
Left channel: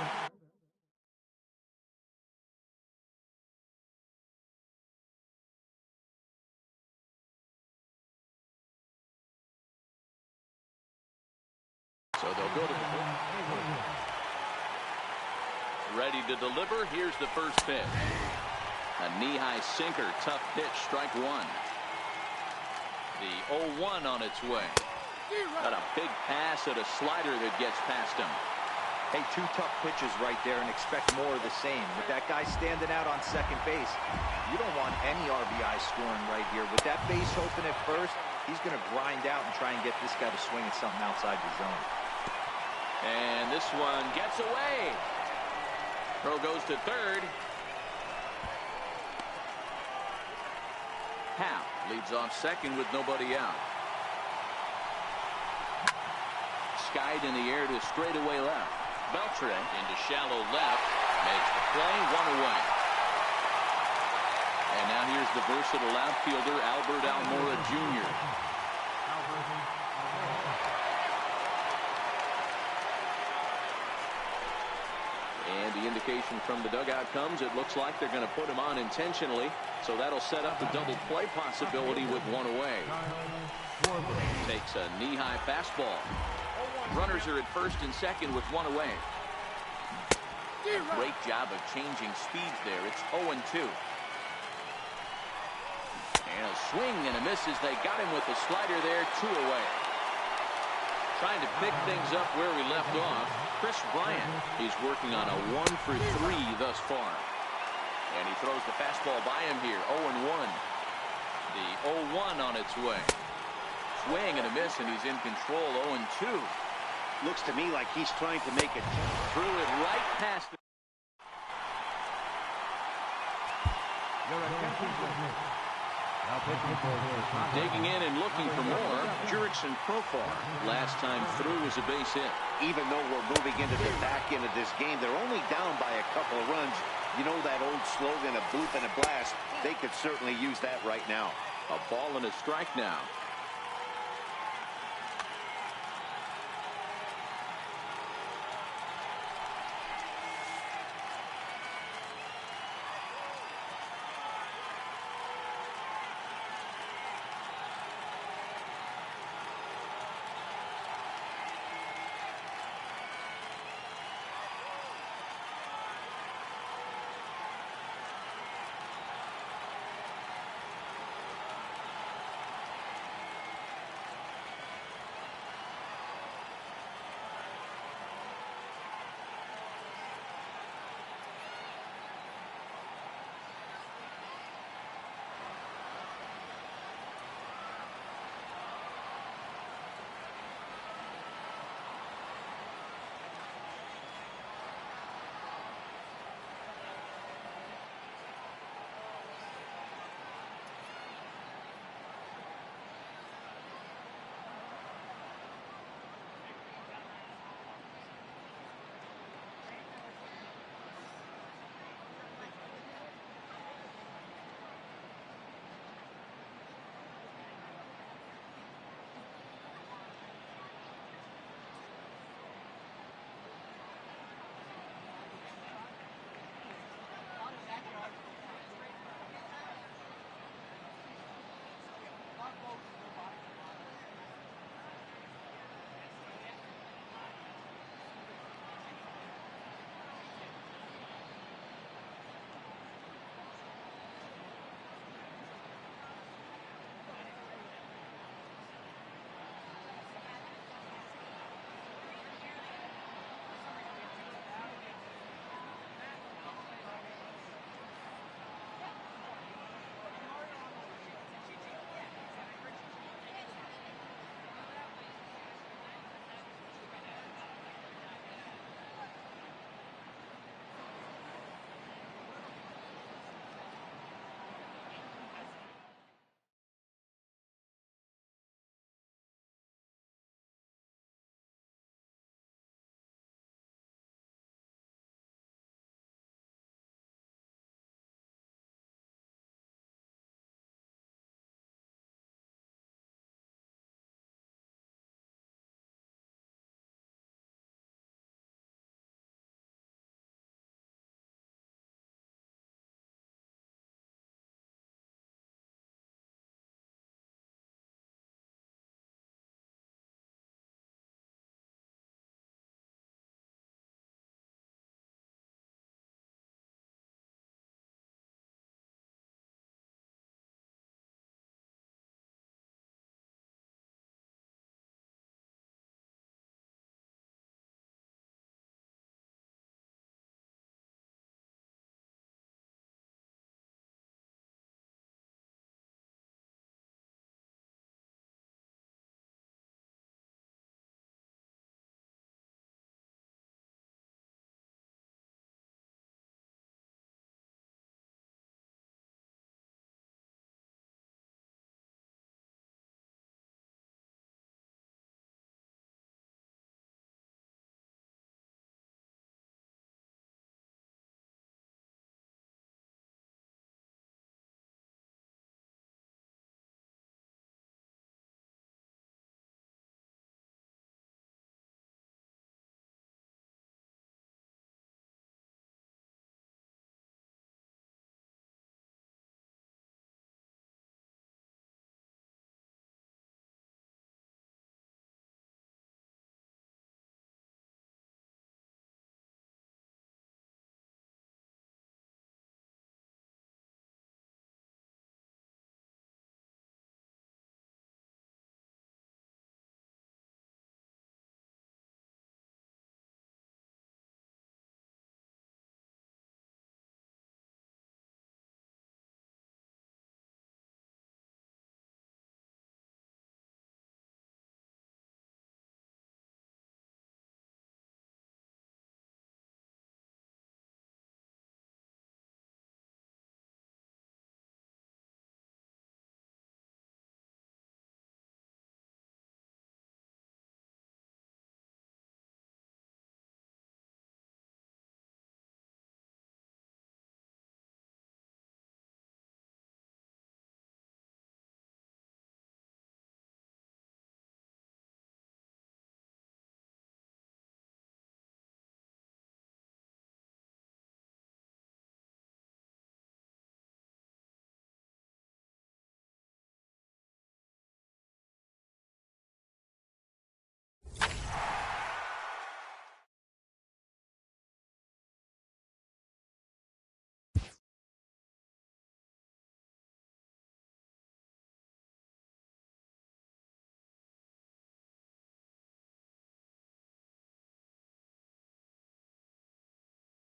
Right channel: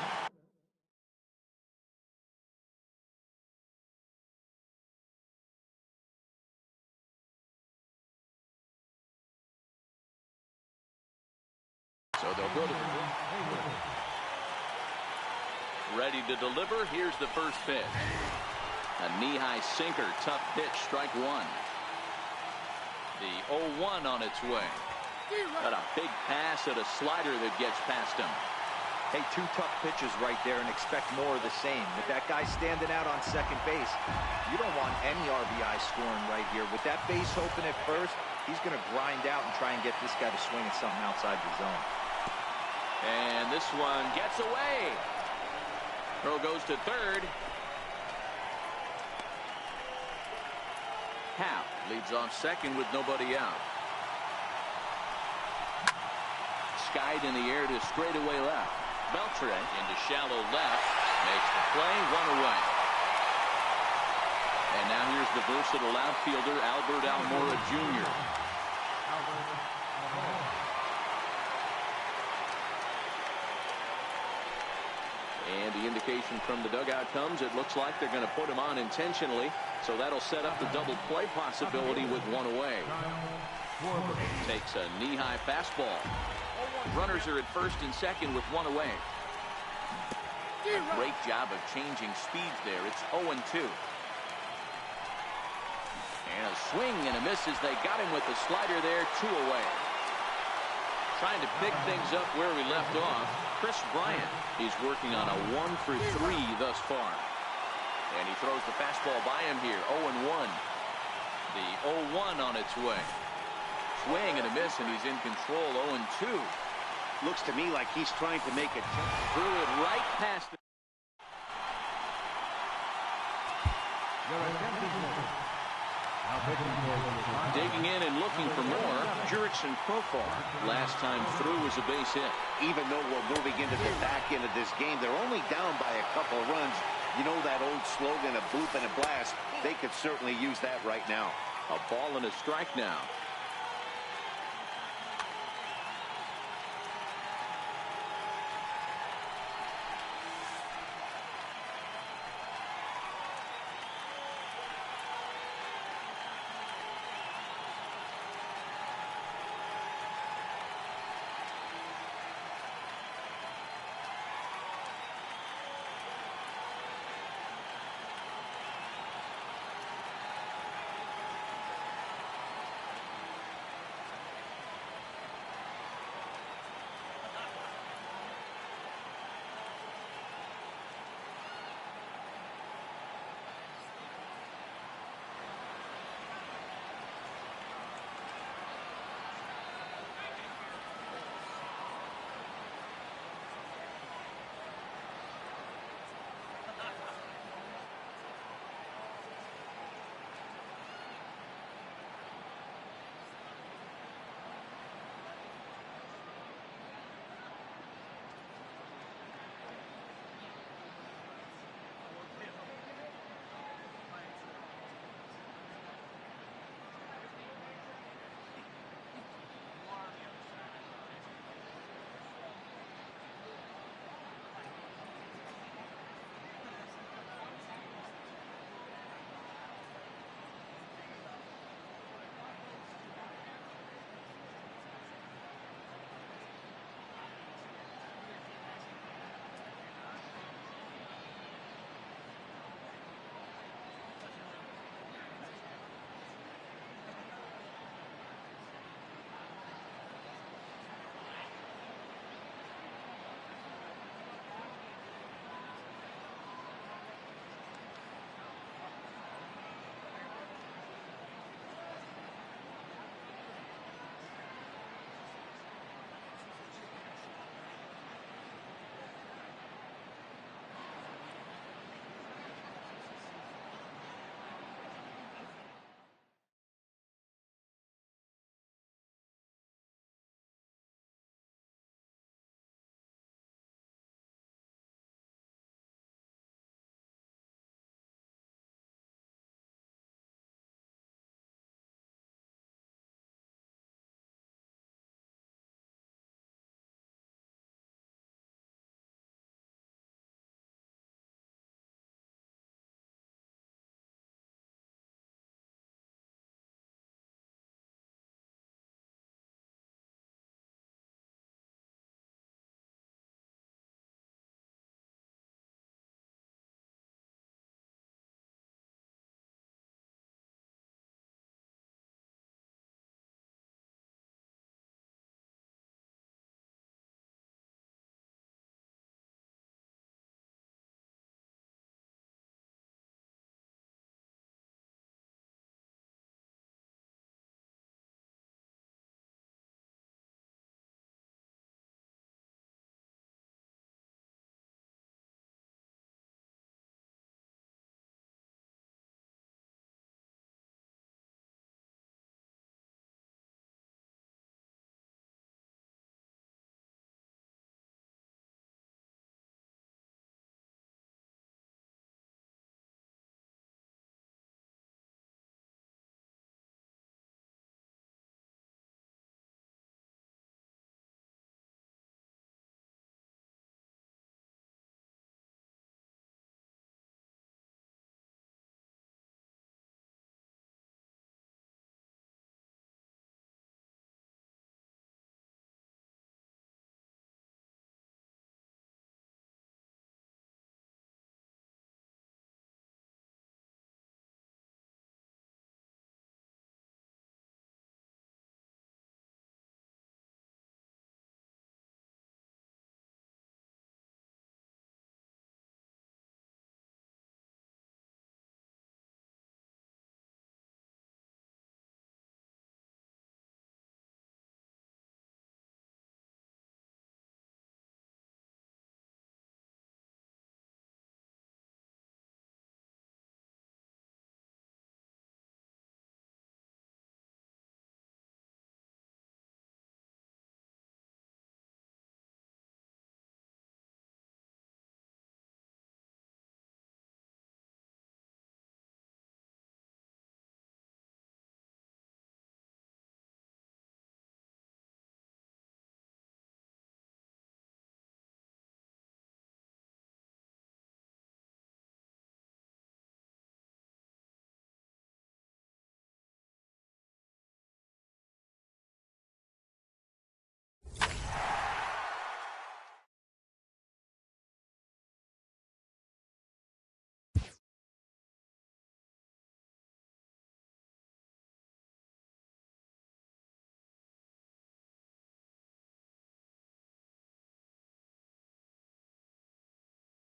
so they'll go to ready to deliver. Here's the first pitch. A knee-high sinker, tough pitch, strike 1. The 0-1 on its way. Got a big pass at a slider that gets past him. Hey, 2 tough pitches right there, and expect more of the same. With that guy standing out on second base, you don't want any RBI scoring right here. With that base open at first, he's going to grind out and try and get this guy to swing at something outside the zone. And this one gets away. Throw goes to third. Happ leads off second with nobody out. Skied in the air to straightaway left. Beltre into shallow left. Makes the play, 1 away. And now here's the versatile outfielder, Albert Almora Jr. And the indication from the dugout comes, it looks like they're going to put him on intentionally. So that'll set up the double play possibility with 1 away. Takes a knee-high fastball. Runners are at first and second with 1 away. A great job of changing speeds there. It's 0-2. And a swing and a miss as they got him with the slider there, 2 away. Trying to pick things up where we left off. Chris Bryant, he's working on a 1 for 3 thus far. And he throws the fastball by him here, 0-1. The 0-1 on its way. Swing and a miss, and he's in control, 0-2. Looks to me like he's trying to make it. Threw it right past the. Your attention, please. Now pitching for the Tigers. Digging in and looking for more. Jurickson Profar. Last time through was a base hit. Even though we're moving into the back end of this game, they're only down by a couple of runs. You know that old slogan, a bloop and a blast. They could certainly use that right now. A ball and a strike now.